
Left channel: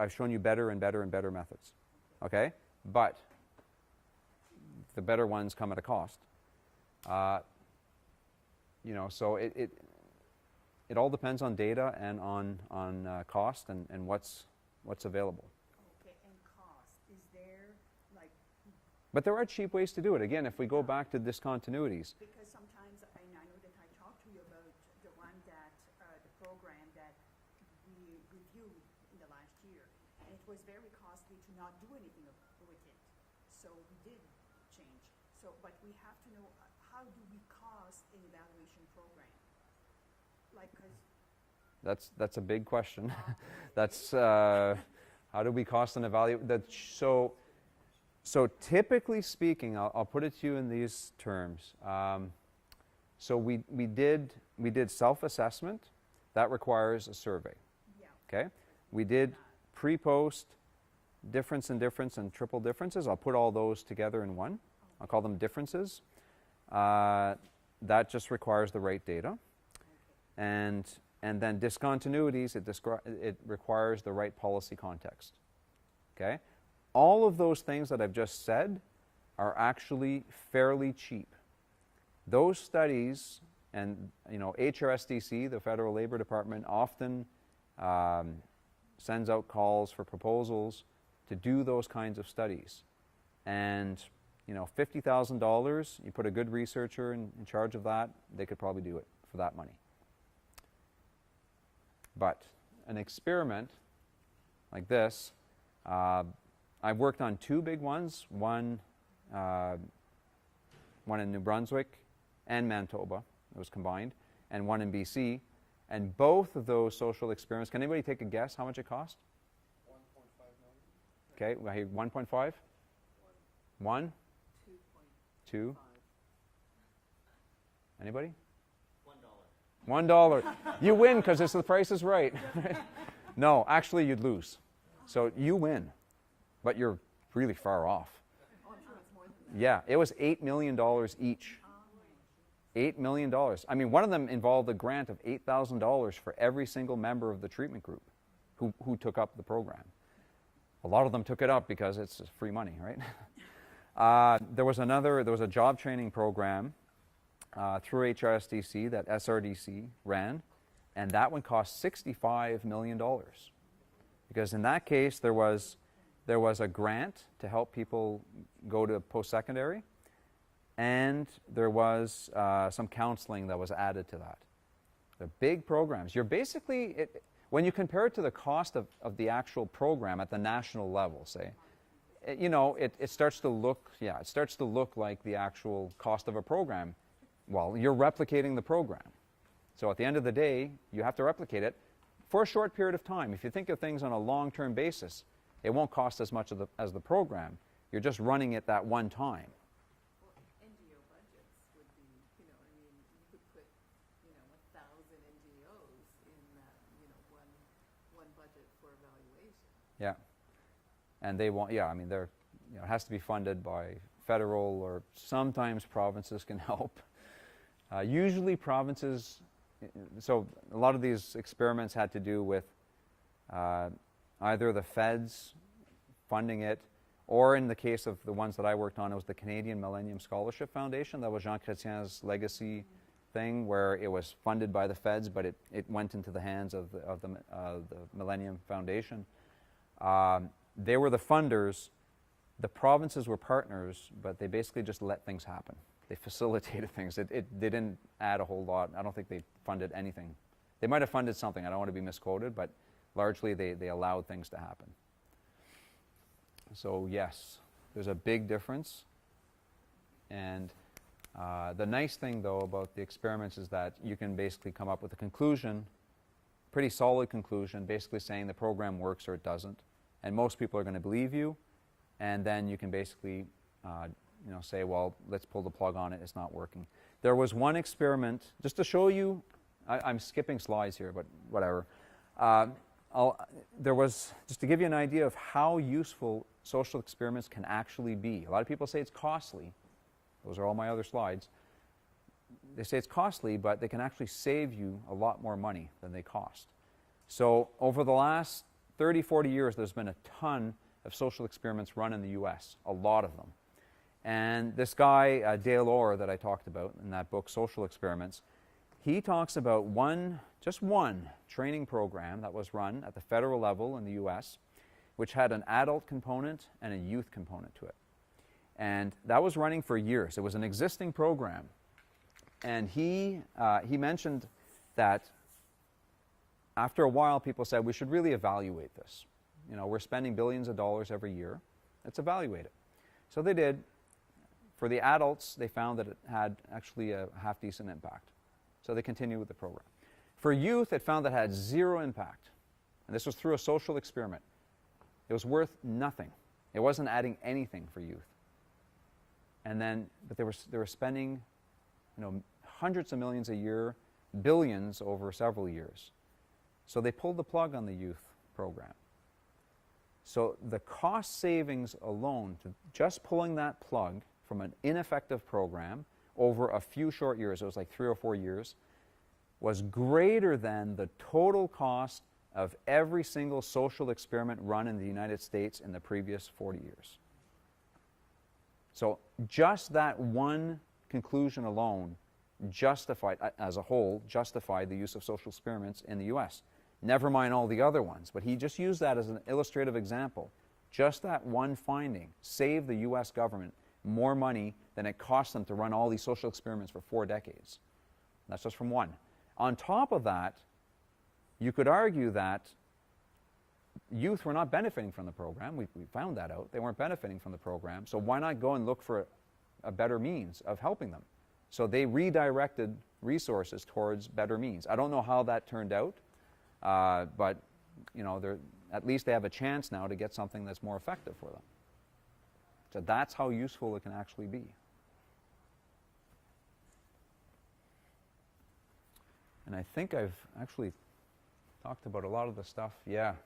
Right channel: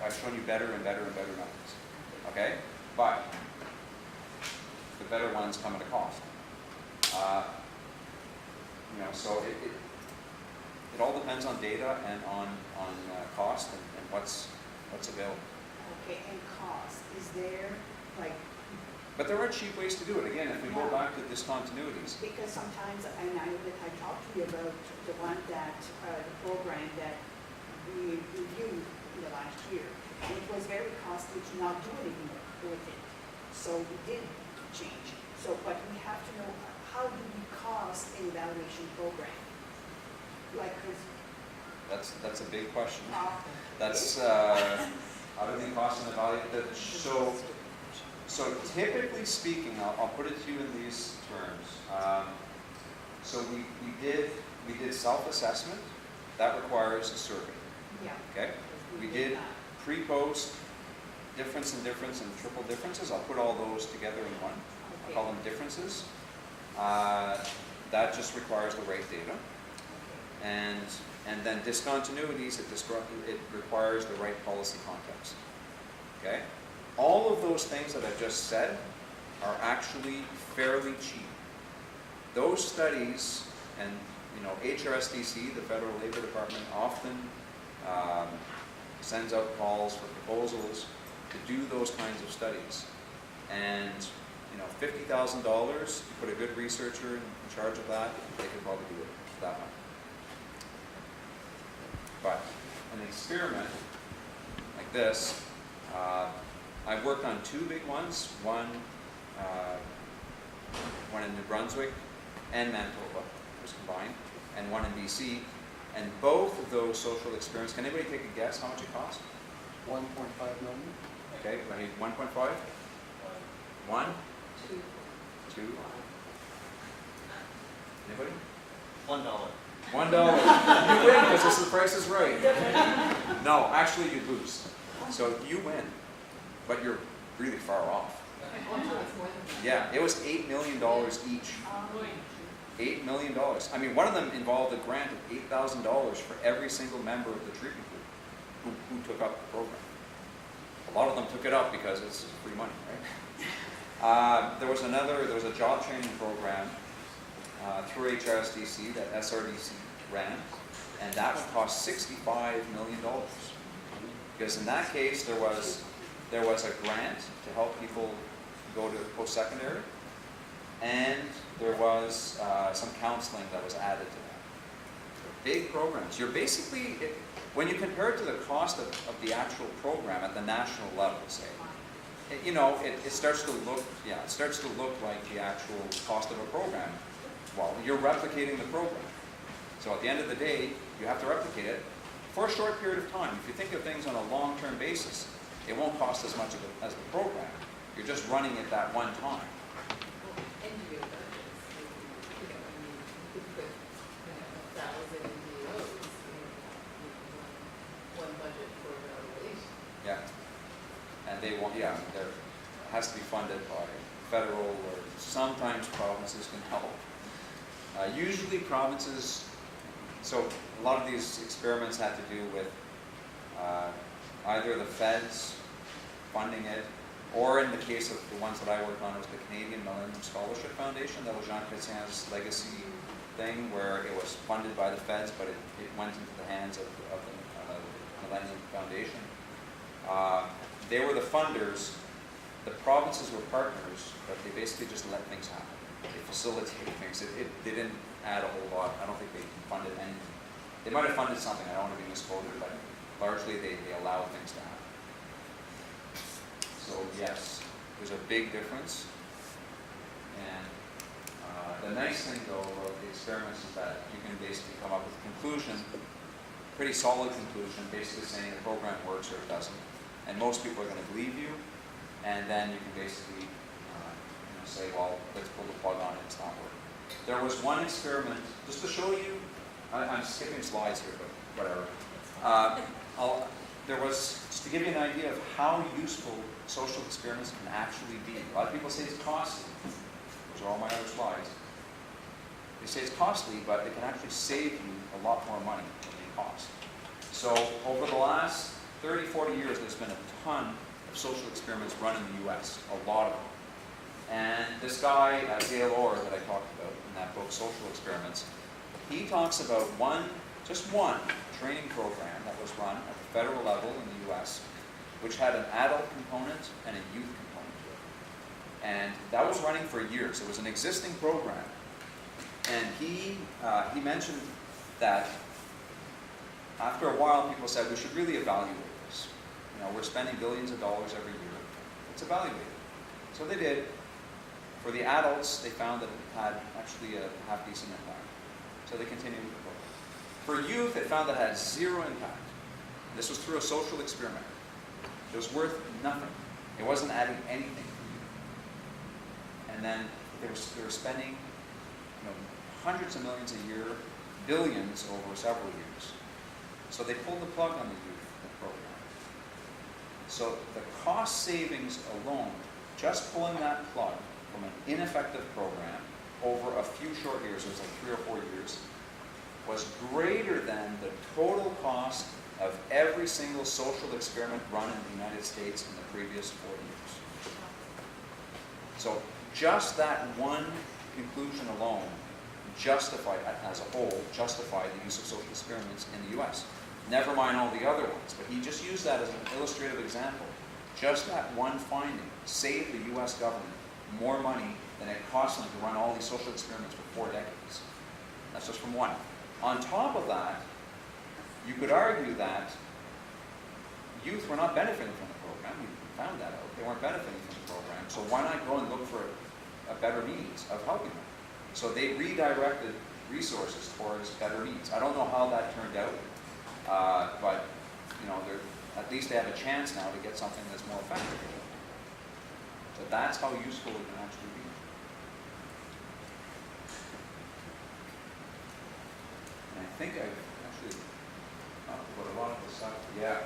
I've shown you better and better and better methods. Okay, but the better ones come at a cost. You know, so it all depends on data and on cost and what's available. Okay, and cost, is there, like, But there are cheap ways to do it. Again, if we go back to discontinuities. because sometimes, and I know that I talked to you about the one that, the program that we reviewed in the last year, and it was very costly to not do anything with it. So we did change. So, but we have to know, how do we cost an evaluation program? Like, 'cause, That's a big question. That's how do we cost and evaluate that? So typically speaking, I'll put it to you in these terms. So we did self-assessment. That requires a survey. yeah. Okay. We did pre-post, difference and triple differences. I'll put all those together in one. I'll call them differences. That just requires the right data. And then discontinuities, it requires the right policy context. Okay? All of those things that I just said are actually fairly cheap. Those studies, and you know, HRSDC, the Federal Labor Department, often sends out calls for proposals to do those kinds of studies. And you know, $50,000, you put a good researcher in charge of that, they could probably do it for that money. But an experiment like this, I've worked on 2 big ones, one in New Brunswick and Manitoba, was combined, and one in BC. And both of those social experiments, can anybody take a guess how much it cost? 1.5 million? Okay, right, 1.5? 1? 2? Anybody? $1. $1. You win because the price is right. No, actually you lose. So you win, but you're really far off. Yeah, it was $8 million each. $8 million. I mean, one of them involved a grant of $8,000 for every single member of the treatment group who took up the program. A lot of them took it up because it's free money, right? There was a job training program through HRSDC that SRDC ran, and that one cost $65 million. Because in that case, there was a grant to help people go to post-secondary, and there was some counseling that was added to that. They're big programs. You're basically, when you compare it to the cost of the actual program at the national level, say, it starts to look, like the actual cost of a program. Well, you're replicating the program. So at the end of the day, you have to replicate it for a short period of time. If you think of things on a long-term basis, it won't cost as much as the program. You're just running it that one time. Yeah, and they won't. Yeah, I mean, it has to be funded by federal, or sometimes provinces can help. Usually provinces. So a lot of these experiments had to do with either the feds funding it, or in the case of the ones that I worked on, it was the Canadian Millennium Scholarship Foundation. That was Jean Chrétien's legacy thing, where it was funded by the feds, but it went into the hands of the Millennium Foundation. They were the funders. The provinces were partners, but they basically just let things happen. They facilitated things. It didn't add a whole lot. I don't think they funded anything. They might have funded something. I don't want to be misquoted, but largely they allowed things to happen. So yes, there's a big difference. And the nice thing, though, about the experiments is that you can basically come up with a conclusion, pretty solid conclusion, basically saying the program works or it doesn't. And most people are going to believe you, and then you can basically say, well, let's pull the plug on it, it's not working. There was one experiment, just to show you, I'm skipping slides here, but whatever. There was, just to give you an idea of how useful social experiments can actually be. A lot of people say it's costly. Those are all my other slides. They say it's costly, but it can actually save you a lot more money than they cost. So over the last 30, 40 years, there's been a ton of social experiments run in the US, a lot of them. And this guy, Dale Orr, that I talked about in that book, Social Experiments, he talks about just one training program that was run at the federal level in the US, which had an adult component and a youth component to it. And that was running for years. It was an existing program. And he mentioned that after a while, people said, we should really evaluate this. We're spending billions of dollars every year. Let's evaluate it. So they did. For the adults, they found that it had actually a half-decent impact. So they continued with the program. For youth, they found that it had zero impact. This was through a social experiment. It was worth nothing. It wasn't adding anything for youth. And then they were spending hundreds of millions a year, billions over several years. So they pulled the plug on the youth program. So the cost savings alone, just pulling that plug from an ineffective program over a few short years, it was like 3 or 4 years, was greater than the total cost of every single social experiment run in the United States in the previous 4 years. So just that one conclusion alone as a whole, justify the use of social experiments in the US. Never mind all the other ones, but he just used that as an illustrative example. Just that one finding saved the US government more money than it cost them to run all these social experiments for 4 decades. That's just from one. On top of that, you could argue that youth were not benefiting from the program. We found that out. They weren't benefiting from the program. So why not go and look for a better means of helping them? So they redirected resources towards better means. I don't know how that turned out, but at least they have a chance now to get something that's more effective for them. So that's how useful it can actually be. And I think I've actually talked about a lot of this stuff. Yeah.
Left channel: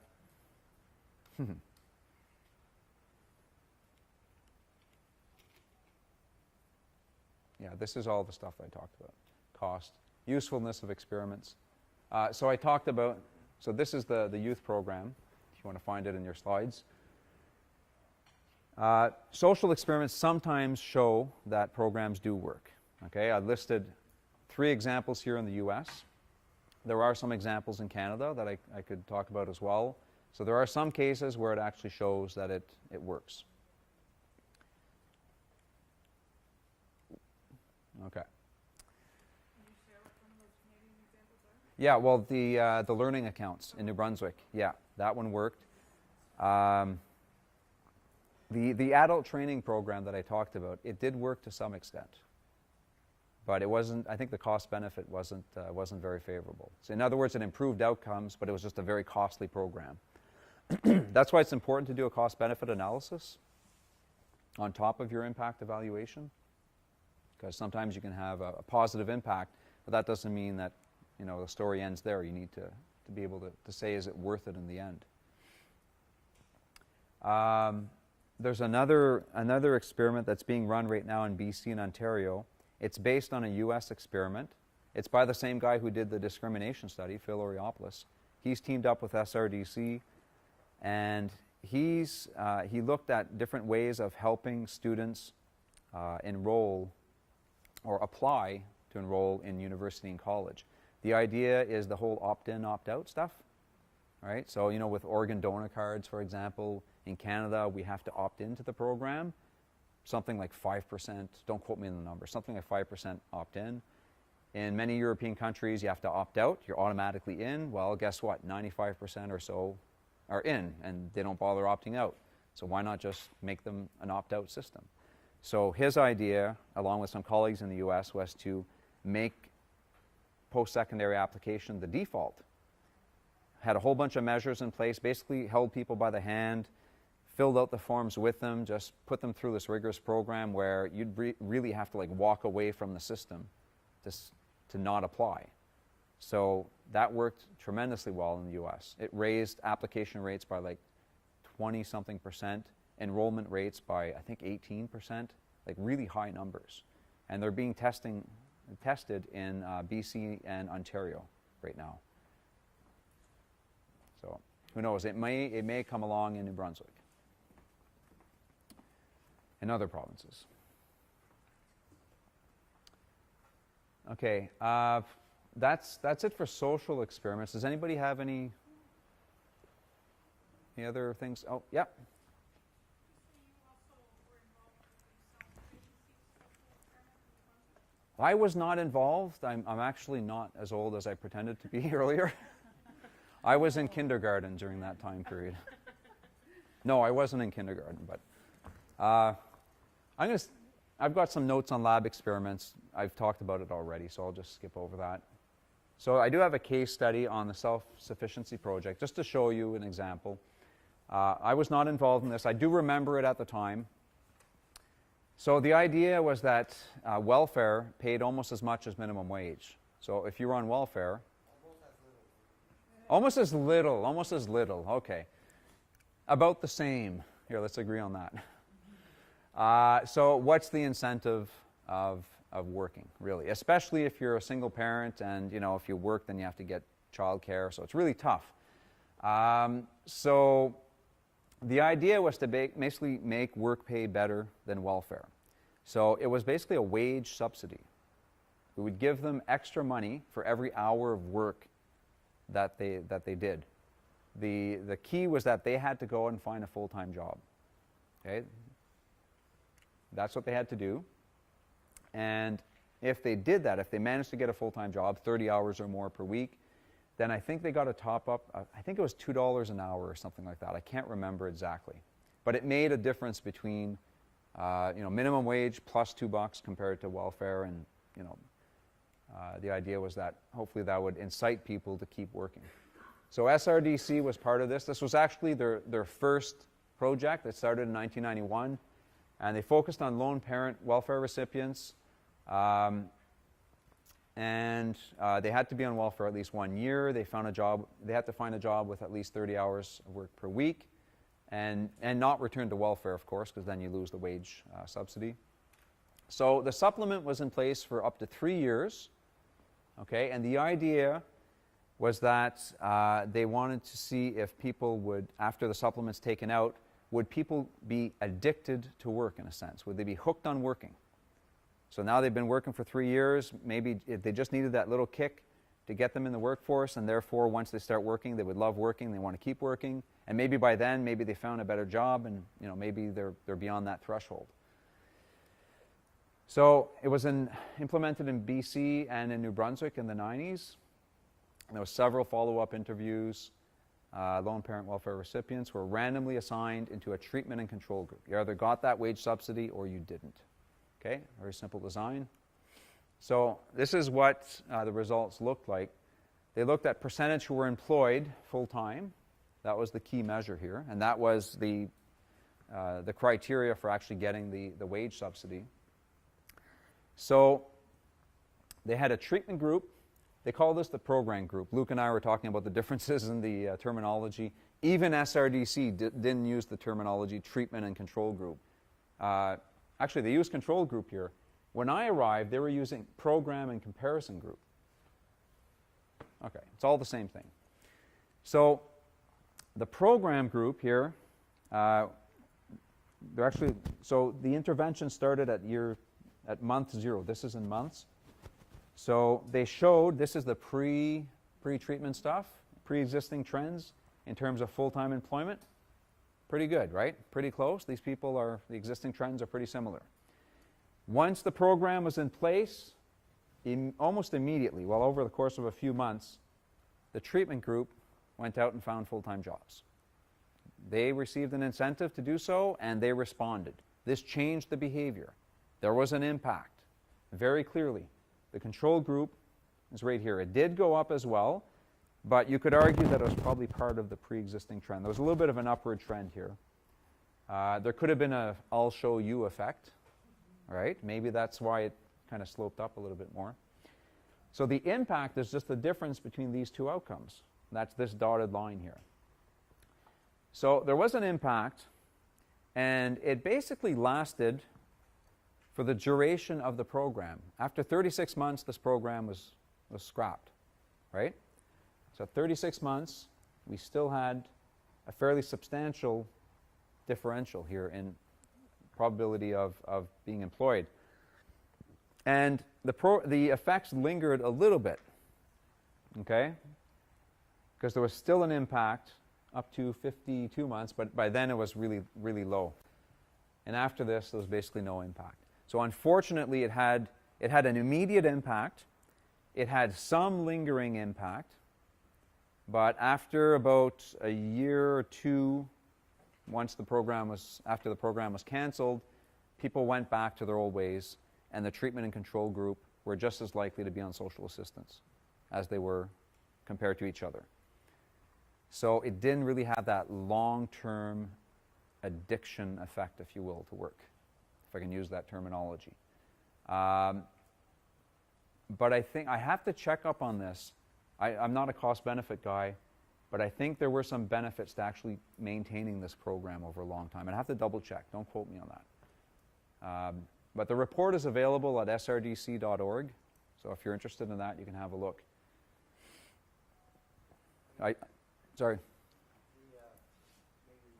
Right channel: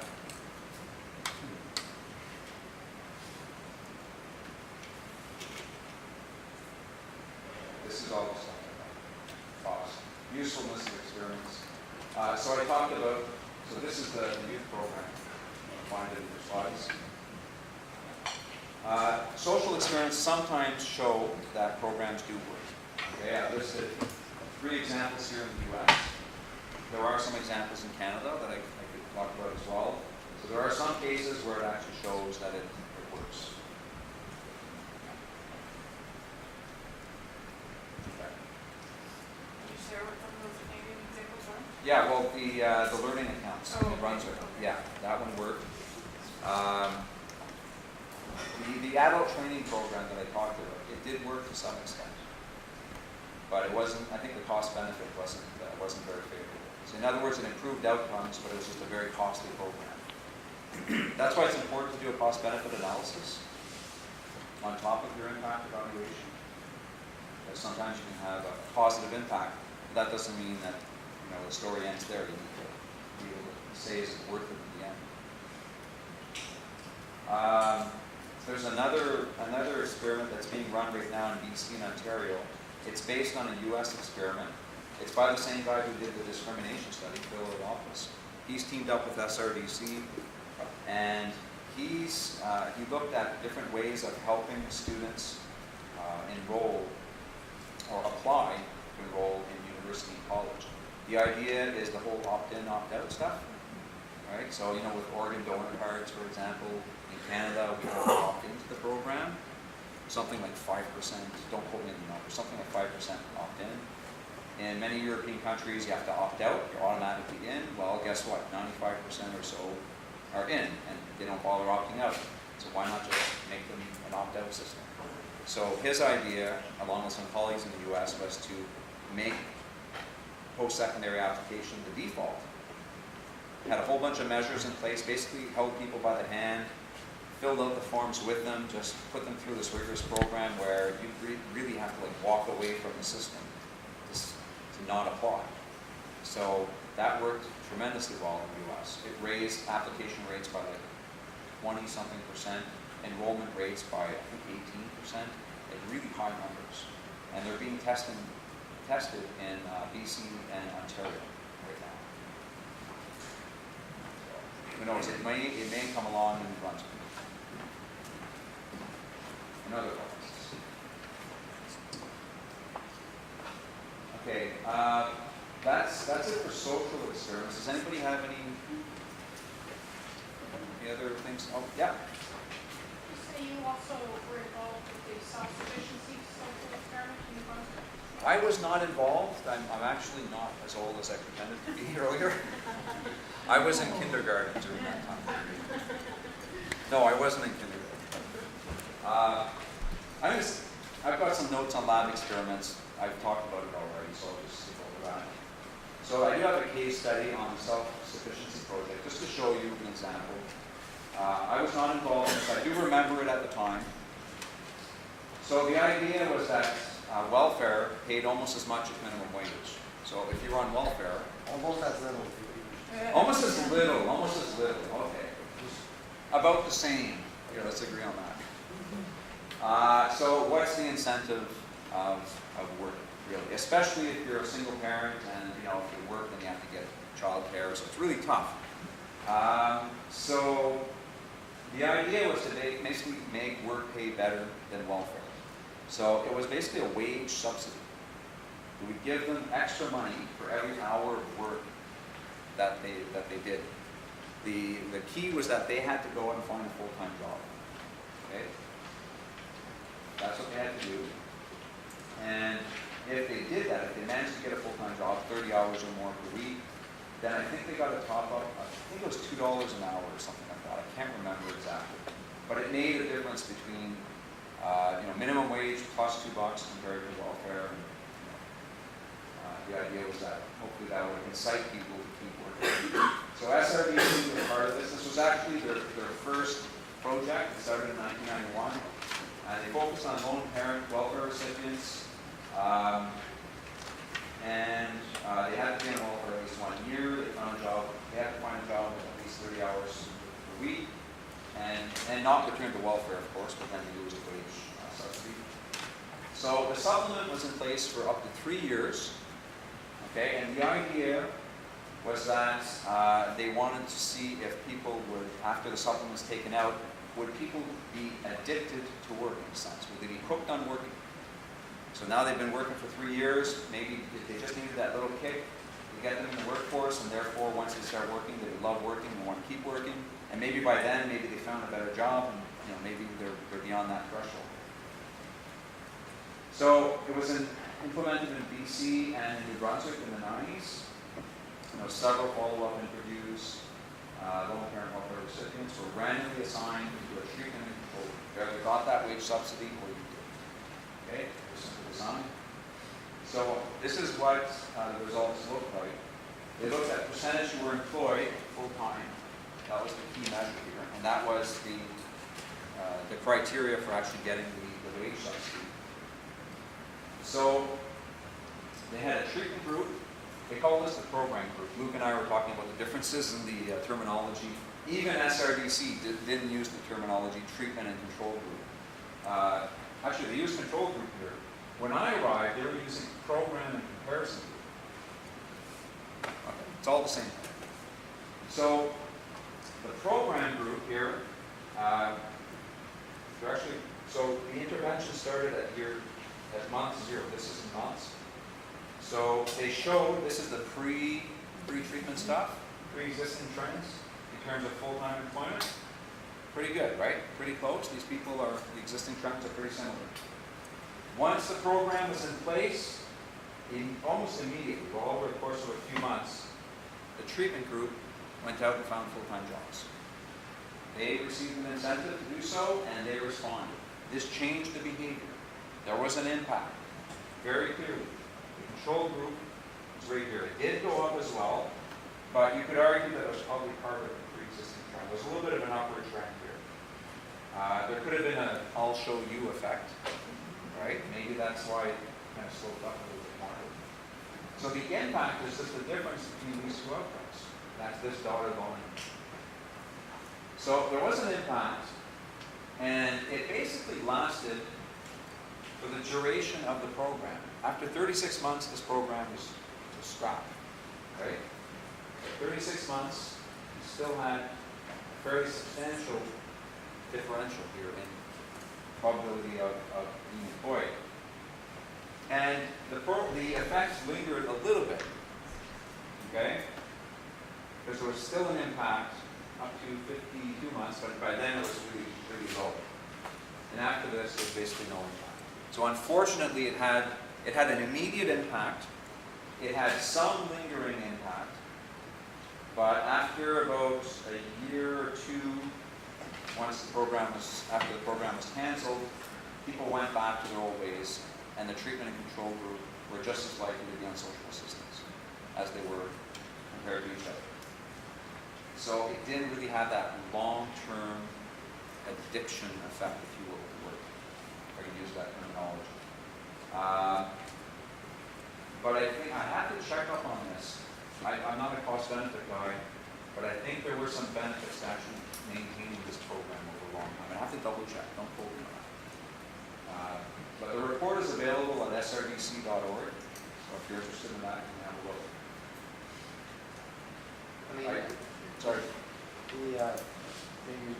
This is all the stuff I talked about. Cost, usefulness of experiments. So I talked about, so this is the youth program. You want to find it in your slides. Social experiments sometimes show that programs do work. Okay, I listed 3 examples here in the US. There are some examples in Canada that I could talk about as well. So there are some cases where it actually shows that it works. Okay. Can you share what some of those Canadian examples are? Yeah, well, the learning accounts in New Brunswick. Yeah, that one worked. The adult training program that I talked about, it did work to some extent, but it wasn't. I think the cost benefit wasn't very favorable. So in other words, it improved outcomes, but it was just a very costly program. That's why it's important to do a cost benefit analysis on top of your impact evaluation, because sometimes you can have a positive impact, but that doesn't mean that the story ends there. You need to be able to say, is it worth it in the end? There's another experiment that's being run right now in BC and Ontario. It's based on a US experiment. It's by the same guy who did the discrimination study, Phil Iliopoulos. He's teamed up with SRDC, and he looked at different ways of helping students enroll or apply to enroll in university and college. The idea is the whole opt-in, opt-out stuff. right? So, you know, with organ donor cards, for example, in Canada, we have to opt into the program. Something like 5%, don't quote me on the number, something like 5% opt in. In many European countries, you have to opt out, you're automatically in. Well, guess what? 95% or so are in, and they don't bother opting out. So why not just make them an opt-out system? So his idea, along with some colleagues in the US, was to make post-secondary application the default. Had a whole bunch of measures in place, basically held people by the hand, filled out the forms with them, just put them through this rigorous program where you'd really have to like walk away from the system to not apply. So that worked tremendously well in the US. It raised application rates by like 20-something%, enrollment rates by I think 18%, like really high numbers. And they're being tested in BC and Ontario right now. So who knows, it may come along in Brunswick. In other provinces. Okay, that's it for social experiments. Does anybody have any other things? Oh, yeah. You say you also were involved with the self-sufficiency social experiment in New Brunswick? I was not involved. I'm actually not as old as I pretended to be earlier. I was in kindergarten during that time period. No, I wasn't in kindergarten. I've got some notes on lab experiments. I've talked about it already, so I'll just skip over that. So I do have a case study on the self-sufficiency project, just to show you an example. I was not involved in this. I do remember it at the time. So the idea was that welfare paid almost as much as minimum wage. So if you were on welfare, Almost as little. almost as little, okay. About the same. Here, let's agree on that. So what's the incentive of working, really? Especially if you're a single parent and, you know, if you work, then you have to get childcare, so it's really tough. So the idea was to basically make work pay better than welfare. So it was basically a wage subsidy. We would give them extra money for every hour of work that they did. The key was that they had to go and find a full-time job. Okay? That's what they had to do. And if they did that, if they managed to get a full-time job, 30 hours or more per week, then I think they got a top-up, I think it was $2 an hour or something like that. I can't remember exactly. But it made a difference between minimum wage plus $2 compared to welfare. And, the idea was that hopefully that would incite people to keep working. So SRDC was part of this. This was actually their first project. It started in 1991. And they focused on lone parent welfare recipients. They had to be on welfare at least 1 year. They had to find a job with at least 30 hours per week. And not return to welfare, of course, because then you lose the wage subsidy. So the supplement was in place for up to 3 years. Okay, and the idea was that they wanted to see if people would, after the supplement's taken out, would people be addicted to work in a sense? Would they be hooked on working? So now they've been working for 3 years, maybe if they just needed that little kick to get them in the workforce, and therefore once they start working, they would love working and want to keep working. And maybe by then, maybe they found a better job, and maybe they're beyond that threshold. So it was implemented in BC and in New Brunswick in the 90s. There were several follow-up interviews. Lone parent welfare recipients were randomly assigned into a treatment and control group. You either got that wage subsidy or you didn't. Okay, very simple design. So this is what the results looked like. They looked at percentage who were employed full-time. That was the key measure here, and that was the criteria for actually getting the wage subsidy. So they had a treatment group. They call this a program group. Luke and I were talking about the differences in the terminology. Even SRDC didn't use the terminology treatment and control group. Actually, they used control group here. When I arrived, they were using program and comparison group. Okay, it's all the same thing. So the program group here, so the intervention started at month 0. This is in months. So they showed, this is the pre-treatment stuff, pre-existing trends. in terms of full-time employment, pretty good, right? Pretty close. These people are, the existing trends are pretty similar. Once the program was in place, almost immediately, well over the course of a few months, the treatment group went out and found full-time jobs. They received an incentive to do so, and they responded. This changed the behavior. There was an impact, very clearly. The control group was right here. It did go up as well, but you could argue that it was probably part of the pre-existing trend. There was a little bit of an upward trend here. There could have been a I'll show you effect, right? Maybe that's why it kind of sloped up a little bit more. So the impact is just the difference between these two outcomes. That's this dotted line here. So there was an impact, and it basically lasted for the duration of the program. After 36 months, this program was scrapped, right? So 36 months, we still had a fairly substantial differential here in probability of being employed. And the effects lingered a little bit, okay? Because there was still an impact up to 52 months, but by then it was really, really low. And after this, there was basically no impact. So unfortunately, it had an immediate impact. It had some lingering impact. But after about a year or two, after the program was canceled, people went back to their old ways, and the treatment and control group were just as likely to be on social assistance as they were compared to each other. So it didn't really have that long-term addiction effect, if you will, to work, if I can use that terminology. But I think I have to check up on this. I'm not a cost-benefit guy, but I think there were some benefits to actually maintaining this program over a long time. I have to double-check. Don't quote me on that. But the report is available at srdc.org, so if you're interested in that, you can have a look. Sorry. Maybe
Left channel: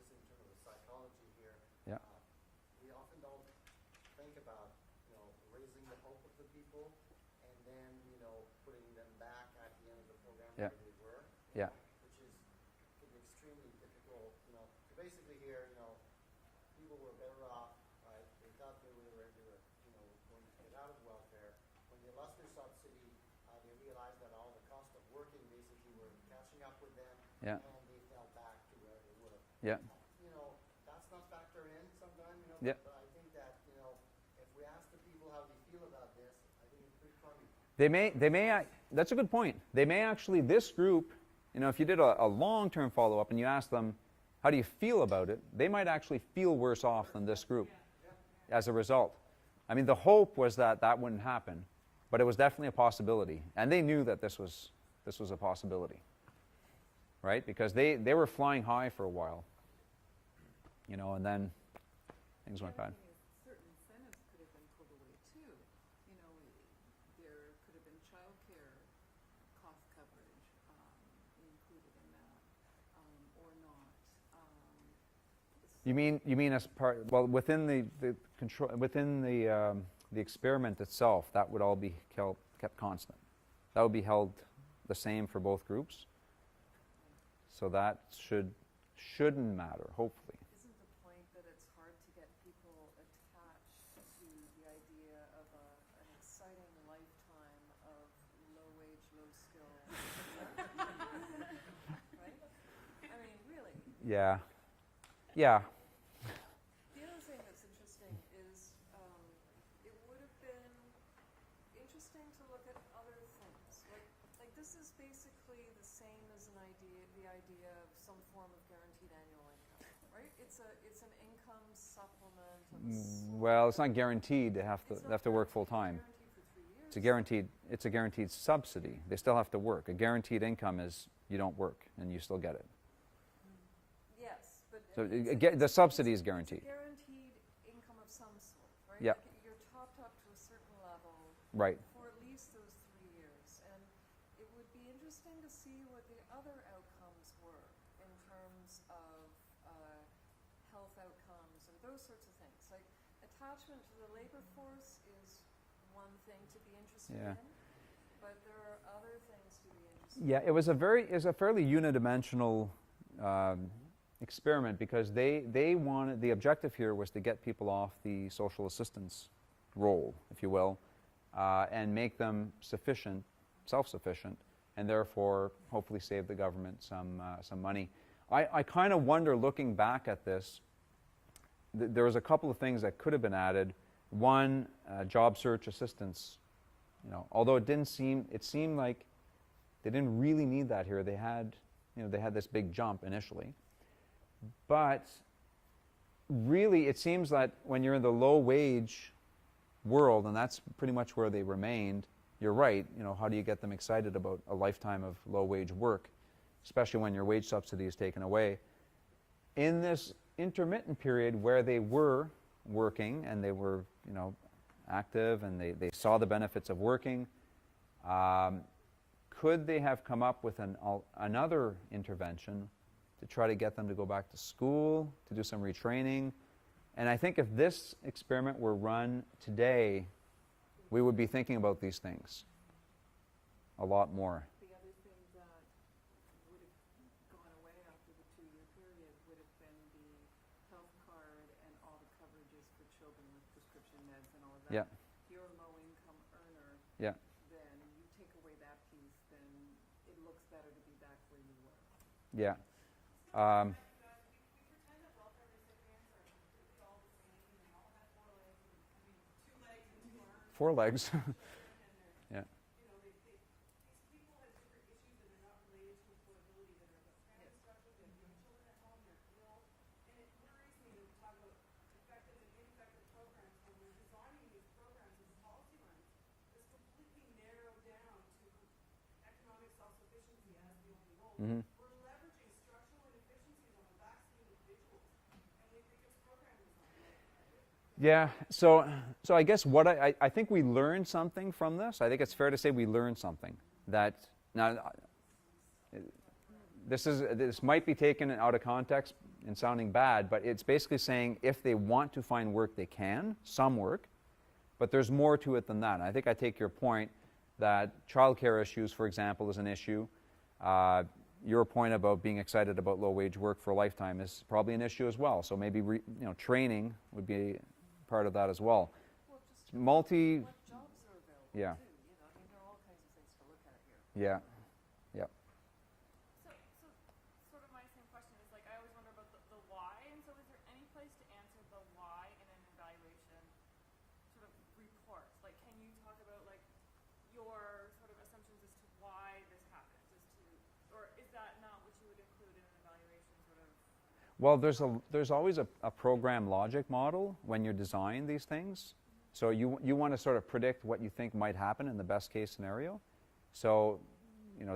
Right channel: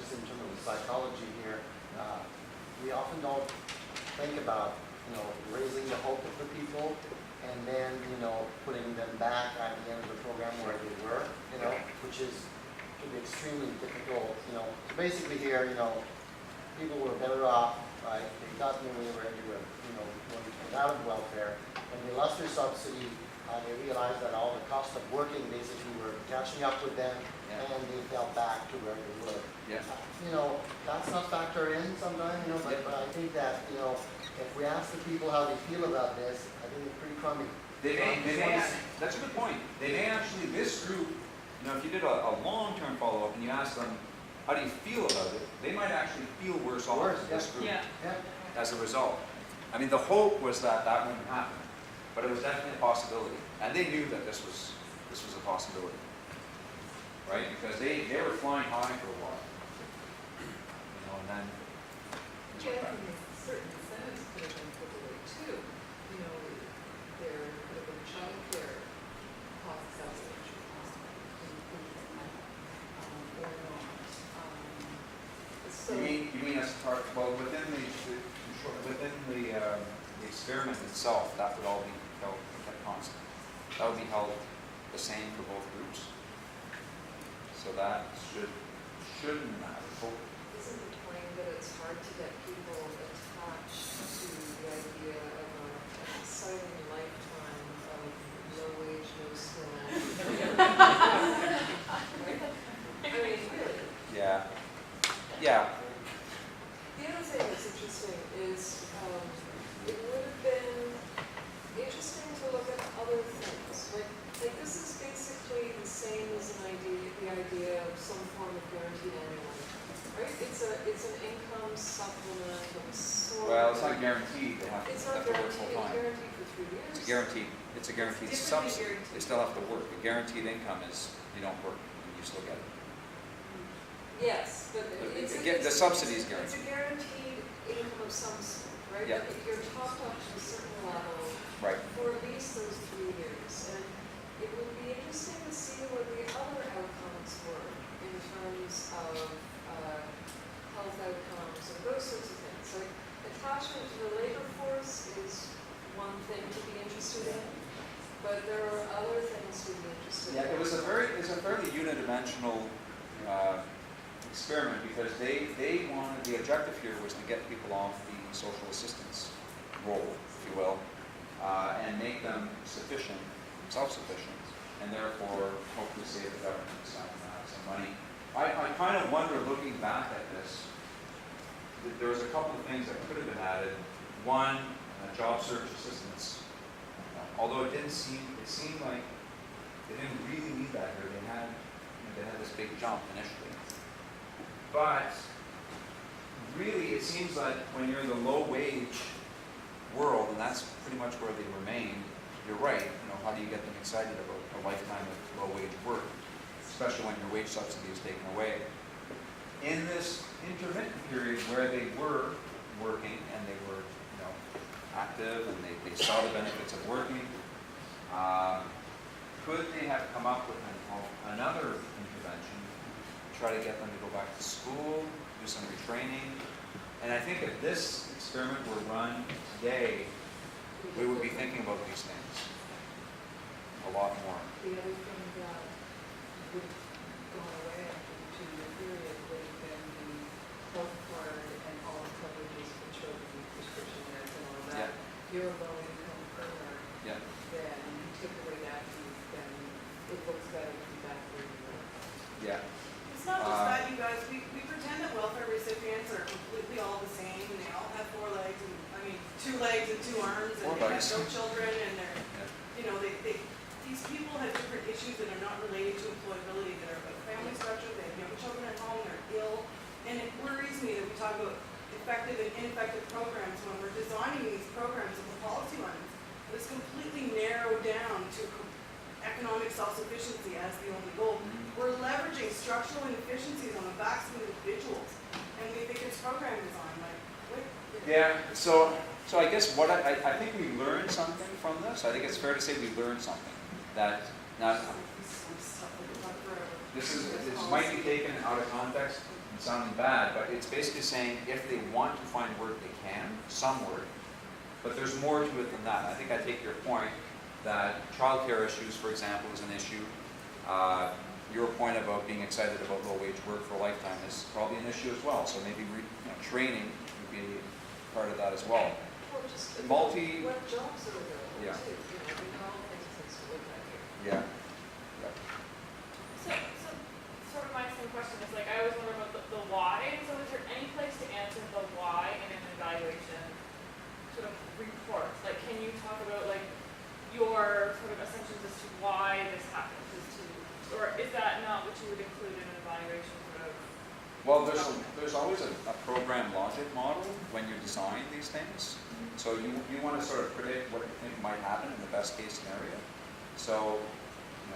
just in terms of the psychology here, we often don't think about, raising the hope of the people and then, putting them back at the end of the program where they were, which can be extremely difficult, So basically here, people were better off, right? They got me when they were everywhere, when they came out of welfare. When they lost their subsidy, they realized that all the cost of working basically were catching up with them, and they fell back to where they were. Yeah. That's not factored in sometimes, but I think that, if we ask the people how they feel about this, I think it's pretty crummy. That's a good point. They may actually, this group, if you did a long-term follow-up and you ask them, how do you feel about it? They might actually feel worse off than this group as a result. I mean, the hope was that wouldn't happen, but it was definitely a possibility. And they knew that this was a possibility, right? Because they were flying high for a while, and then it was like that. Certain incentives could have been put away too. There could have been childcare cost subsidy, or not. You mean as part? Well, within the control, within the experiment itself, that would all be kept constant. That would be held the same for both groups. So that shouldn't matter. Isn't the point that it's hard to get people attached to the idea of an exciting lifetime of no wage, no skill? Right? I mean, really. Yeah. The other thing that's interesting is it would have been interesting to look at other things. Like this is basically the same as the idea of some form of guaranteed annual income, right? It's an income supplement of sort. Well, it's not guaranteed. They have to work full time. It's guaranteed for 3 years. It's a guaranteed subsidy. They still have to work. The guaranteed income is you don't work and you still get it. Yes, but The subsidy is guaranteed. It's a guaranteed income of some sort, right? Yeah. If you're topped up to a certain level Right. for at least those 3 years. And it would be interesting to see what the other outcomes were in terms of health outcomes and those sorts of things. Like attachment to the labor force is one thing to be interested in, but there are other things to be interested in. Yeah, it was a fairly unidimensional experiment because they wanted, the objective here was to get people off the social assistance role, if you will, and make them sufficient, self-sufficient, and therefore hopefully save the government some money. I kind of wonder, looking back at this, there was a couple of things that could have been added. One, job search assistance. Although it seemed like they didn't really need that here. They had this big jump initially. But really, it seems like when you're in the low wage world, and that's pretty much where they remain, you're right. How do you get them excited about a lifetime of low wage work, especially when your wage subsidy is taken away? In this intermittent period where they were working and they were, active and they saw the benefits of working, could they have come up with another intervention to try to get them to go back to school, do some retraining? And I think if this experiment were run today, we would be thinking about these things a lot more. The other thing that would have gone away after the 2-year period would have been the health card and all the coverages for children with prescription meds and all of that. Yeah. If you're a low income earner, Yeah. then you take away that piece, then it looks better than back where you were. Yeah. It's not just that, you guys, we pretend that welfare recipients are completely all the same, and they all have 4 legs, and, 2 legs and 2 arms, 4 and they legs. have no children, and they're, Yeah. these people have different issues that are not related to employability, that are about family structure, they have young children at home, they're ill, and it worries me that we talk about effective and ineffective programs when we're designing these programs and the policy lines. It's completely narrowed down to economic self-sufficiency as the only goal. Mhm. We're leveraging structural inefficiencies on the backs of individuals, and we think it's program design, Yeah, so I guess what I think we learned something from this. I think it's fair to say we learned something. That now this might be taken out of context and sounding bad, but it's basically saying if they want to find work, they can, some work, but there's more to it than that. I think I take your point that childcare issues, for example, is an issue. Your point about being excited about low wage work for a lifetime is probably an issue as well. So maybe training would be part of that as well. Well, just What jobs are available Yeah. too, these are all things that to look at here. Yeah. So sort of my same question is like, I always wonder about the why. So is there any place to answer the why in an evaluation sort of report? Like, can you talk about like your sort of assumptions as to why this happens, or is that not what you would include in an evaluation sort of? Well, there's always a program logic model when you design these things. So you want to sort of predict what you think might happen in the best case scenario. So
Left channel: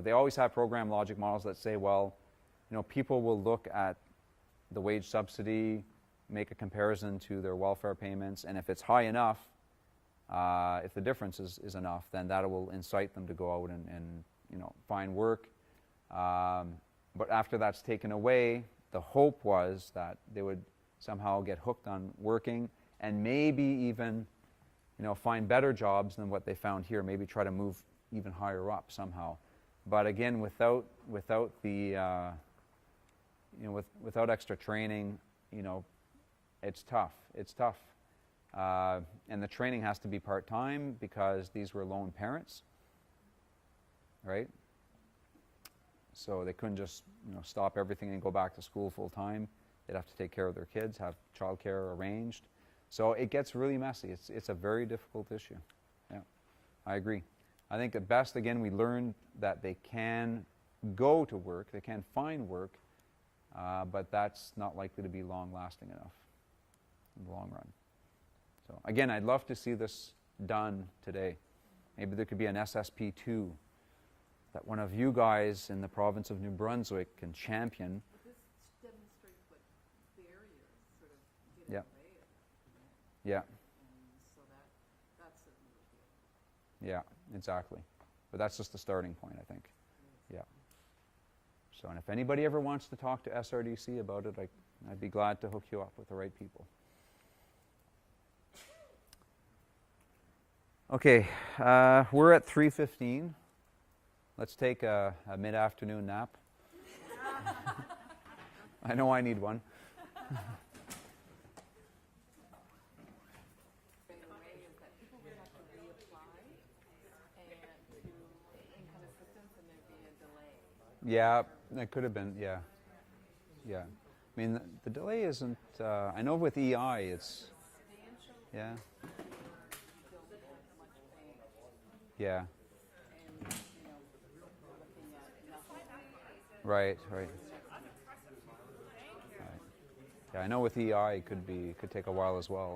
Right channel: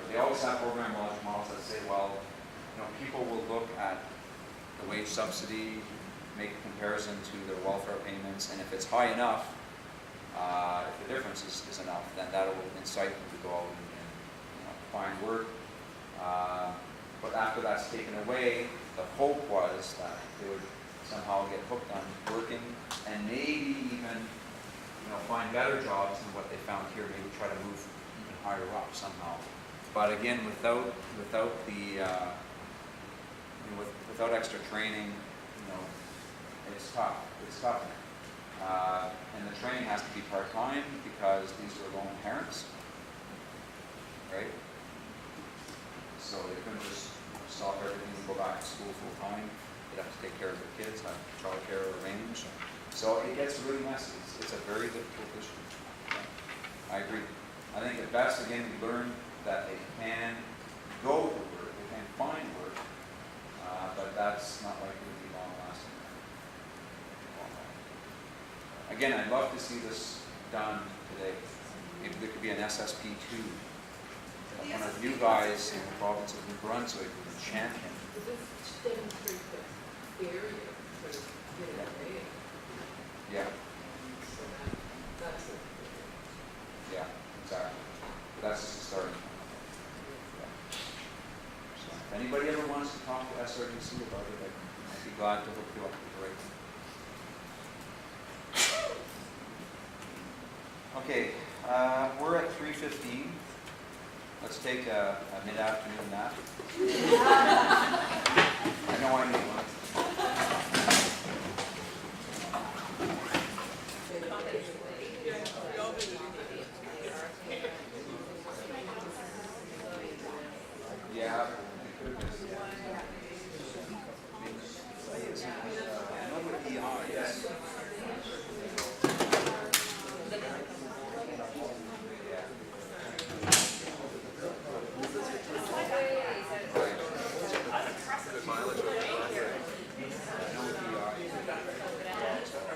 they always have program logic models that say, well, people will look at the wage subsidy, make a comparison to their welfare payments, and if it's high enough, if the difference is enough, then that will incite them to go out and find work. But after that's taken away, the hope was that they would somehow get hooked on working and maybe even find better jobs than what they found here. Maybe try to move even higher up somehow. But again, without the without extra training, it's tough. It's tough. And the training has to be part-time because these are lone parents, right? So they couldn't just stop everything and go back to school full-time. They'd have to take care of their kids, have childcare arranged. So it gets really messy. It's a very difficult issue. Yeah, I agree. I think at best, again, we learned that they can go to work, they can find work, but that's not likely to be long-lasting. Again, I'd love to see this done today. Maybe there could be an SSP2 that one of you guys in the province of New Brunswick can champion. But this demonstrates that barrier for getting paid. Yeah, So that's it. yeah, exactly. But that's just a starting point, I think. Yeah. So if anybody ever wants to talk to SRDC about it, I'd be glad to hook you up with the right people. Okay, we're at 3:15. let's take a mid-afternoon nap. I know I need one. Yeah, that could have been, yeah. Yeah. I mean, the delay isn't, I know with EI, it's, yeah. Yeah. Right. I know with EI, it could take a while as well.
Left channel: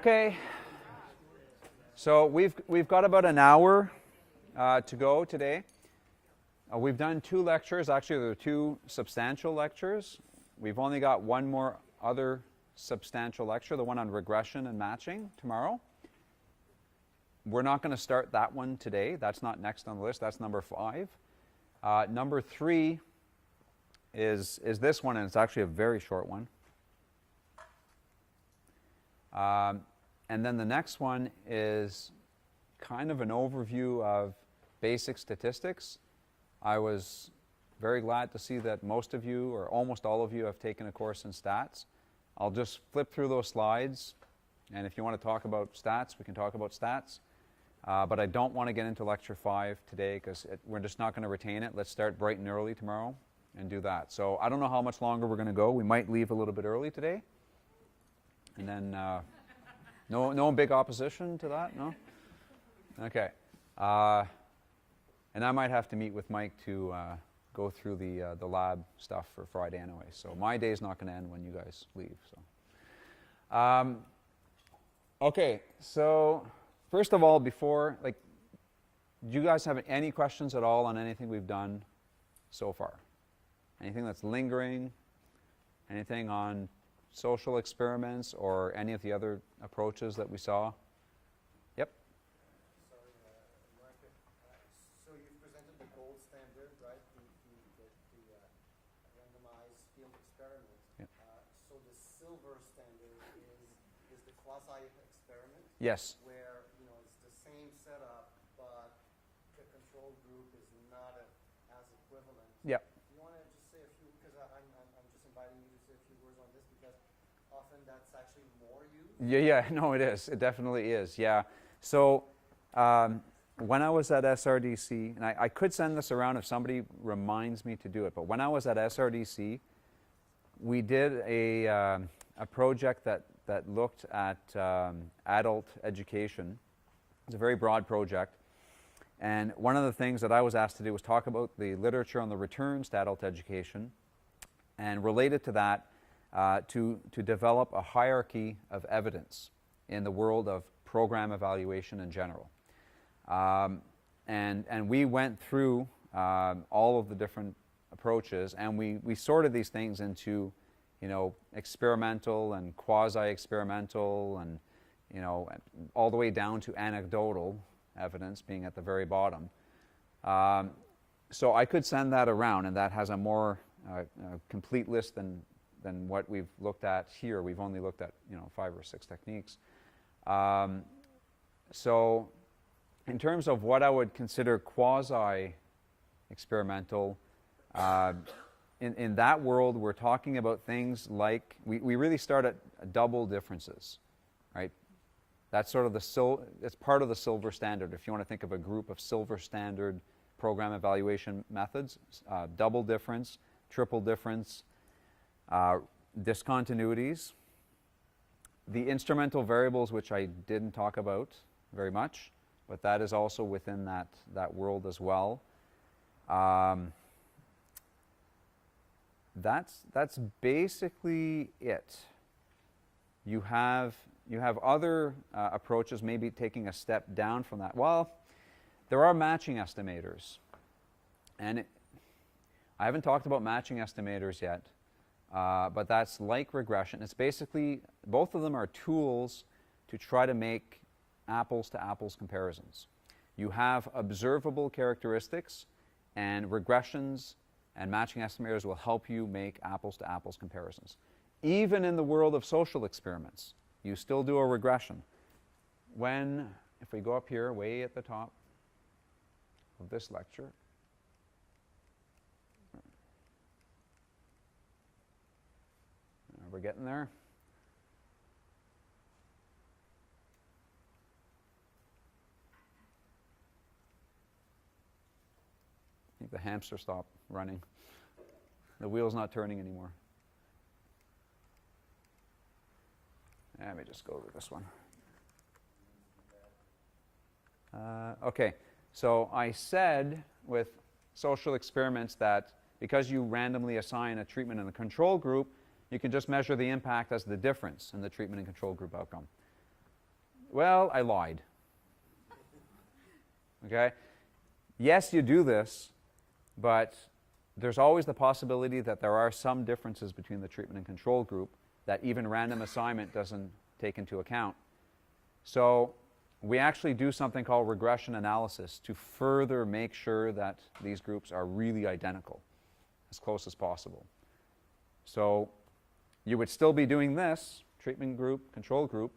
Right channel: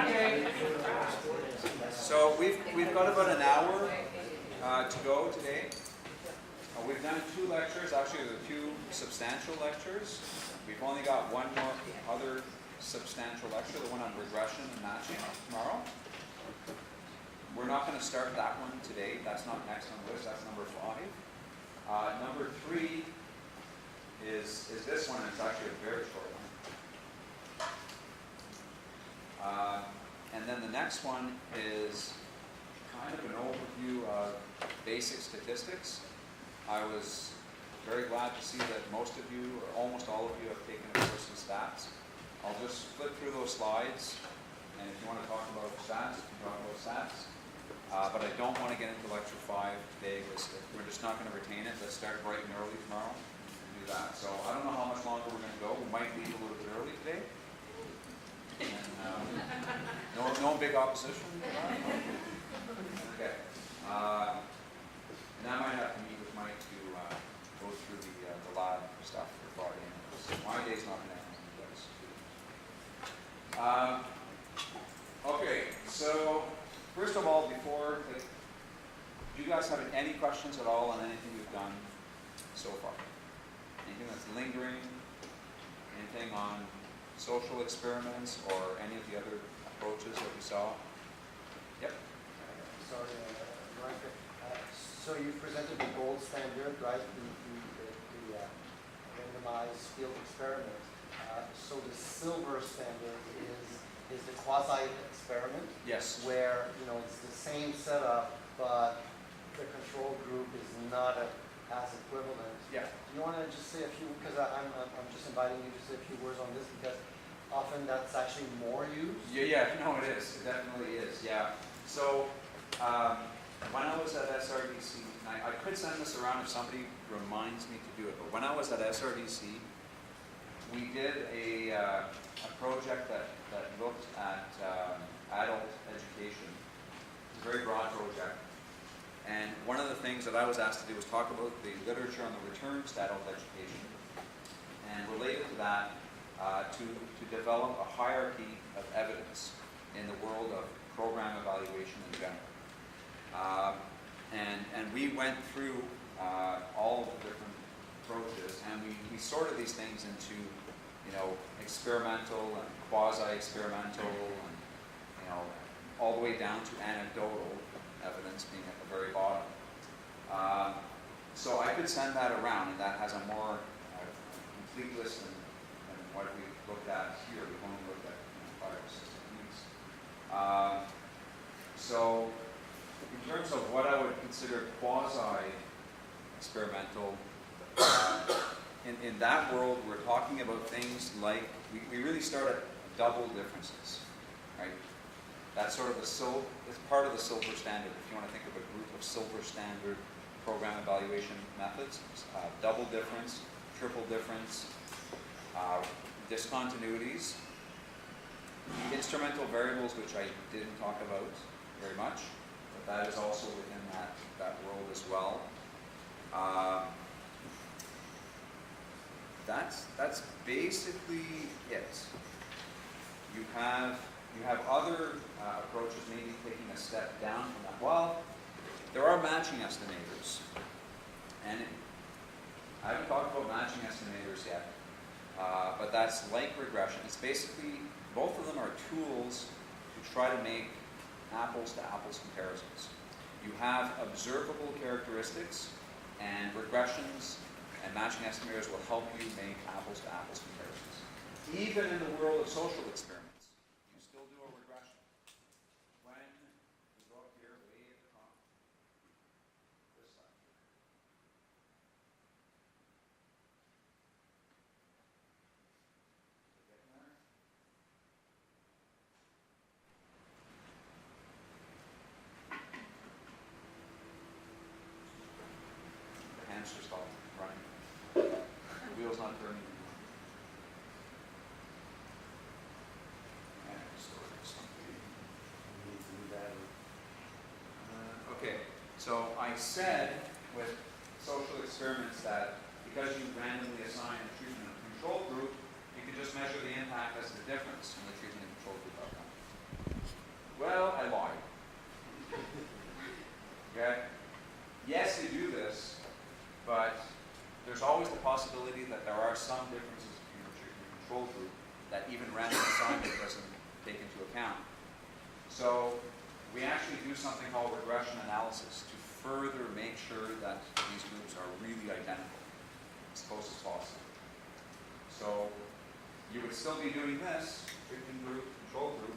Okay. So we've got about an hour to go today. We've done 2 lectures. Actually, there are 2 substantial lectures. We've only got one more other substantial lecture, the one on regression and matching tomorrow. We're not going to start that one today. That's not next on the list. That's number 5. Number 3 is this one, and it's actually a very short one. And then the next one is kind of an overview of basic statistics. I was very glad to see that most of you, or almost all of you, have taken a course in stats. I'll just flip through those slides, and if you want to talk about stats, we can talk about stats. But I don't want to get into lecture 5 today because we're just not going to retain it. Let's start bright and early tomorrow and do that. So I don't know how much longer we're going to go. We might leave a little bit early today. And then, no big opposition to that, no? Okay. And I might have to meet with Mike to go through the lab stuff for Friday anyway. So my day's not going to end when you guys leave. Okay, so first of all, before, do you guys have any questions at all on anything we've done so far? Anything that's lingering? Anything on social experiments or any of the other approaches that we saw? Yep. Sorry, Marc. So you presented the gold standard, right? The randomized field experiment. So the silver standard is the quasi experiment. Yes. Where it's the same setup, but the control group is not as equivalent. Yeah. Do you want to just say a few? Because I'm just inviting you to say a few words on this because often that's actually more used. Yeah. No, it is. It definitely is. Yeah. So when I was at SRDC, and I could send this around if somebody reminds me to do it, but when I was at SRDC, we did a project that looked at adult education. It was a very broad project. And one of the things that I was asked to do was talk about the literature on the returns to adult education, and related to that, to develop a hierarchy of evidence in the world of program evaluation in general. And we went through all of the different approaches, and we sorted these things into, experimental and quasi-experimental, and all the way down to anecdotal evidence being at the very bottom. So I could send that around, and that has a more complete list than what we've looked at here. We've only looked at 5 or 6 techniques. So in terms of what I would consider quasi-experimental, in that world we're talking about things like, we really start at double differences, right? That's sort of it's part of the silver standard. If you want to think of a group of silver standard program evaluation methods, double difference, triple difference, discontinuities, the instrumental variables, which I didn't talk about very much, but that is also within that world as well. That's basically it. You have other approaches, maybe taking a step down from that. Well, there are matching estimators, and I haven't talked about matching estimators yet, but that's like regression. It's basically, both of them are tools to try to make apples-to-apples comparisons. You have observable characteristics, and regressions and matching estimators will help you make apples-to-apples comparisons. Even in the world of social experiments, you still do a regression. if we go up here, way at the top of this lecture, we're getting there. The hamster stopped running. The wheel's not turning anymore. And we just sort this one. Okay, so I said with social experiments that because you randomly assign a treatment and a control group, you can just measure the impact as the difference in the treatment and control group outcome. Well, I lied. Okay? Yes, you do this, but there's always the possibility that there are some differences between the treatment and control group that even random assignment doesn't take into account. So we actually do something called regression analysis to further make sure that these groups are really identical, as close as possible. So you would still be doing this, treatment group, control group,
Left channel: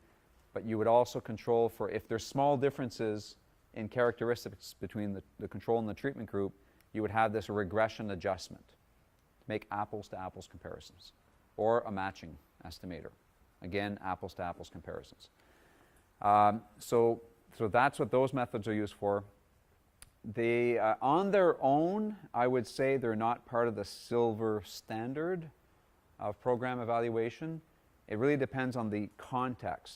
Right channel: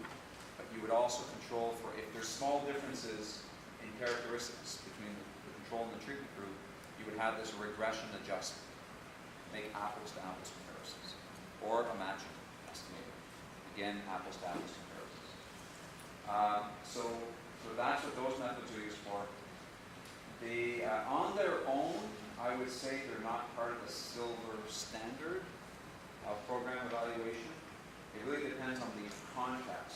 but you would also control for if there's small differences in characteristics between the control and the treatment group, you would have this regression adjustment. Make apples to apples comparisons. Or a matching estimator. Again, apples to apples comparisons. So that's what those methods are used for. They, on their own, I would say they're not part of the silver standard of program evaluation. It really depends on the context,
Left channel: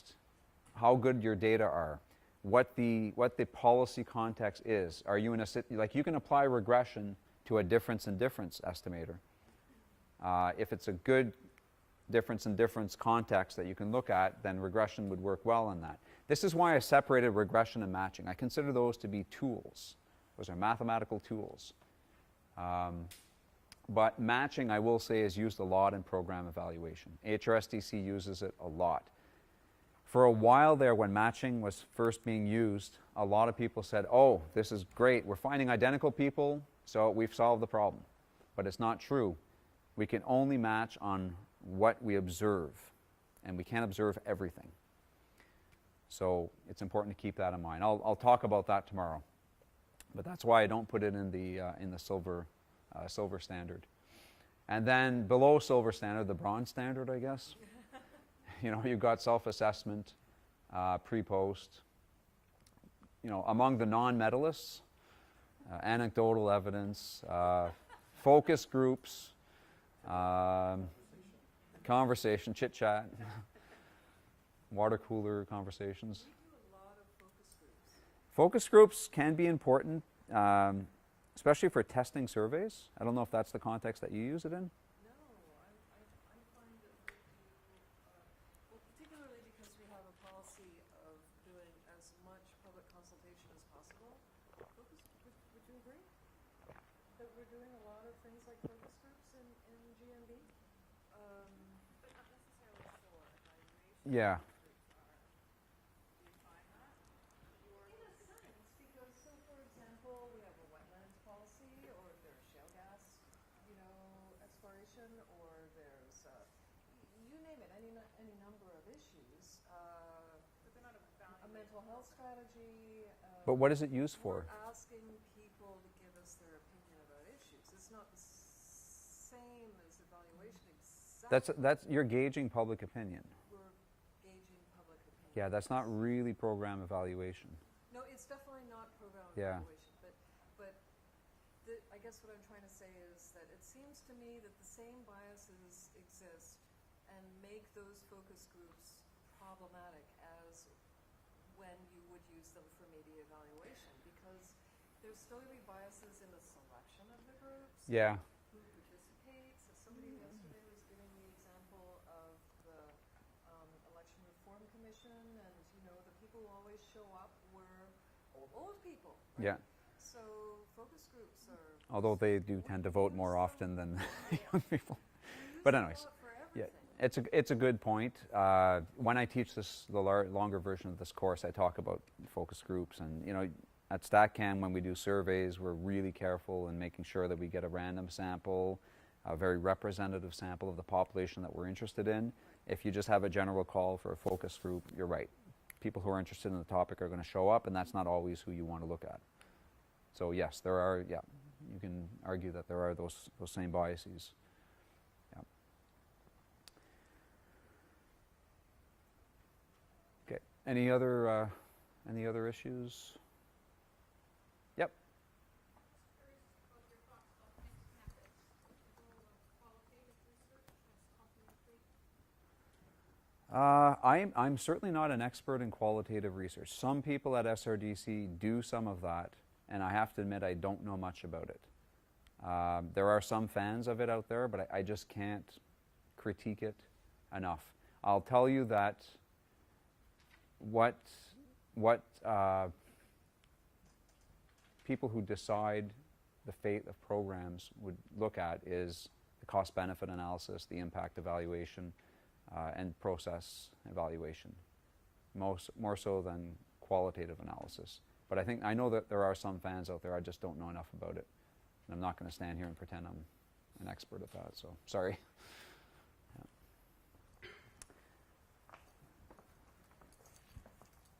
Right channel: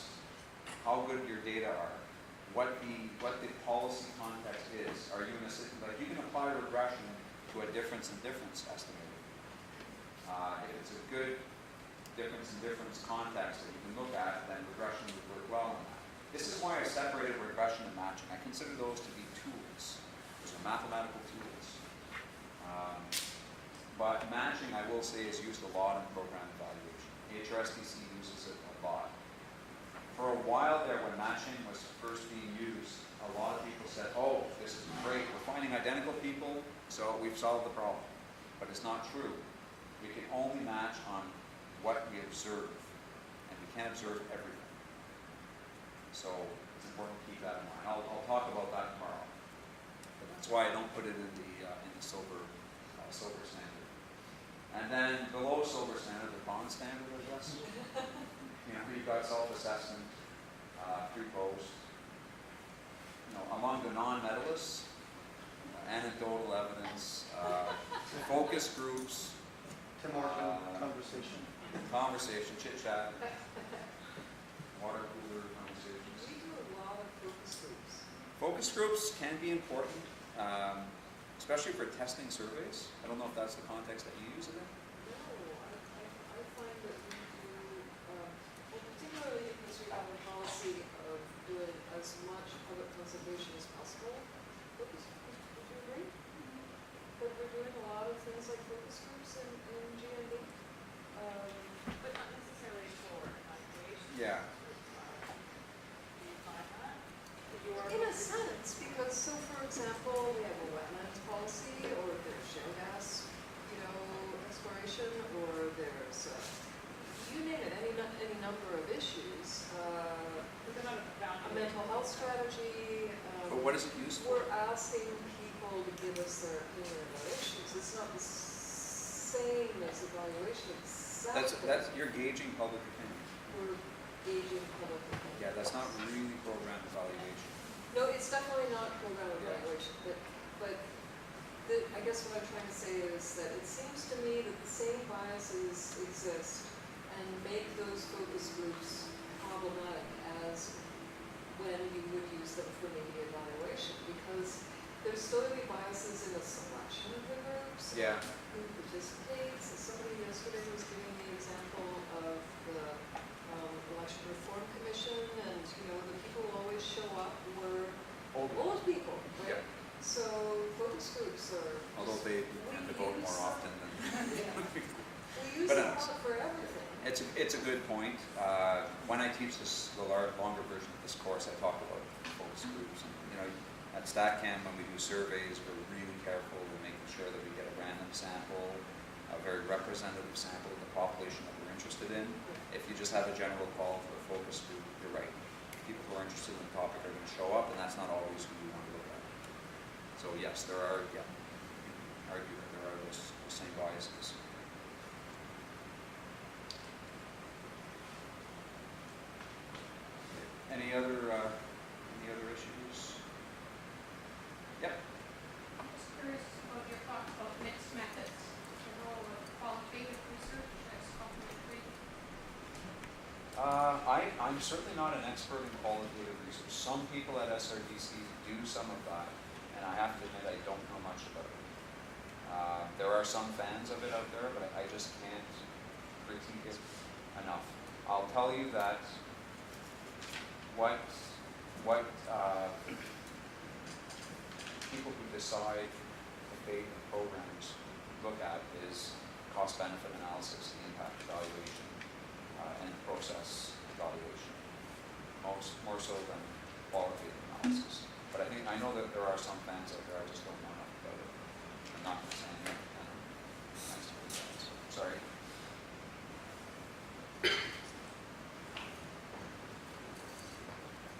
how good your data are, what the policy context is. Are you in a, like you can apply regression to a difference in difference estimator. If it's a good difference in difference context that you can look at, then regression would work well on that. This is why I separated regression and matching. I consider those to be tools. Those are mathematical tools. But matching, I will say, is used a lot in program evaluation. HRSDC uses it a lot. For a while there, when matching was first being used, a lot of people said, oh, this is great. We're finding identical people, so we've solved the problem. But it's not true. We can only match on what we observe, and we can't observe everything. So it's important to keep that in mind. I'll talk about that tomorrow. But that's why I don't put it in the silver standard. And then below silver standard, the bronze standard, I guess. You know, you've got self-assessment, pre-post. You know, among the non-medalists, anecdotal evidence, focus groups, conversation, chit-chat, water cooler conversations. We do a lot of focus groups. Focus groups can be important, especially for testing surveys. I don't know if that's the context that you use it in. No, I find that we do, well, particularly because we have a policy of doing as much public consultation as possible. Focus groups are great. But we're doing a lot of things like focus groups in GND. But not necessarily for evaluation. Yeah. Do you find that? In a sense, because so for example, we have a wetlands policy, or there's shale gas, you know, exploration, or there's, you name it, any number of issues. But they're not about A mental health strategy. But what is it used for? We're asking people to give us their opinion about issues. It's not the same as evaluation. That's you're gauging public opinion. We're gauging public opinion. Yeah, that's not really program evaluation. No, it's definitely not program Yeah. evaluation, but I guess what I'm trying to say is that it seems to me that the same biases exist and make those focus groups problematic as when you would use them for media evaluation, because there's still going to be biases in the selection of the groups. Yeah. Who participates. Somebody yesterday was giving the example of the Election Reform Commission, and you know the people who always show up were old people. Yeah. So focus groups are. Although they do tend to vote more often than. We use But it anyways, for everything. It's a good point. When I teach this, the longer version of this course, I talk about focus groups, and you know, at StatCan when we do surveys, we're really careful in making sure that we get a random sample, a very representative sample of the population that we're interested in. If you just have a general call for a focus group, you're right. people who are interested in the topic are going to show up, and that's not always who you want to look at. So yes, there are, yeah, you can argue that there are those same biases. Okay. Any other issues? Yep. I'm just curious about your thoughts about mixed methods, the role of qualitative research as complementary. I'm certainly not an expert in qualitative research. Some people at SRDC do some of that, and I have to admit I don't know much about it. There are some fans of it out there, but I just can't critique it enough. I'll tell you that what people who decide the fate of programs would look at is cost-benefit analysis, the impact evaluation, and process evaluation, more so than qualitative analysis. But I know that there are some fans out there, I just don't know enough about it. I'm not going to stand here and pretend I'm an expert at that, so sorry.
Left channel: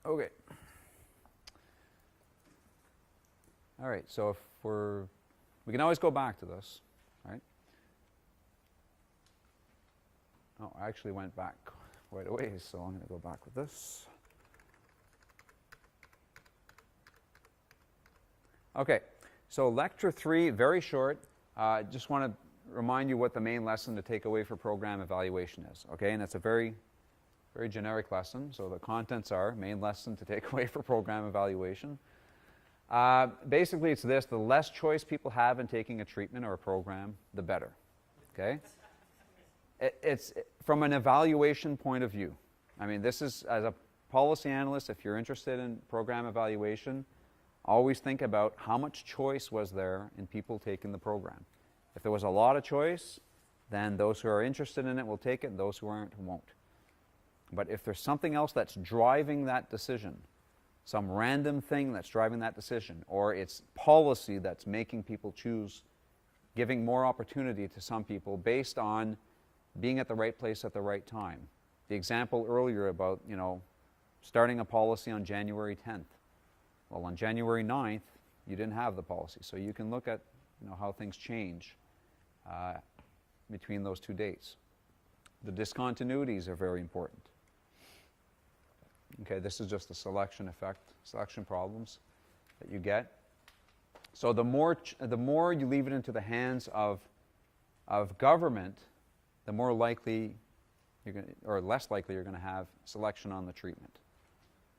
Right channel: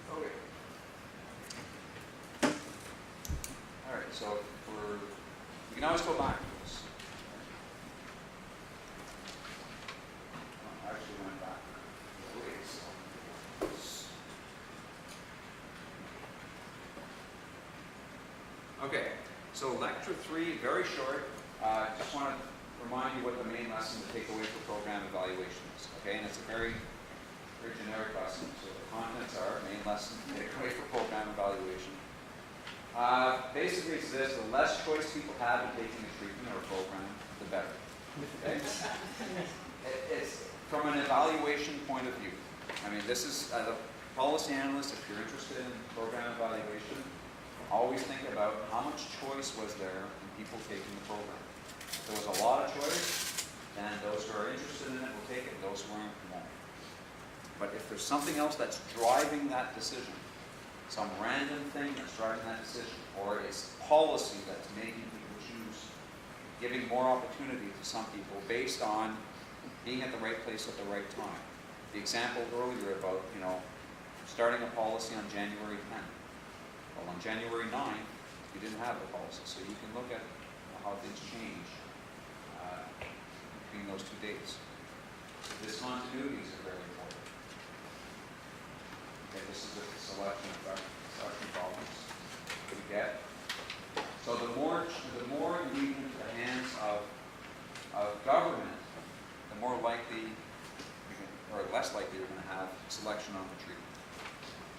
Okay. All right, so we can always go back to this, right? Oh, I actually went back right away, so I'm going to go back to this. Okay, so lecture 3, very short. Just want to remind you what the main lesson to take away for program evaluation is, okay? And it's a very generic lesson, so the contents are main lesson to take away for program evaluation. Basically, it's this: the less choice people have in taking a treatment or a program, the better. Okay? It's from an evaluation point of view. I mean, this is, as a policy analyst, if you're interested in program evaluation, always think about how much choice was there in people taking the program. If there was a lot of choice, then those who are interested in it will take it, those who aren't won't. But if there's something else that's driving that decision, some random thing that's driving that decision, or it's policy that's making people choose, giving more opportunity to some people based on being at the right place at the right time. The example earlier about, starting a policy on January 10th. Well, on January 9th, you didn't have the policy, so you can look at how things change between those 2 dates. The discontinuities are very important. Okay, this is just the selection problems that we get. So the more you leave it into the hands of government, the more likely or less likely you're going to have selection on the treatment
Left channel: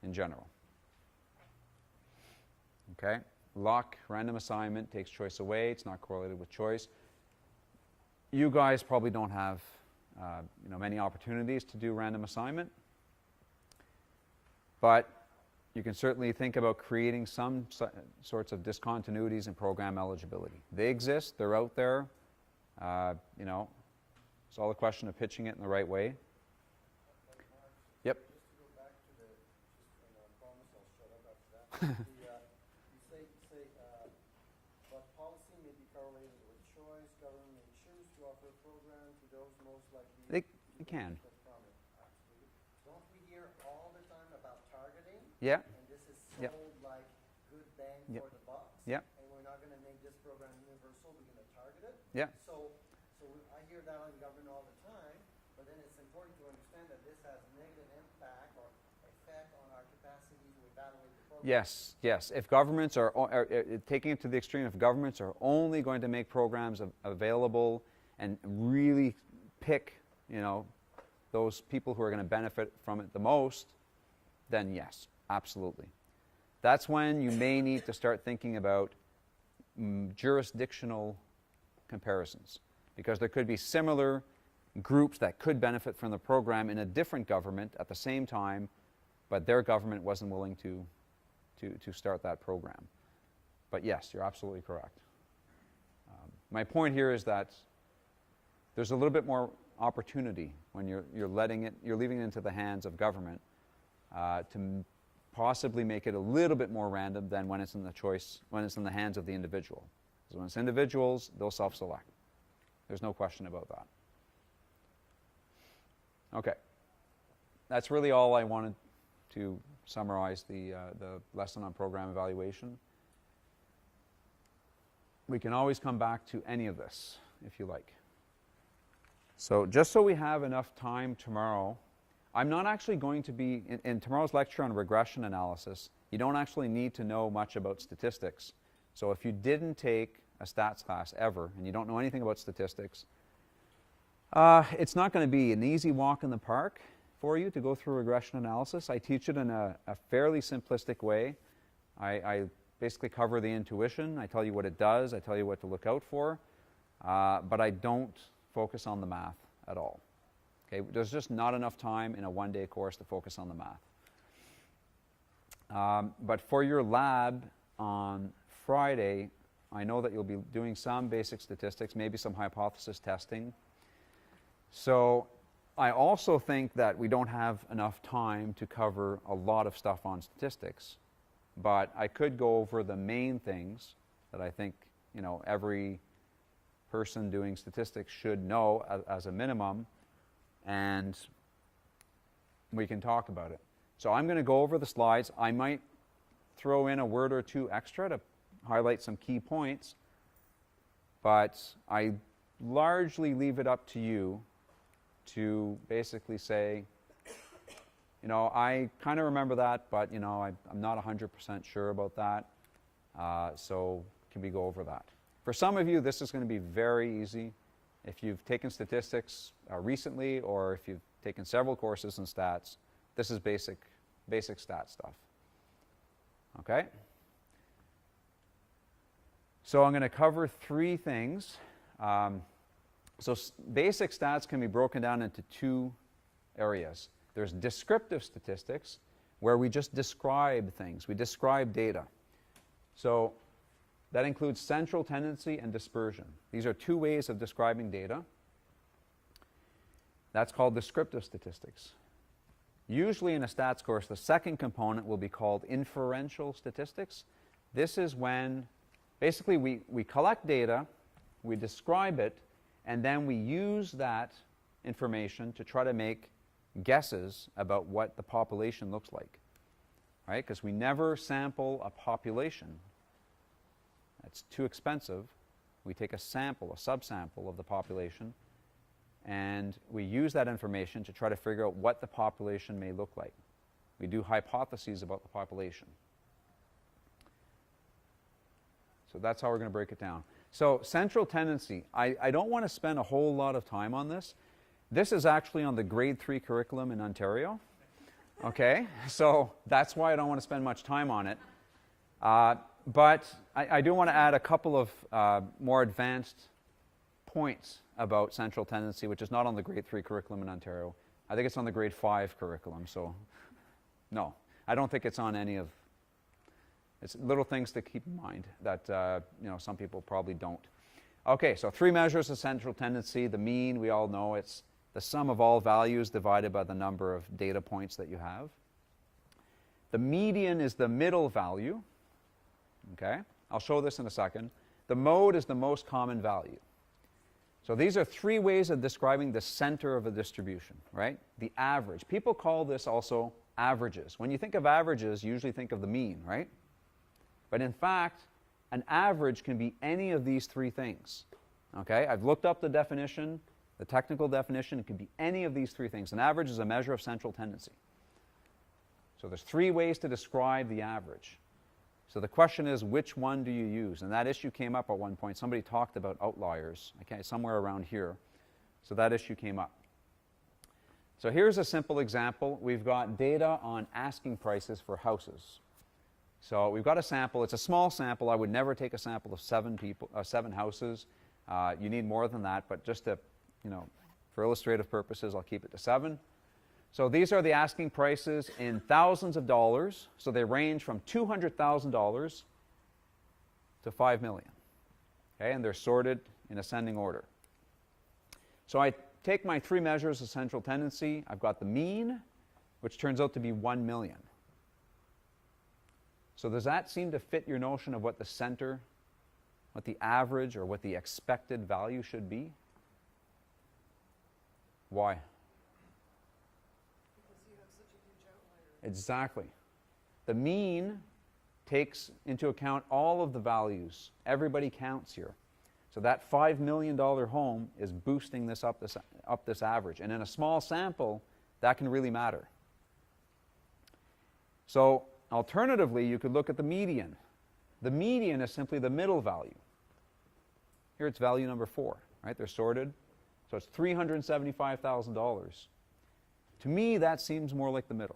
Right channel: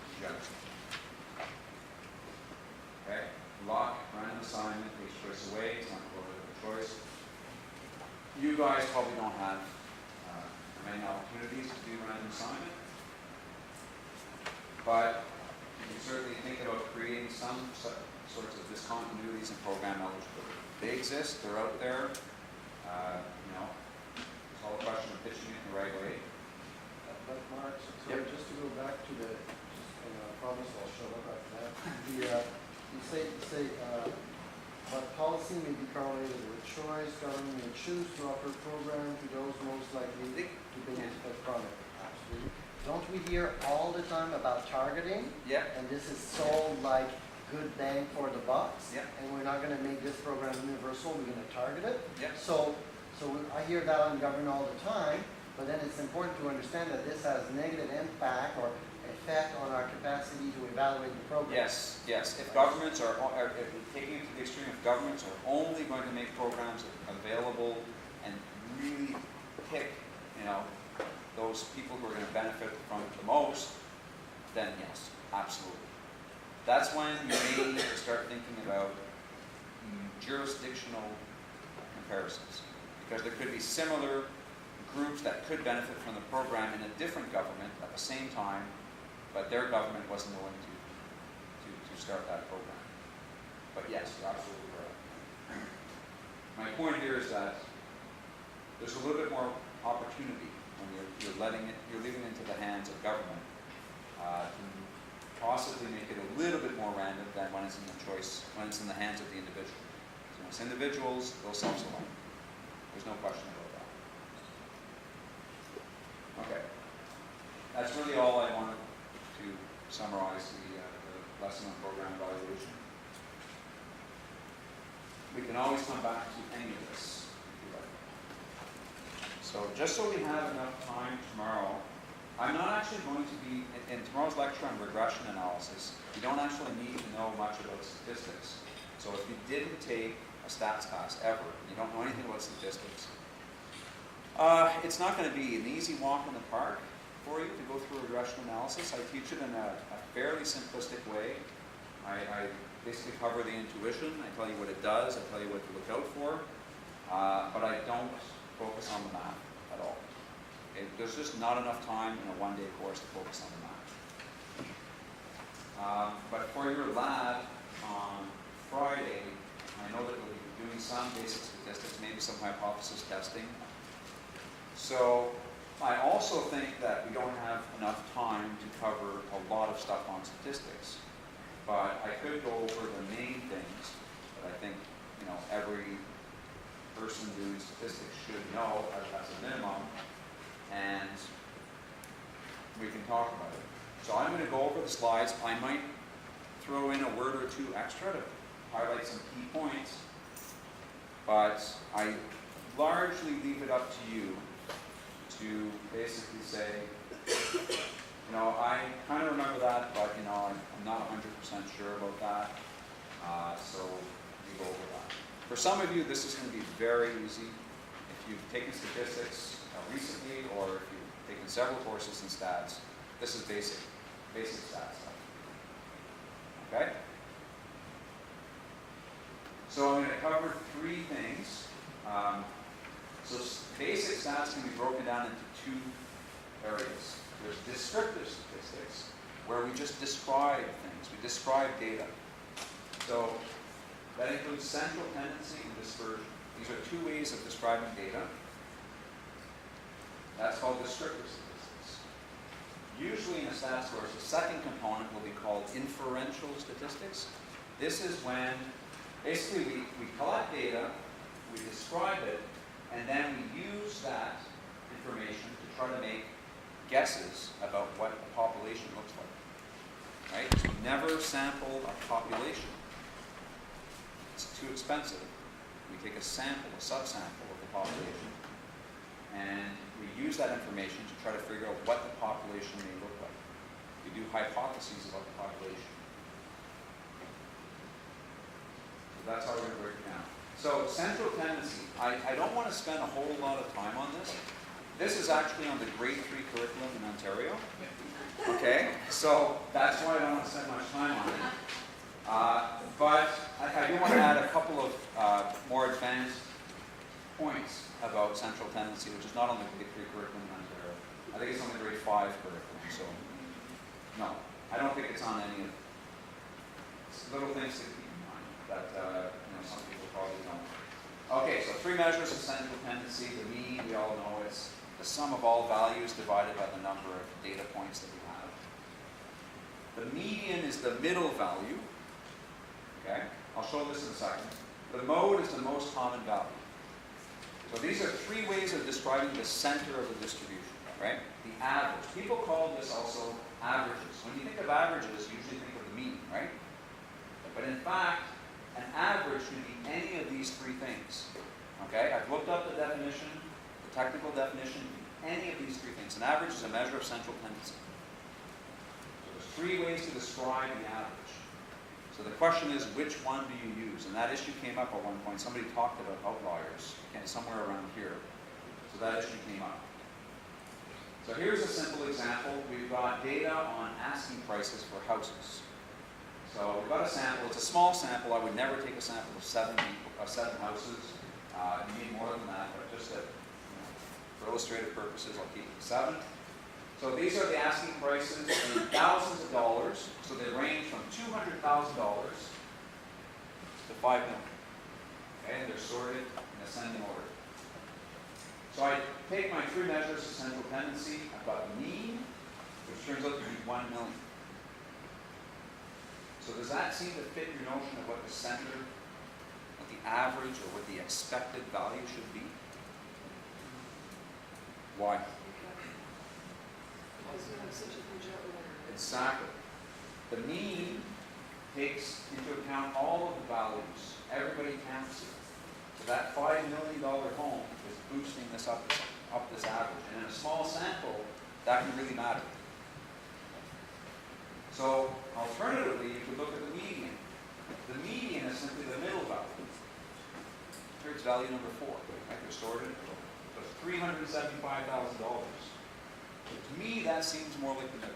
in general. Okay, lock, random assignment takes choice away. It's not correlated with choice. You guys probably don't have many opportunities to do random assignment. But you can certainly think about creating some sorts of discontinuities in program eligibility. They exist, they're out there. It's all a question of pitching it in the right way. But Mark, Yep. sorry, just to go back to and I promise I'll show up after that. You say but policy may be correlated with choice. Government may choose to offer a program to those most likely to benefit from it. Absolutely. Don't we hear all the time about targeting? Yeah. And this is so like good bang for the bucks. Yeah. And we're not going to make this program universal. We're going to target it. Yeah. So I hear that on government all the time. But then it's important to understand that this has negative impact or effect on our capacity to evaluate the program. Yes. If governments are taking it to the extreme, if governments are only going to make programs available and really pick, those people who are going to benefit from it the most, then yes, absolutely. That's when you may need to start thinking about jurisdictional comparisons, because there could be similar groups that could benefit from the program in a different government at the same time, but their government wasn't willing to start that program. But yes, you're absolutely correct. My point here is that there's a little bit more opportunity when you're leaving it into the hands of government to possibly make it a little bit more random than when it's when it's in the hands of the individual. Because when it's individuals, they'll self-select. There's no question about that. Okay. That's really all I wanted to summarize the lesson on program evaluation. We can always come back to any of this, if you like. So just so we have enough time tomorrow, I'm not actually going to be, in tomorrow's lecture on regression analysis, you don't actually need to know much about statistics. So if you didn't take a stats class ever, and you don't know anything about statistics, it's not going to be an easy walk in the park for you to go through regression analysis. I teach it in a fairly simplistic way. I basically cover the intuition. I tell you what it does. I tell you what to look out for. But I don't focus on the math at all. Okay? There's just not enough time in a one-day course to focus on the math. But for your lab on Friday, I know that you'll be doing some basic statistics, maybe some hypothesis testing. So I also think that we don't have enough time to cover a lot of stuff on statistics. But I could go over the main things that I think, you know, every person doing statistics should know as a minimum, and we can talk about it. So I'm going to go over the slides. I might throw in a word or two extra to highlight some key points, but I largely leave it up to you to basically say, you know, I kind of remember that, but, you know, I'm not 100% sure about that. So can we go over that? For some of you, this is going to be very easy. If you've taken statistics recently, or if you've taken several courses in stats, this is basic stat stuff. Okay? So I'm going to cover three things. So basic stats can be broken down into two areas. There's descriptive statistics, where we just describe things. We describe data. So that includes central tendency and dispersion. These are two ways of describing data. That's called descriptive statistics. Usually in a stats course, the second component will be called inferential statistics. This is when basically we collect data, we describe it, and then we use that information to try to make guesses about what the population looks like. Right? Because we never sample a population. It's too expensive. We take a sample, a subsample of the population, and we use that information to try to figure out what the population may look like. We do hypotheses about the population. So that's how we're going to break it down. So central tendency. I don't want to spend a whole lot of time on this. This is actually on the grade 3 curriculum in Ontario. Okay, so that's why I don't want to spend much time on it. But I do want to add a couple of more advanced points about central tendency, which is not on the grade 3 curriculum in Ontario. I think it's on the grade 5 curriculum, so no, I don't think it's on any of. It's little things to keep in mind that you know, some people probably don't. Okay, so three measures of central tendency. The mean, we all know, it's the sum of all values divided by the number of data points that you have. The median is the middle value. Okay, I'll show this in a second. The mode is the most common value. So these are three ways of describing the center of a distribution, right? The average. People call this also averages. When you think of averages, you usually think of the mean, right? But in fact, an average can be any of these three things. Okay, I've looked up the definition, the technical definition. It can be any of these three things. An average is a measure of central tendency. So there's three ways to describe the average. So the question is, which one do you use? And that issue came up at one point. Somebody talked about outliers, okay, somewhere around here. So that issue came up. So here's a simple example. We've got data on asking prices for houses. So we've got a sample. It's a small sample. I would never take a sample of 7 houses. You need more than that, but just to, you know, for illustrative purposes, I'll keep it to 7. So these are the asking prices in thousands of dollars. So they range from $200,000 to $5 million. Okay, and they're sorted in ascending order. So I take my three measures of central tendency. I've got the mean, which turns out to be 1 million. So does that seem to fit your notion of what the center, what the average, or what the expected value should be? Why? Because you have such a huge outlier. Exactly. The mean takes into account all of the values. Everybody counts here. So that $5 million home is boosting this up this average. And in a small sample, that can really matter. So alternatively, you could look at the median. The median is simply the middle value. Here it's value number 4, right? They're sorted. So it's $375,000. To me, that seems more like the middle.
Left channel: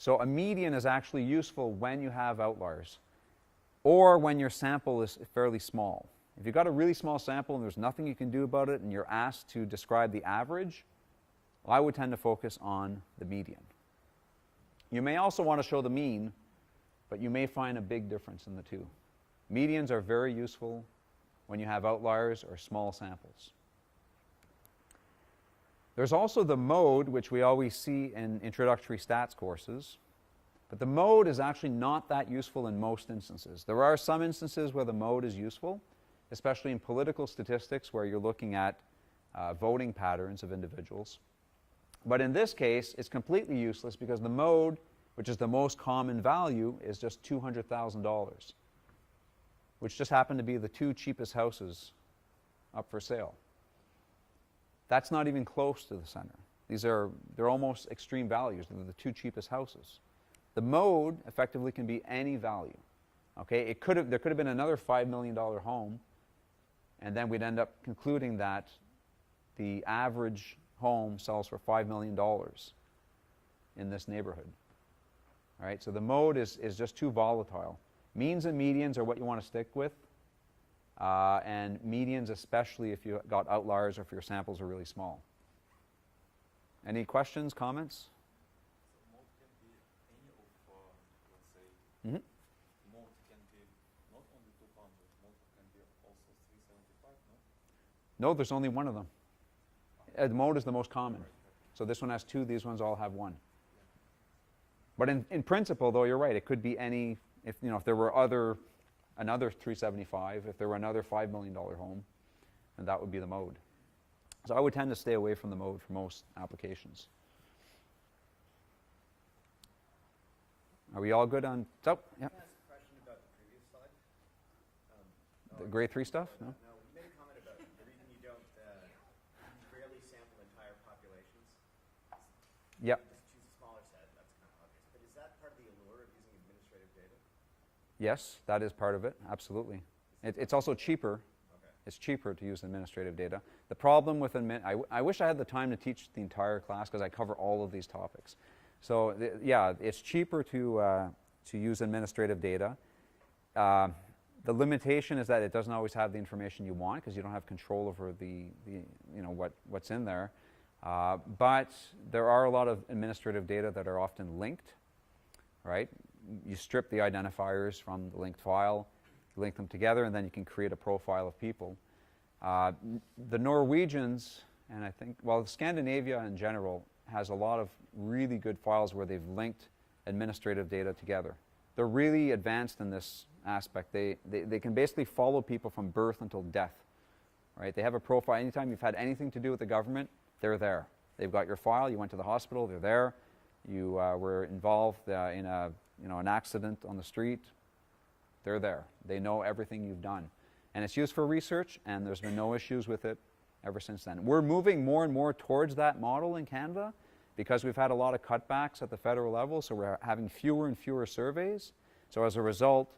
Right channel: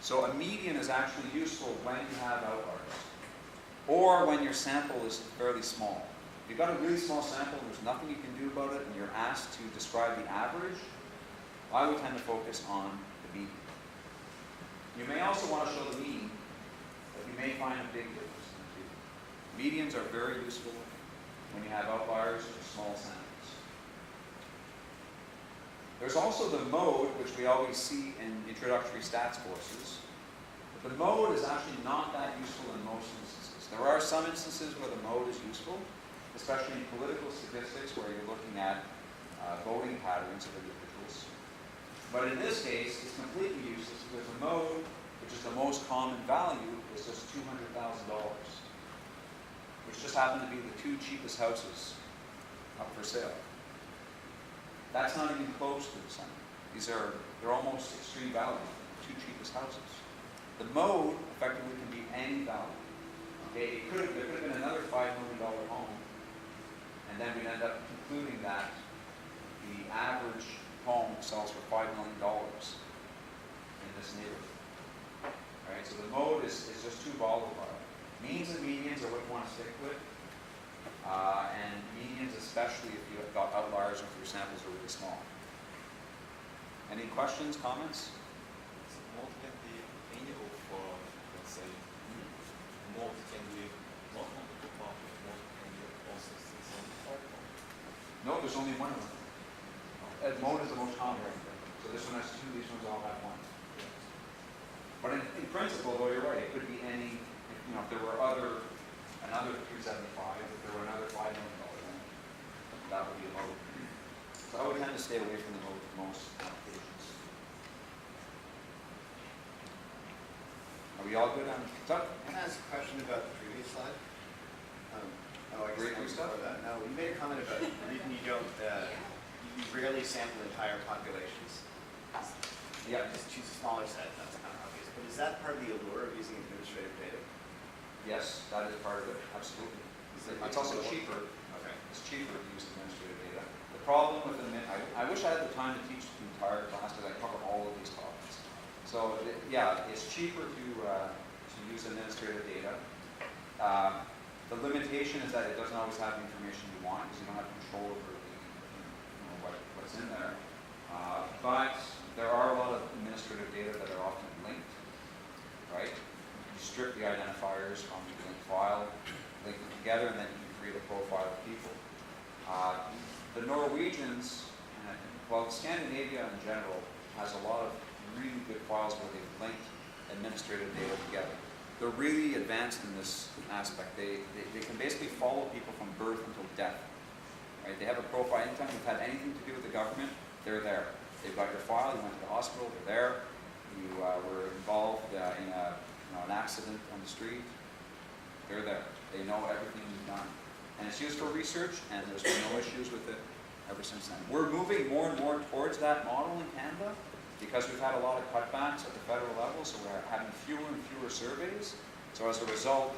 So a median is actually useful when you have outliers, or when your sample is fairly small. If you've got a really small sample and there's nothing you can do about it, and you're asked to describe the average, I would tend to focus on the median. You may also want to show the mean, but you may find a big difference in the two. Medians are very useful when you have outliers or small samples. There's also the mode, which we always see in introductory stats courses. But the mode is actually not that useful in most instances. There are some instances where the mode is useful, especially in political statistics where you're looking at voting patterns of individuals. But in this case, it's completely useless because the mode, which is the most common value, is just $200,000, which just happen to be the 2 cheapest houses up for sale. That's not even close to the center. They're almost extreme values, the 2 cheapest houses. The mode effectively can be any value. Okay, there could have been another $5 million home, and then we'd end up concluding that the average home sells for $5 million in this neighborhood. Right? So the mode is just too volatile. Means and medians are what you want to stick with. And medians, especially if you've got outliers, if your samples are really small. Any questions, comments? So mode can be any of, let's say, Mm-hmm. mode can be not on the top, mode can be also sits on the top. No, there's only one of them. Mode is the most common. So this one has 2, these ones all have 1. But in principle, though, you're right. It could be any, if there were another 375, if there were another $5 million home, then that would be the mode. So I would tend to stay away from the mode for most applications. Are we all good on stuff? Can I ask a question about the previous slide? Grade 3 stuff? No, you made a comment about you don't, you rarely sample entire populations. Yep. Just choose a smaller set, that's kind of obvious. But is that part of the allure of using administrative data? Yes, that is part of it, absolutely. It's also cheaper. Okay. It's cheaper to use administrative data. The problem with I wish I had the time to teach the entire class because I cover all of these topics. So yeah, it's cheaper to use administrative data. The limitation is that it doesn't always have the information you want because you don't have control over what's in there. But there are a lot of administrative data that are often linked, right? You strip the identifiers from the linked file, link them together, and then you can create a profile of people. The Norwegians, and I think, well, Scandinavia in general has a lot of really good files where they've linked administrative data together. They're really advanced in this aspect. They can basically follow people from birth until death, right? They have a profile. Anytime you've had anything to do with the government, they're there. They've got your file. You went to the hospital. They're there. You were involved in an accident on the street. They're there. They know everything you've done. And it's used for research, and there's been no issues with it ever since then. We're moving more and more towards that model in Canada because we've had a lot of cutbacks at the federal level, so we're having fewer and fewer surveys. So as a result,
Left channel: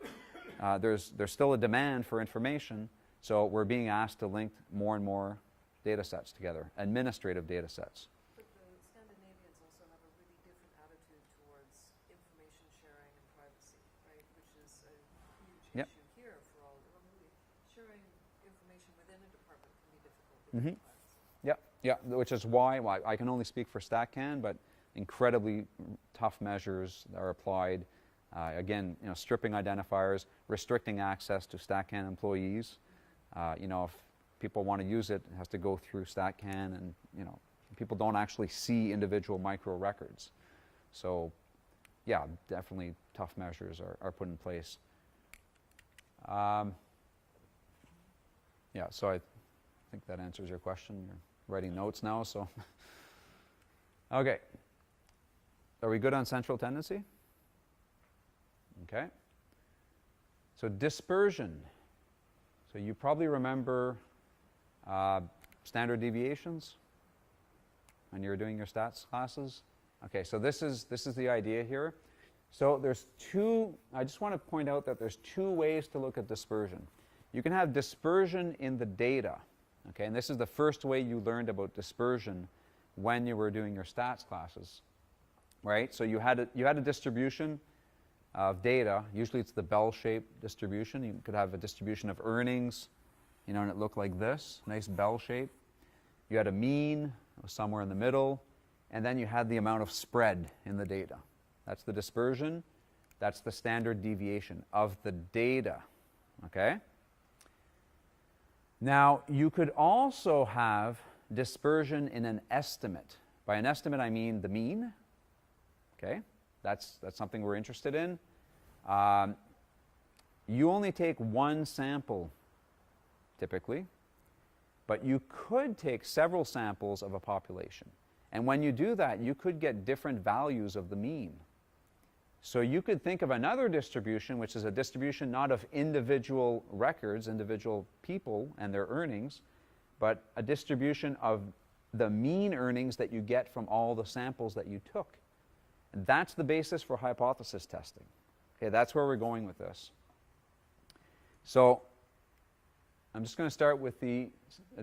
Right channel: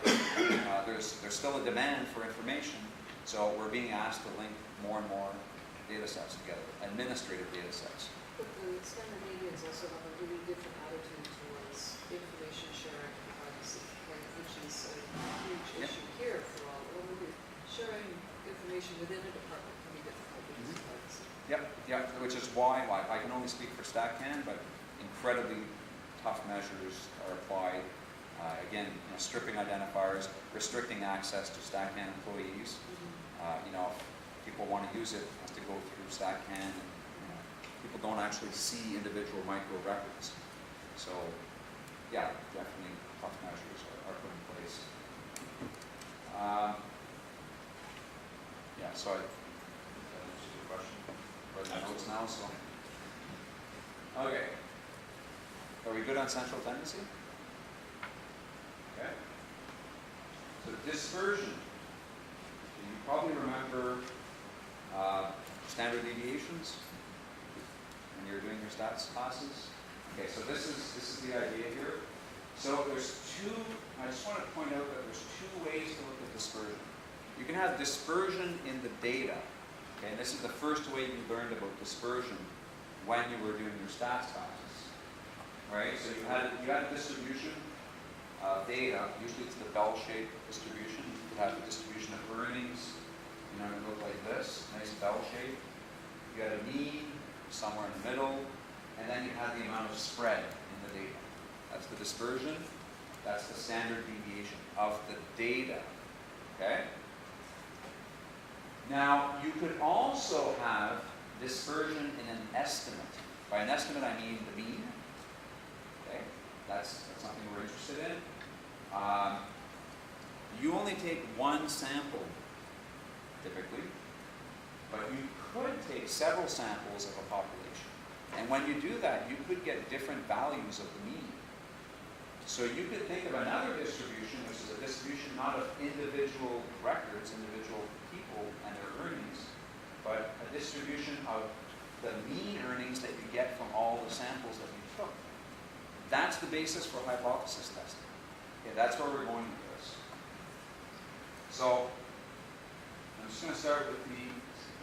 there's still a demand for information, so we're being asked to link more and more data sets together, administrative data sets. But the Scandinavians also have a really different attitude towards information sharing and privacy, right, which is a huge Yeah. issue here for all over. Sharing information within a department can be difficult Mhm. because of privacy. Yeah, which is why I can only speak for StatCan, but incredibly tough measures are applied. Again, stripping identifiers, restricting access to StatCan employees. If people want to use it, it has to go through StatCan, and people don't actually see individual micro records. So, yeah, definitely tough measures are put in place. Yeah, so I think that answers your question. I'm writing notes now, so. Okay. Are we good on central tendency? Okay? So dispersion. So you probably remember standard deviations when you're doing your stats classes. Okay, so this is the idea here. So there's two, I just want to point out that there's two ways to look at dispersion. You can have dispersion in the data. Okay, and this is the first way you learned about dispersion when you were doing your stats classes. Right? So you had a distribution of data. Usually it's the bell-shaped distribution. You could have a distribution of earnings, you know, and it looked like this, nice bell shape. You had a mean somewhere in the middle, and then you had the amount of spread in the data. That's the dispersion. That's the standard deviation of the data. Okay? Now, you could also have dispersion in an estimate. By an estimate, I mean the mean. Okay? That's something we're interested in. You only take one sample, typically, but you could take several samples of a population. And when you do that, you could get different values of the mean. So you could think of another distribution, which is a distribution not of individual records, individual people and their earnings, but a distribution of the mean earnings that you get from all the samples that you took. That's the basis for hypothesis testing. Okay, that's where we're going with this. So I'm just going to start with the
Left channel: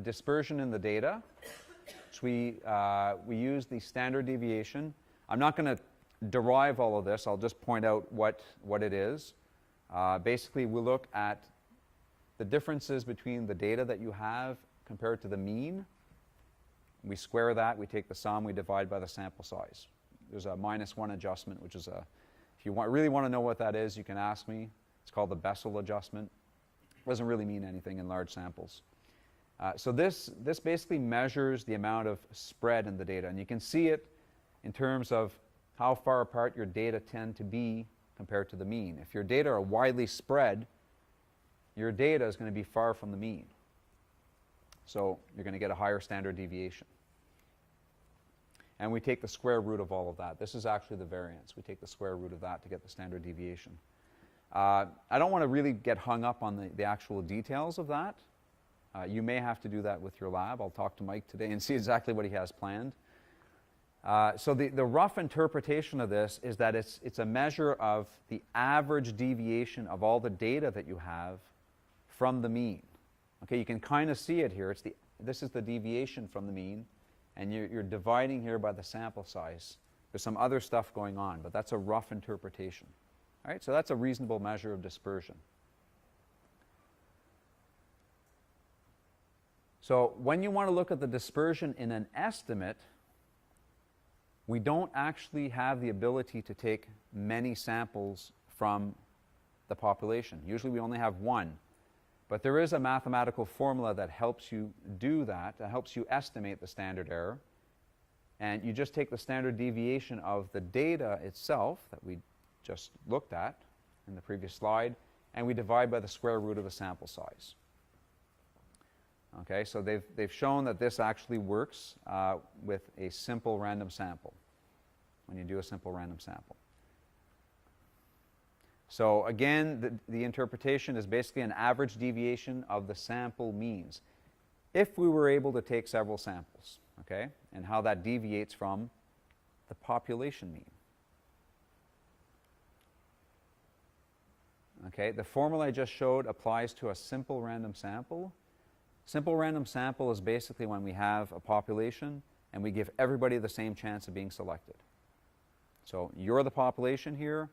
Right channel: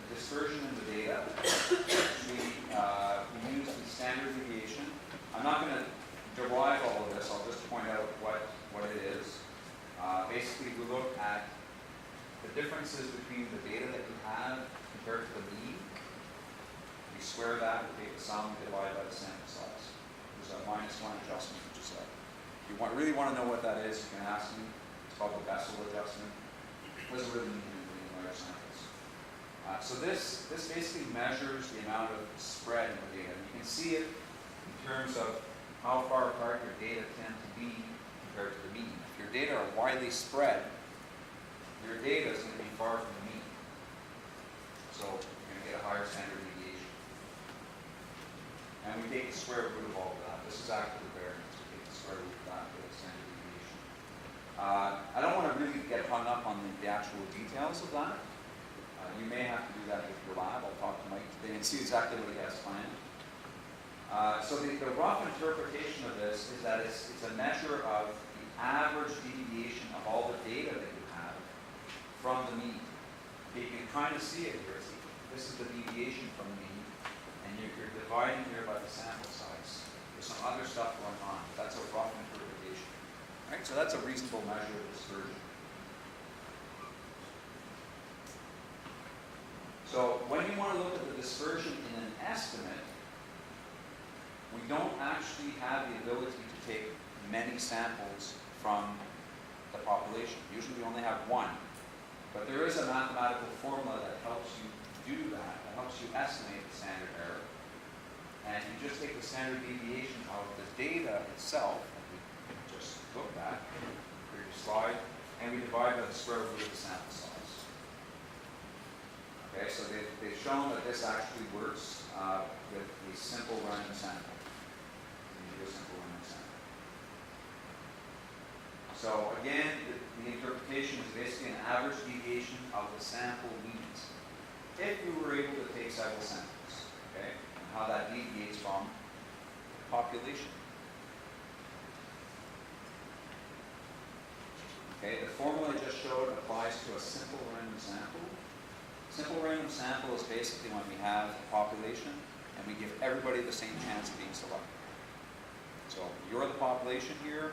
dispersion in the data. We use the standard deviation. I'm not going to derive all of this. I'll just point out what it is. Basically, we look at the differences between the data that you have compared to the mean. We square that, we take the sum, we divide by the sample size. There's a -1 adjustment, which is if you really want to know what that is, you can ask me. It's called the Bessel adjustment. It doesn't really mean anything in large samples. So this basically measures the amount of spread in the data, and you can see it in terms of how far apart your data tend to be compared to the mean. If your data are widely spread, your data is going to be far from the mean. So you're going to get a higher standard deviation. And we take the square root of all of that. This is actually the variance. We take the square root of that to get the standard deviation. I don't want to really get hung up on the actual details of that. You may have to do that with your lab. I'll talk to Mike today and see exactly what he has planned. So the rough interpretation of this is that it's a measure of the average deviation of all the data that you have from the mean. Okay, you can kind of see it here. This is the deviation from the mean, and you're dividing here by the sample size. There's some other stuff going on, but that's a rough interpretation. All right, so that's a reasonable measure of dispersion. So when you want to look at the dispersion in an estimate, we don't actually have the ability to take many samples from the population. Usually we only have one. But there is a mathematical formula that helps you do that helps you estimate the standard error. And you just take the standard deviation of the data itself that we just looked at in the previous slide, and we divide by the square root of the sample size. Okay, so they've shown that this actually works with a simple random sample. When you do a simple random sample. So again, the interpretation is basically an average deviation of the sample means. If we were able to take several samples, okay, and how that deviates from the population mean. Okay, the formula I just showed applies to a simple random sample. Simple random sample is basically when we have a population and we give everybody the same chance of being selected. So you're the population here,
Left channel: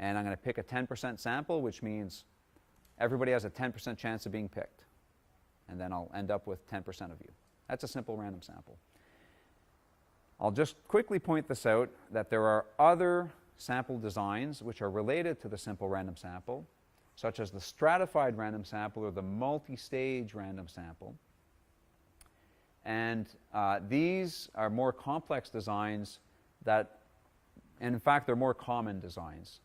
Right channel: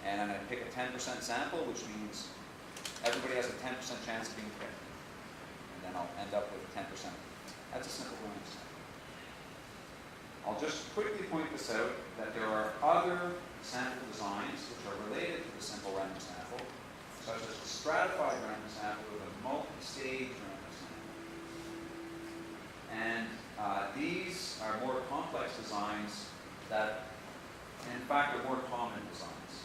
and I'm going to pick a 10% sample, which means everybody has a 10% chance of being picked. And then I'll end up with 10% of them. That's a simple random sample. I'll just quickly point this out, that there are other sample designs which are related to the simple random sample, such as the stratified random sample or the multi-stage random sample. And these are more complex designs and in fact, they're more common designs.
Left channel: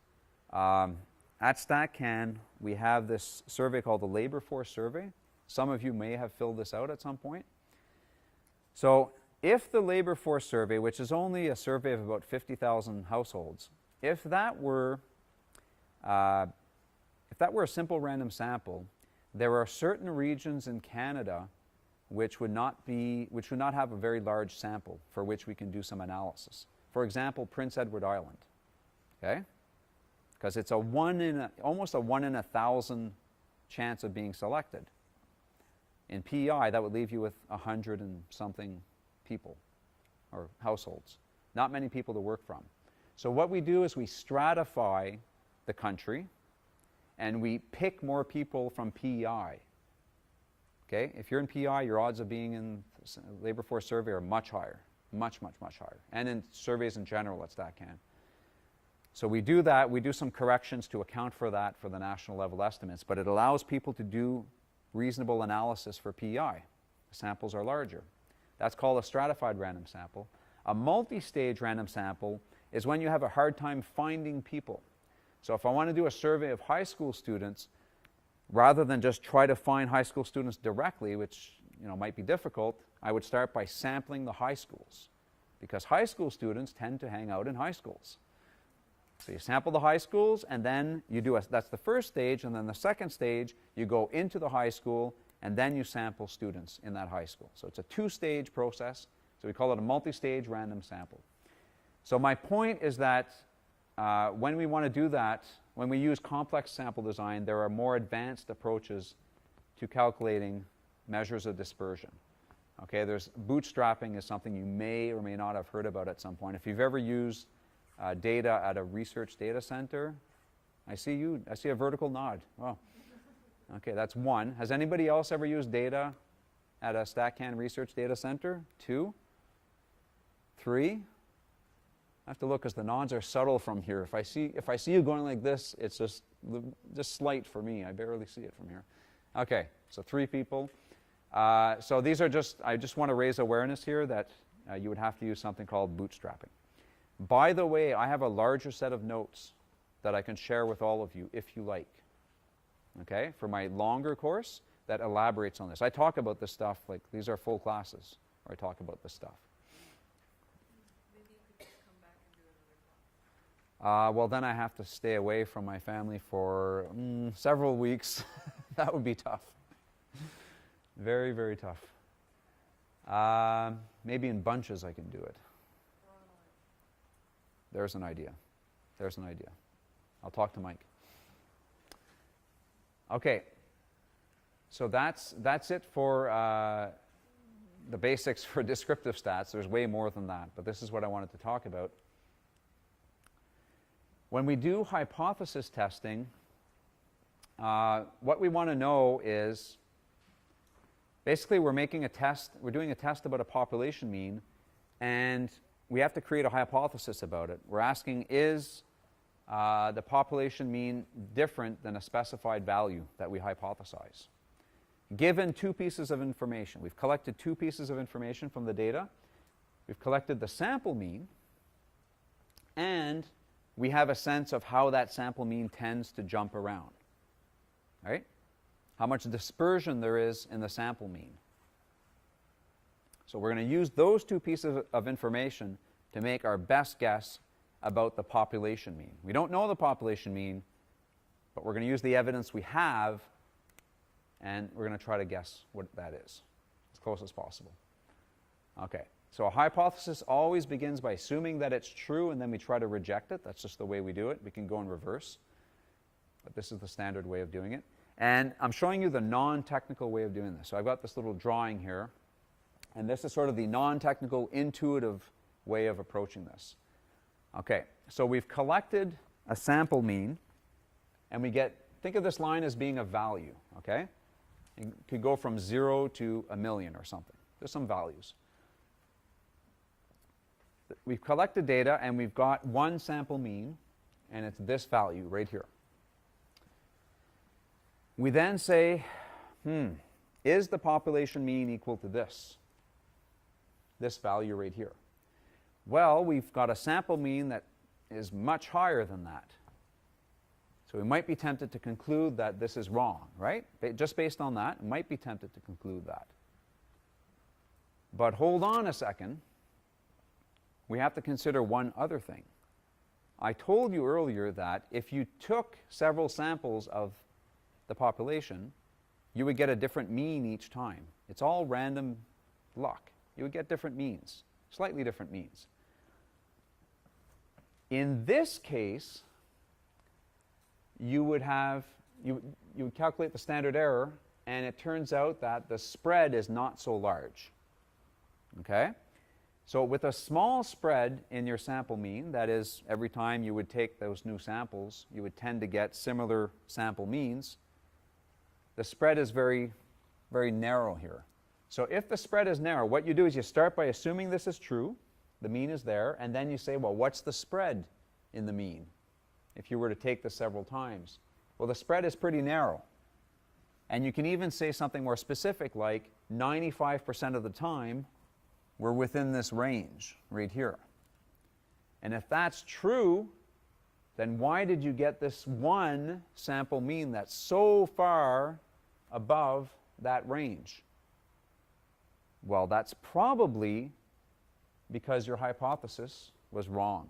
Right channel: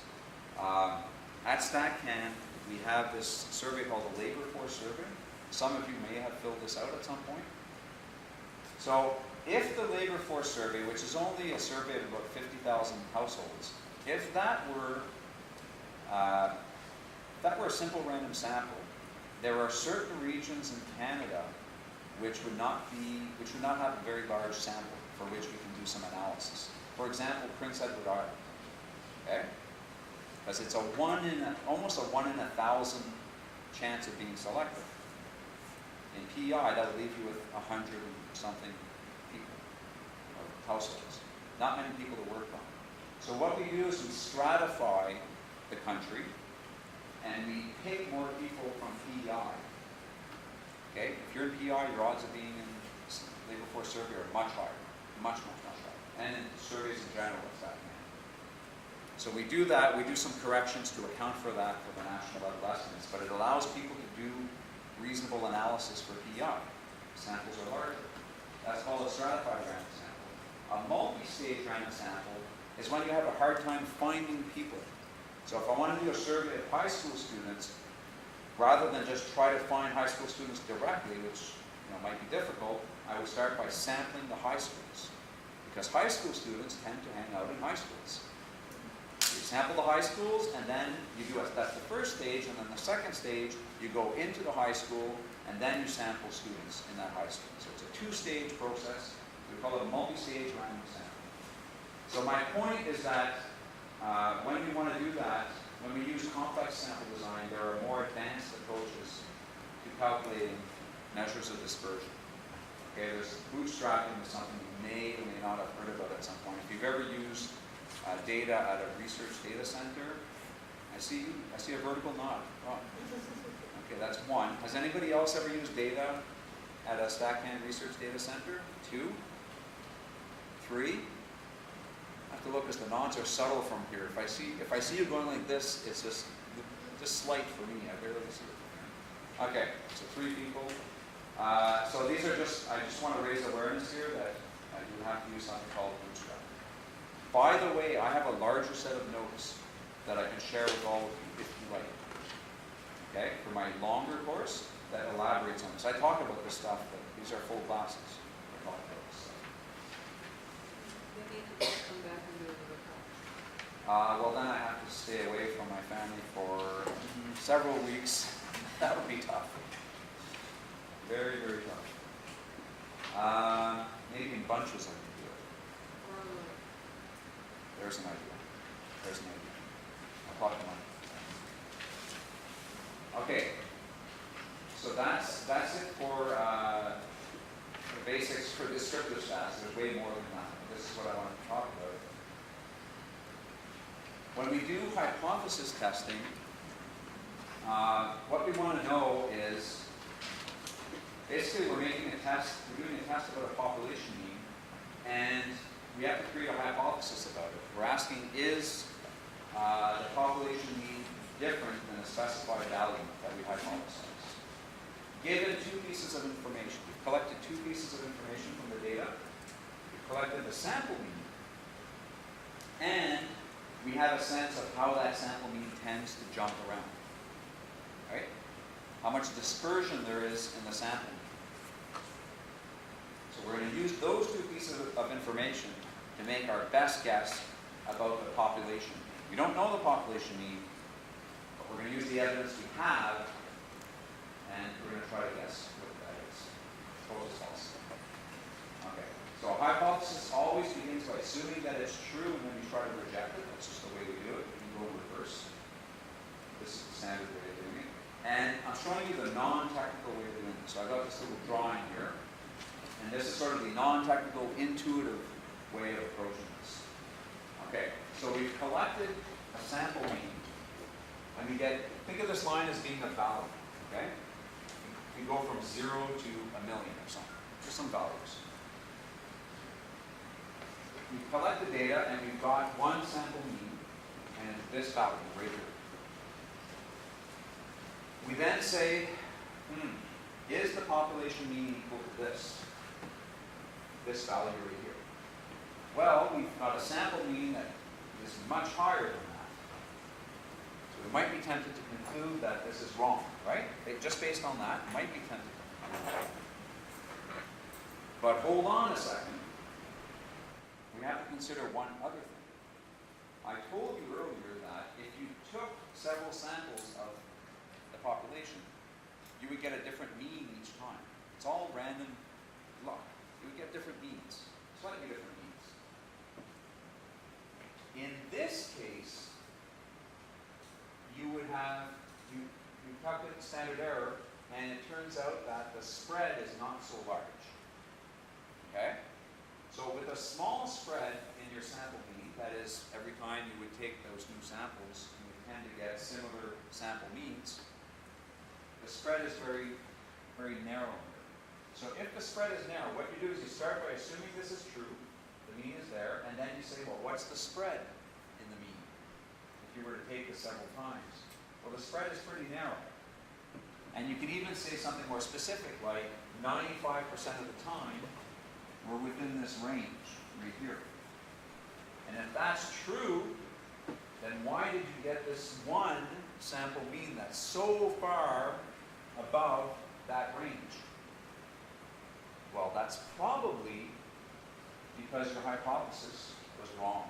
At StatCan, we have this survey called the Labor Force Survey. Some of you may have filled this out at some point. So if the Labor Force Survey, which is only a survey of about 50,000 households, if that were if that were a simple random sample, there are certain regions in Canada which would not have a very large sample for which we can do some analysis. For example, Prince Edward Island, okay? Because it's almost a 1 in 1,000 chance of being selected. In PEI, that would leave you with 100 and something people or households. Not many people to work from. So what we do is we stratify the country and we pick more people from PEI. Okay? If you're in PEI, your odds of being in labor force survey are much higher. Much, much, much higher. And in surveys in general, it's that kind. So we do that, we do some corrections to account for that for the national level estimates, but it allows people to do reasonable analysis for PEI. Samples are larger. That's called a stratified random sample. A multi-stage random sample is when you have a hard time finding people. So if I want to do a survey of high school students, rather than just try to find high school students directly, which might be difficult, I would start by sampling the high schools. Because high school students tend to hang out in high schools. So you sample the high schools, and then you do that's the first stage, and then the second stage, you go into the high school, and then you sample students in that high school. So it's a two-stage process. We call it a multi-stage random sample. So my point is that when we want to do that, when we use complex sample design, there are more advanced approaches to calculating measures of dispersion. Okay, there's bootstrapping is something you may or may not have heard about at some point. If you've ever used data at a research data center, I see a vertical nod. Wow. Okay, that's one. Has anybody else ever used data at a StatCan research data center? 2? 3? I have to look because the nods are subtle from here. If I see you going like this, it's just slight for me. I barely see it from here. Okay, so 3 people. So these are I just want to raise awareness here that you would have to use something called bootstrapping. By the way, I have a larger set of notes that I can share with all of you if you like. Okay, for my longer course that elaborates on this. I talk about this stuff, like these are full classes. I talk about this stuff. Maybe you could come back and do a talk. Well, then I have to stay away from my family for several weeks. That would be tough. Very, very tough. Maybe in bunches I can do it. There's an idea. There's an idea. I'll talk to Mike. Okay. So that's it for the basics for descriptive stats. There's way more than that, but this is what I wanted to talk about. When we do hypothesis testing, what we want to know is basically we're doing a test about a population mean, and we have to create a hypothesis about it. We're asking, is the population mean different than a specified value that we hypothesize? Given 2 pieces of information. We've collected 2 pieces of information from the data. We've collected the sample mean, and we have a sense of how that sample mean tends to jump around. Right? How much dispersion there is in the sample mean. So we're going to use those 2 pieces of information to make our best guess about the population mean. We don't know the population mean, but we're going to use the evidence we have, and we're going to try to guess what that is, as close as possible. Okay, so a hypothesis always begins by assuming that it's true, and then we try to reject it. That's just the way we do it. We can go in reverse, but this is the standard way of doing it. And I'm showing you the non-technical way of doing this. So I've got this little drawing here, and this is sort of the non-technical, intuitive way of approaching this. Okay, so we've collected a sample mean, and think of this line as being a value, okay? We go from 0 to 1 million or something. There's some values. We've collected data, and we've got one sample mean, and it's this value right here. We then say, is the population mean equal to this value right here? Well, we've got a sample mean that is much higher than that. So we might be tempted to conclude that this is wrong, right? Just based on that, we might be tempted to conclude that. But hold on a second. We have to consider one other thing. I told you earlier that if you took several samples of the population, you would get a different mean each time. It's all random luck. You would get different means, slightly different means. In this case, you would calculate the standard error, and it turns out that the spread is not so large. Okay? So with a small spread in your sample mean, that is, every time you would take those new samples, you would tend to get similar sample means. The spread is very, very narrow here. So if the spread is narrow, what you do is you start by assuming this is true, the mean is there, and then you say, well, what's the spread in the mean if you were to take this several times? Well, the spread is pretty narrow. And you can even say something more specific, like 95% of the time, we're within this range right here. And if that's true, then why did you get this one sample mean that's so far above that range? Well, that's probably because your hypothesis was wrong.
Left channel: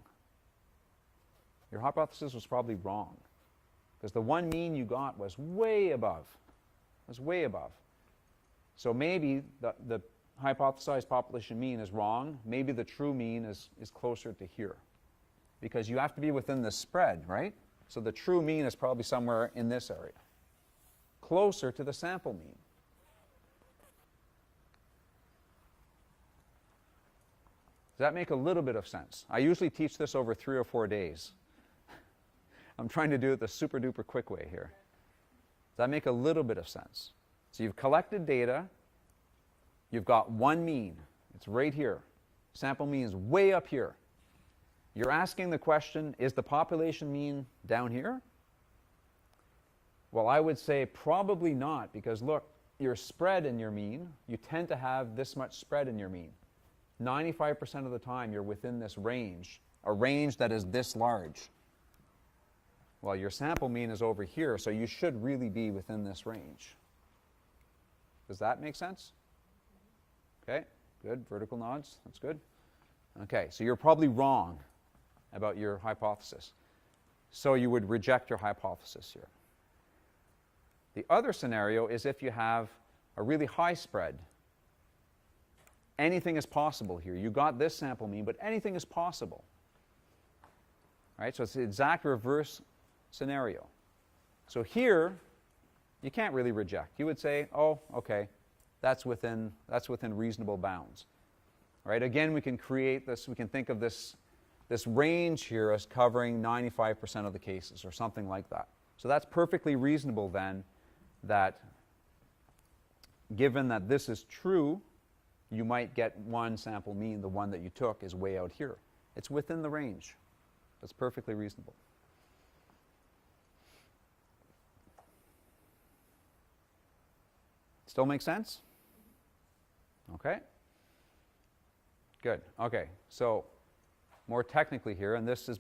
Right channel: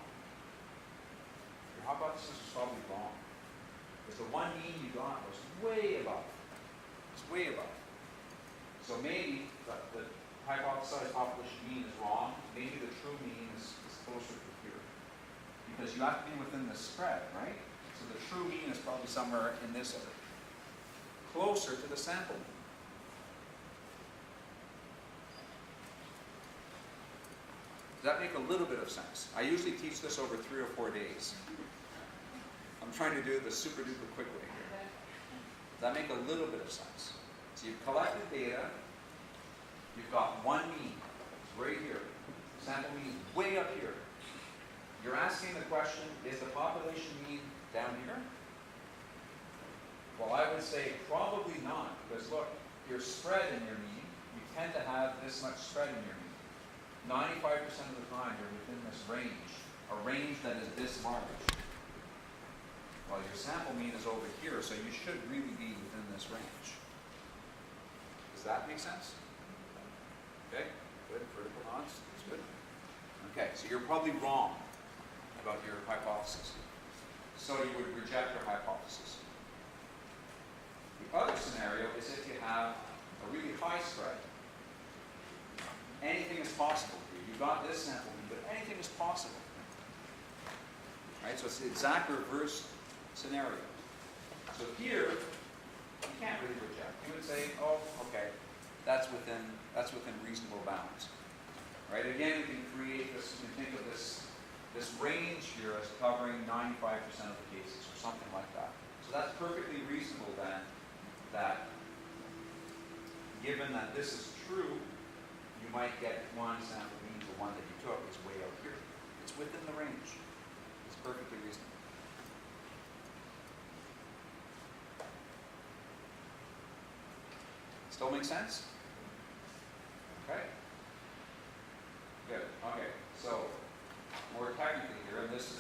Your hypothesis was probably wrong. Because the one mean you got was way above. It was way above. So maybe the hypothesized population mean is wrong. Maybe the true mean is closer to here. Because you have to be within the spread, right? So the true mean is probably somewhere in this area. Closer to the sample mean. Does that make a little bit of sense? I usually teach this over 3 or 4 days. I'm trying to do it the super duper quick way here. Does that make a little bit of sense? So you've collected data. You've got one mean. It's right here. Sample mean is way up here. You're asking the question, is the population mean down here? Well, I would say probably not, because look, your spread in your mean, you tend to have this much spread in your mean. 95% of the time you're within this range, a range that is this large. Well, your sample mean is over here, so you should really be within this range. Does that make sense? Okay, good. Vertical nods. That's good. Okay, so you're probably wrong about your hypothesis. So you would reject your hypothesis here. The other scenario is if you have a really high spread. Anything is possible here. You got this sample mean, but anything is possible. Right? So it's the exact reverse scenario. So here, you can't really reject. You would say, oh, okay, that's within reasonable bounds. Right? Again, we can create this, we can think of this range here as covering 95% of the cases or something like that. So that's perfectly reasonable then, that given that this is true, you might get one sample mean, the one that you took is way out here. It's within the range. It's perfectly reasonable. Still make sense? Okay. Good. Okay. So more technically here, and this is,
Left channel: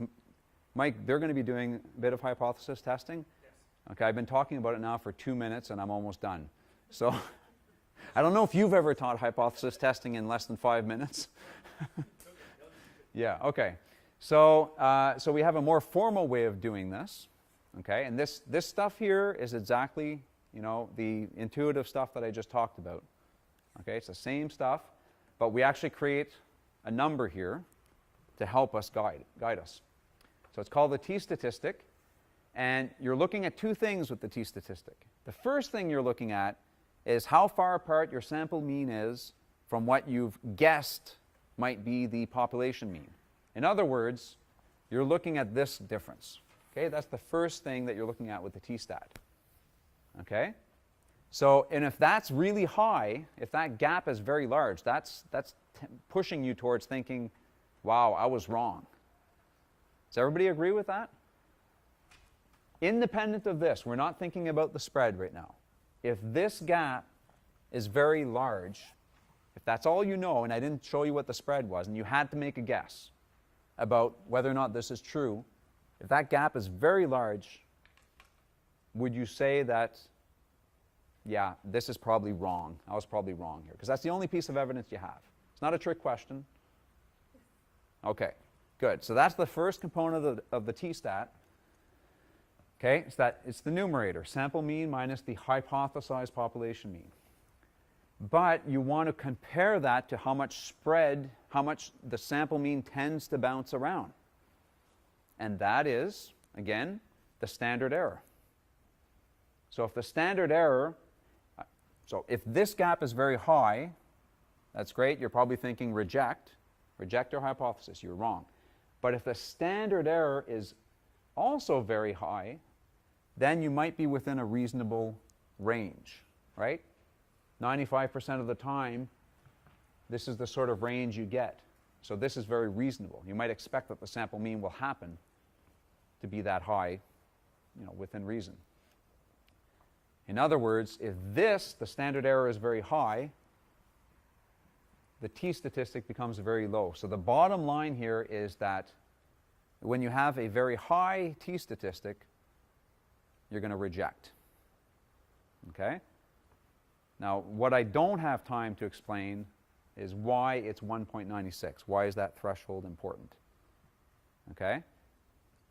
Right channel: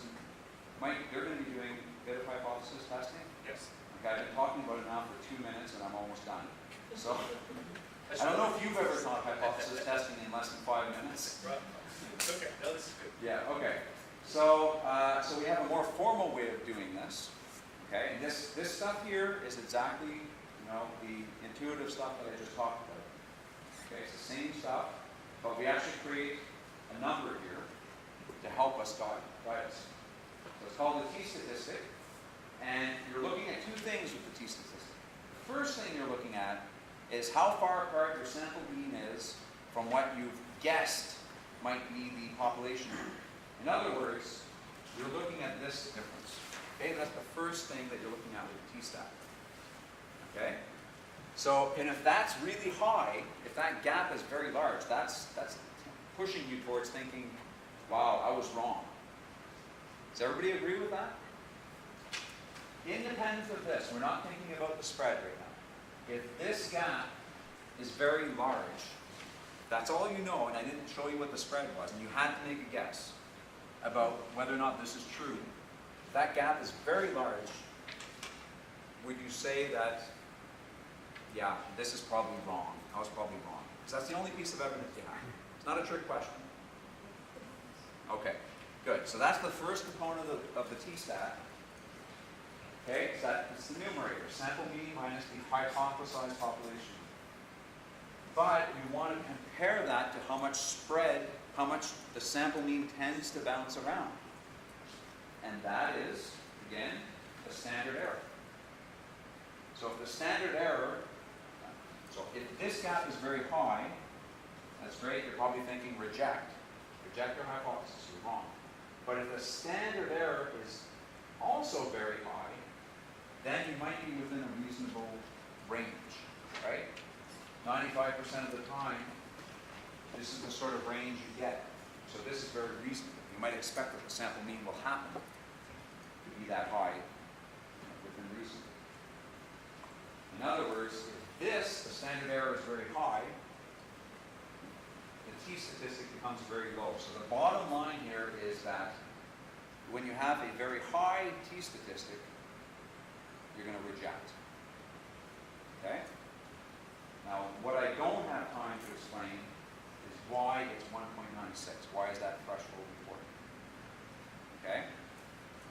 Mike, they're going to be doing a bit of hypothesis testing. Yes. Okay, I've been talking about it now for 2 minutes and I'm almost done. So I don't know if you've ever taught hypothesis testing in less than 5 minutes. Okay, no, this is good. Yeah, okay. So, so we have a more formal way of doing this. Okay, and this stuff here is exactly, you know, the intuitive stuff that I just talked about. Okay, it's the same stuff, but we actually create a number here to help us guide us. So it's called the t-statistic, and you're looking at two things with the t-statistic. The first thing you're looking at is how far apart your sample mean is from what you've guessed might be the population mean. In other words, you're looking at this difference. Okay, that's the first thing that you're looking at with the t-stat. Okay? So, and if that's really high, if that gap is very large, that's pushing you towards thinking, wow, I was wrong. Does everybody agree with that? Independent of this, we're not thinking about the spread right now. If this gap is very large, if that's all you know, and I didn't show you what the spread was, and you had to make a guess about whether or not this is true, if that gap is very large, would you say that, yeah, this is probably wrong, I was probably wrong? Because that's the only piece of evidence you have. It's not a trick question. Okay, Good. So that's the first component of the t-stat. Okay, it's the numerator, sample mean minus the hypothesized population mean. But you want to compare that to how much the sample mean tends to bounce around. And that is, again, the standard error. So if the standard error, so if this gap is very high, that's great, you're probably thinking reject your hypothesis, you're wrong. But if the standard error is also very high, then you might be within a reasonable range, right? 95% of the time, this is the sort of range you get. So this is very reasonable. You might expect that the sample mean will happen to be that high, within reason. In other words, if the standard error is very high, the t-statistic becomes very low. So the bottom line here is that when you have a very high t-statistic, you're going to reject. Okay? Now, what I don't have time to explain is why it's 1.96. Why is that threshold important? Okay?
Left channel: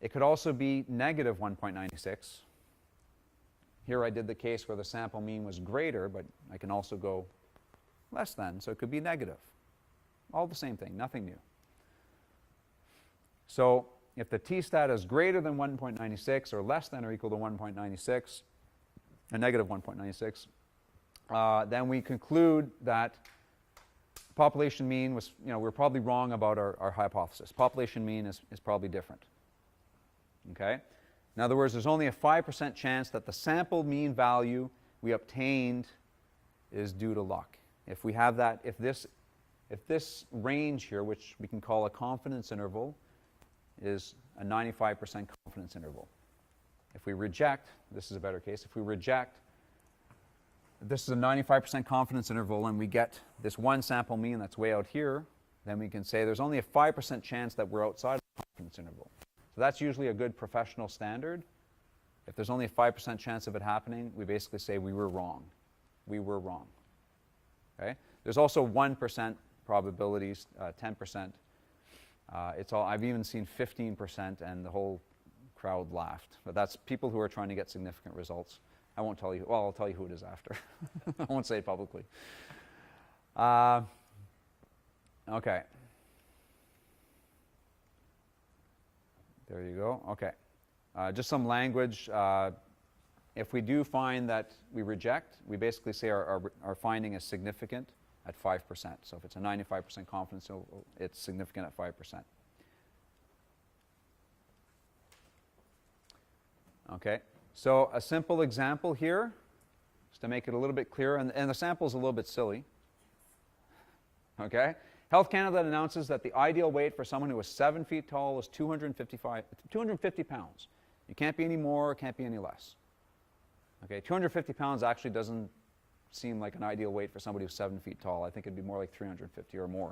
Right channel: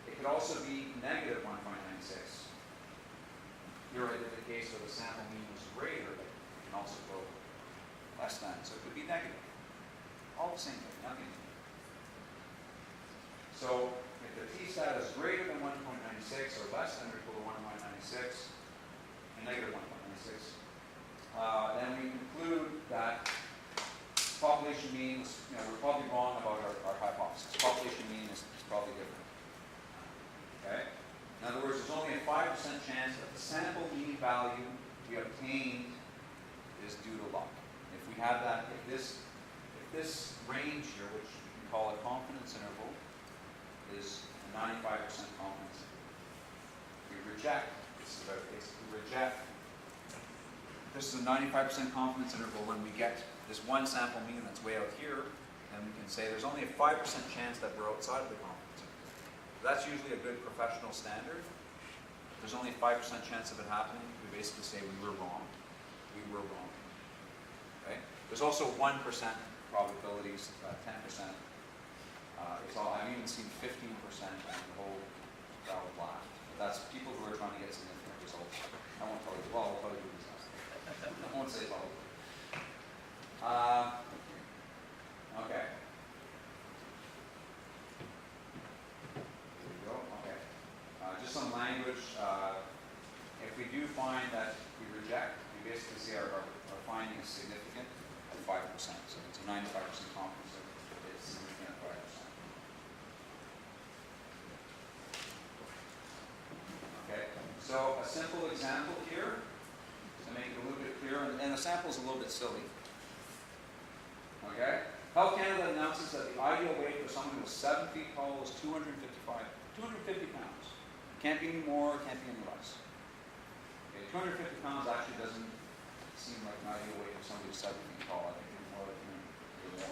It could also be negative 1.96. Here I did the case where the sample mean was greater, but I can also go less than, so it could be negative. All the same thing, nothing new. So if the t-stat is greater than 1.96 or less than or equal to 1.96, a negative 1.96, then we conclude that population mean was, we're probably wrong about our hypothesis. Population mean is probably different. Okay? In other words, there's only a 5% chance that the sample mean value we obtained is due to luck. If we have that, if this range here, which we can call a confidence interval, is a 95% confidence interval. If we reject, this is a better case, if we reject, this is a 95% confidence interval and we get this one sample mean that's way out here, then we can say there's only a 5% chance that we're outside of the confidence interval. So that's usually a good professional standard. If there's only a 5% chance of it happening, we basically say we were wrong. We were wrong. Okay? There's also 1% probabilities, 10%. I've even seen 15% and the whole crowd laughed. But that's people who are trying to get significant results. I won't tell you, well, I'll tell you who it is after. I won't say it publicly. Okay. There you go. Okay. Just some language. If we do find that we reject, we basically say our finding is significant at 5%. So if it's a 95% confidence, it's significant at 5%. Okay. So a simple example here, to make it a little bit clearer, and the sample is a little bit silly. Okay? Health Canada announces that the ideal weight for someone who is 7 feet tall is 250 pounds. It can't be any more, it can't be any less. Okay, 250 pounds actually doesn't seem like an ideal weight for somebody who's 7 feet tall. I think it'd be more like 350 or more.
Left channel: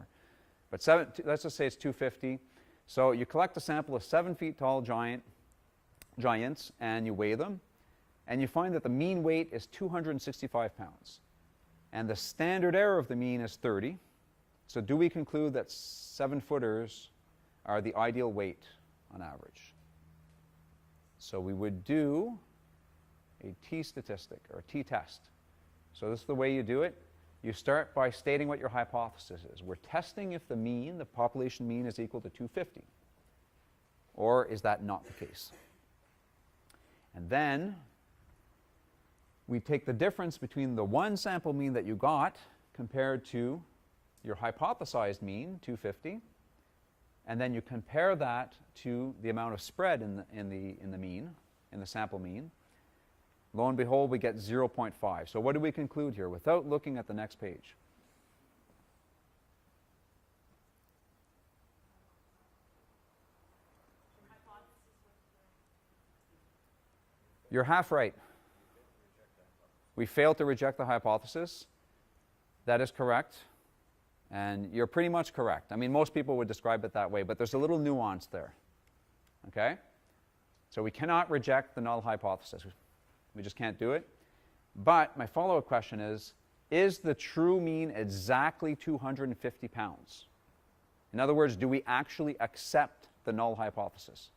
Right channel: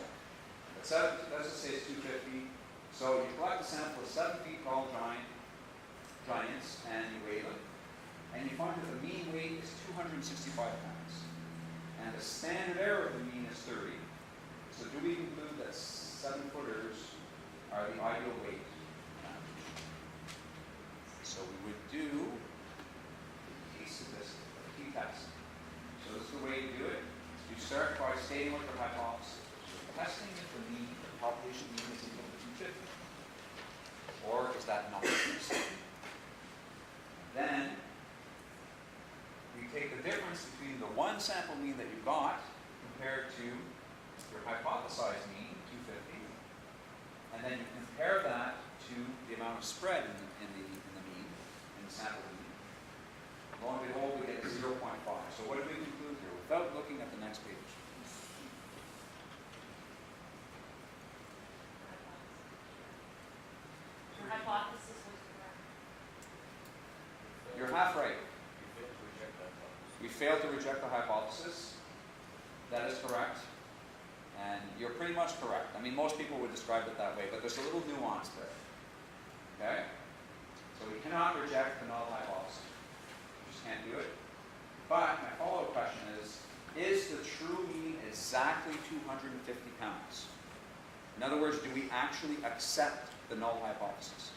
But let's just say it's 250. So you collect a sample of 7 feet tall giants and you weigh them, and you find that the mean weight is 265 pounds. And the standard error of the mean is 30. So do we conclude that 7-footers are the ideal weight on average? So we would do a t-statistic or a t-test. So this is the way you do it. You start by stating what your hypothesis is. We're testing if the mean, the population mean, is equal to 250. Or is that not the case? And then we take the difference between the one sample mean that you got compared to your hypothesized mean, 250, and then you compare that to the amount of spread in the sample mean. Lo and behold, we get 0.5. So what do we conclude here without looking at the next page? Your hypothesis was correct. You're half right. We failed to reject the hypothesis. That is correct. And you're pretty much correct. I mean, most people would describe it that way, but there's a little nuance there. Okay? So we cannot reject the null hypothesis. We just can't do it. But my follow-up question is the true mean exactly 250 pounds? In other words, do we actually accept the null hypothesis?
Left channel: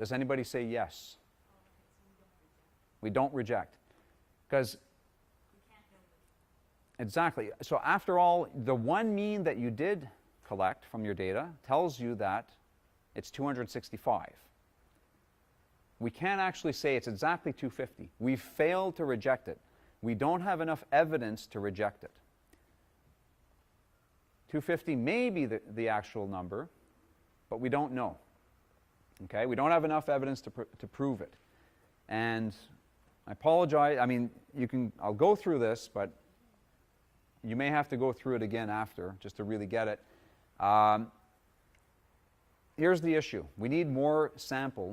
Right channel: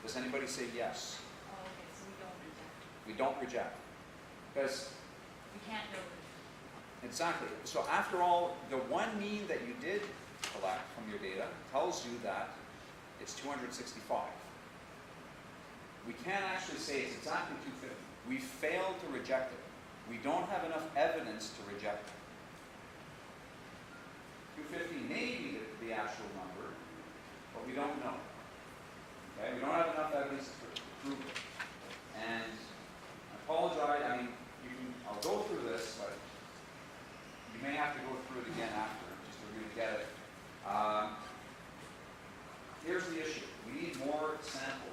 Does anybody say yes? Oh, okay, so we don't reject. We don't reject. Because, We can't build it. exactly. So after all, the one mean that you did collect from your data tells you that it's 265. We can't actually say it's exactly 250. We failed to reject it. We don't have enough evidence to reject it. 250 may be the actual number, but we don't know. Okay, we don't have enough evidence to prove it. And I apologize, I mean, I'll go through this, but you may have to go through it again after, just to really get it. Here's the issue. We need more sample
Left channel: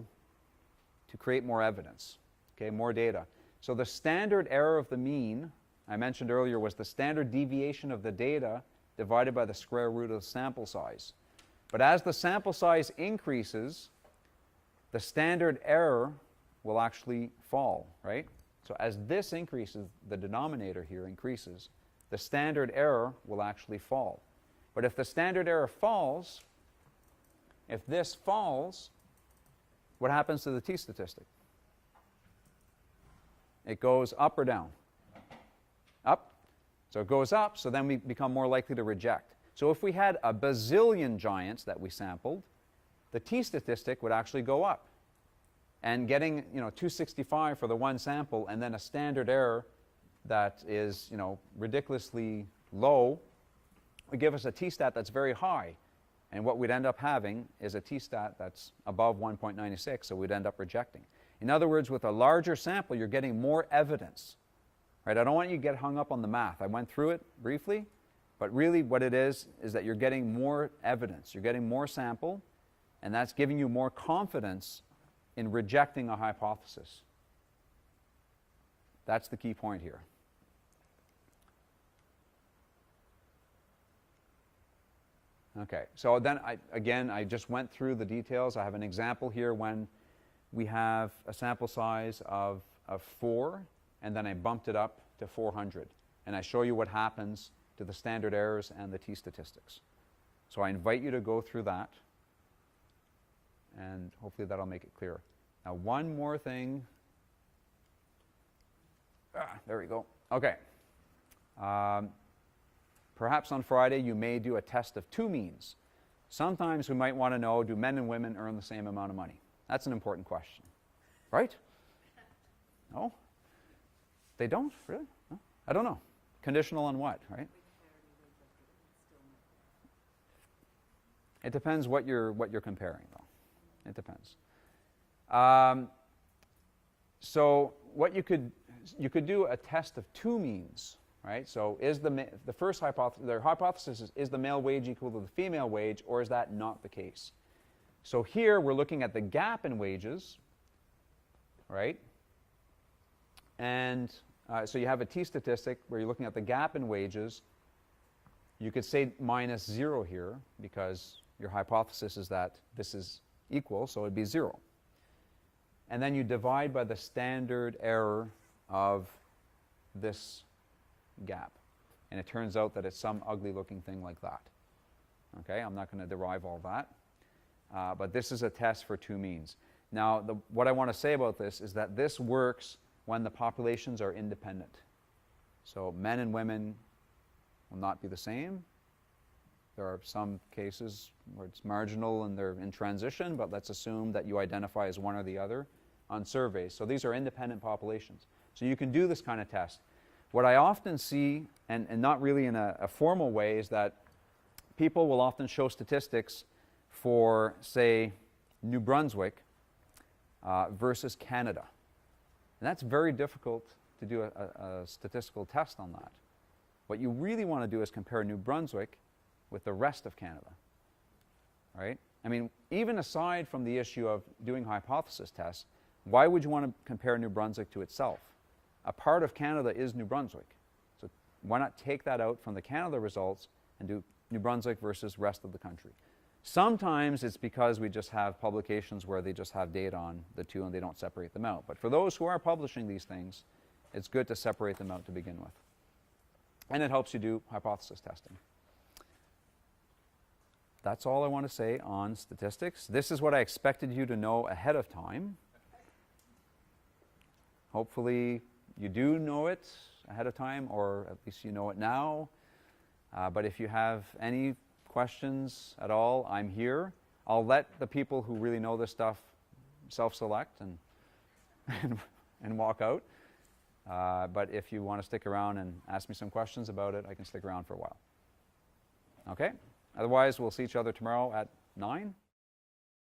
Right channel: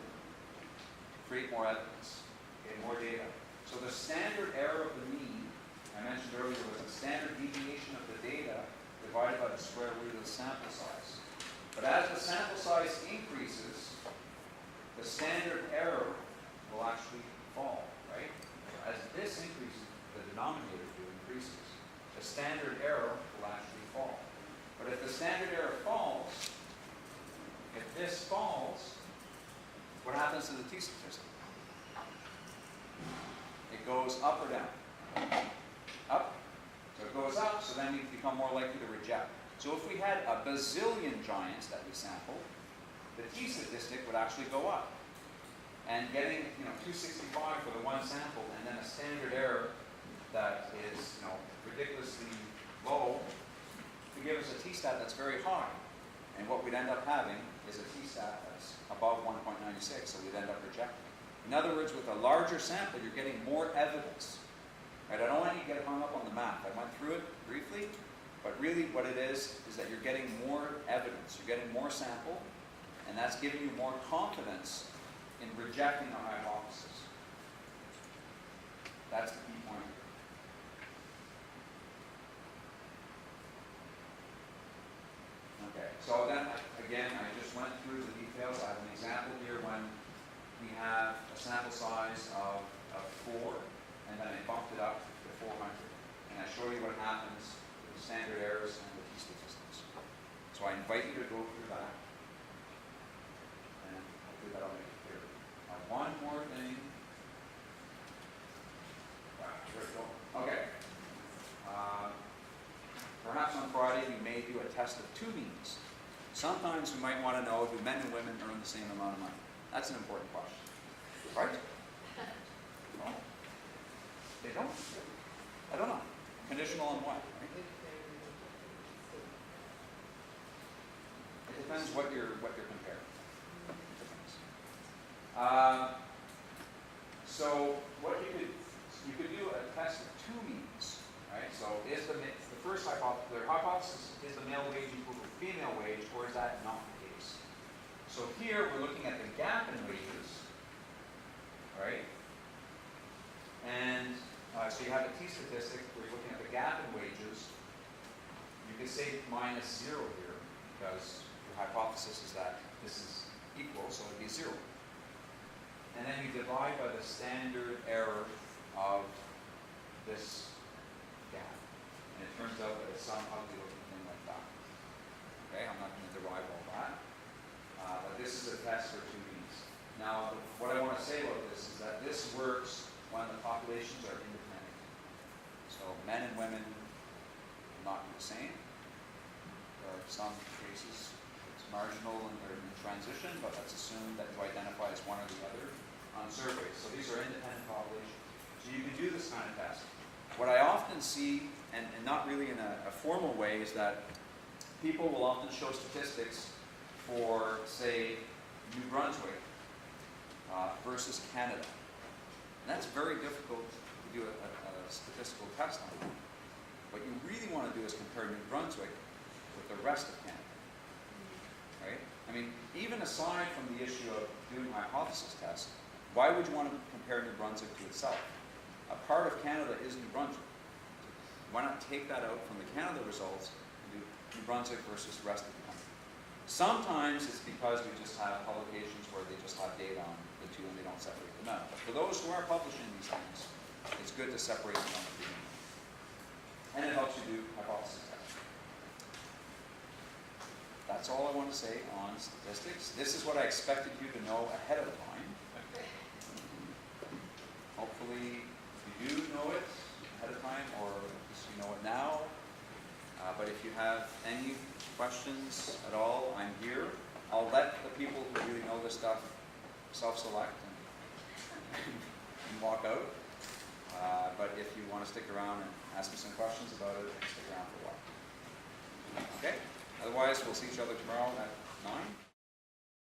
to create more evidence, okay, more data. So the standard error of the mean, I mentioned earlier, was the standard deviation of the data divided by the square root of the sample size. But as the sample size increases, the standard error will actually fall, right? So as this increases, the denominator here increases, the standard error will actually fall. But if the standard error falls, if this falls, what happens to the t-statistic? It goes up or down? Up. So it goes up, so then we become more likely to reject. So if we had a bazillion giants that we sampled, the t-statistic would actually go up. And getting 265 for the one sample and then a standard error that is ridiculously low would give us a t-stat that's very high. And what we'd end up having is a t-stat that's above 1.96, so we'd end up rejecting. In other words, with a larger sample, you're getting more evidence. Right? I don't want you to get hung up on the math. I went through it briefly, but really what it is that you're getting more evidence. You're getting more sample, and that's giving you more confidence in rejecting a hypothesis. That's the key point here. Okay, so then I just went through the details. I have an example here when we have a sample size of 4, and then I bumped it up to 400. And I show you what happens with the standard errors and the t-statistics. So I invite you to go through that, and hopefully that'll make it clear. Now one more thing. There we go. Okay. Perhaps on Friday you may do a test of 2 means. Sometimes you might want to know, do men and women earn the same amount of money? That's an important question. Right? No? They don't? Really? I don't know. Conditional on what, right? It depends what you're comparing. It depends. So what you could do a test of 2 means. Right? So is the first hypothesis is the male wage equal to the female wage, or is that not the case? So here we're looking at the gap in wages, right? And so you have a t-statistic where you're looking at the gap in wages. You could say minus 0 here because your hypothesis is that this is equal, so it'd be 0. And then you divide by the standard error of this gap. And it turns out that it's some ugly looking thing like that. Okay, I'm not going to derive all that. But this is a test for 2 means. Now, what I want to say about this is that this works when the populations are independent. So men and women will not be the same. There are some cases where it's marginal and they're in transition, but let's assume that you identify as one or the other on surveys. So these are independent populations. So you can do this kind of test. What I often see, and not really in a formal way, is that people will often show statistics for, say, New Brunswick versus Canada. And that's very difficult to do a statistical test on that. What you really want to do is compare New Brunswick with the rest of Canada. Right? I mean, even aside from the issue of doing hypothesis tests, why would you want to compare New Brunswick to itself? A part of Canada is New Brunswick. So why not take that out from the Canada results and do New Brunswick versus rest of the country? Sometimes it's because we just have publications where they just have data on the 2 and they don't separate them out. But for those who are publishing these things, it's good to separate them out to begin with. And it helps you do hypothesis testing. that's all I want to say on statistics. This is what I expected you to know ahead of time. Hopefully you do know it ahead of time, or at least you know it now. But if you have any questions at all, I'm here. I'll let the people who really know this stuff self-select and walk out. But if you want to stick around and ask me some questions about it, we can stick around for a while. Okay? Otherwise, we'll see each other tomorrow at 9.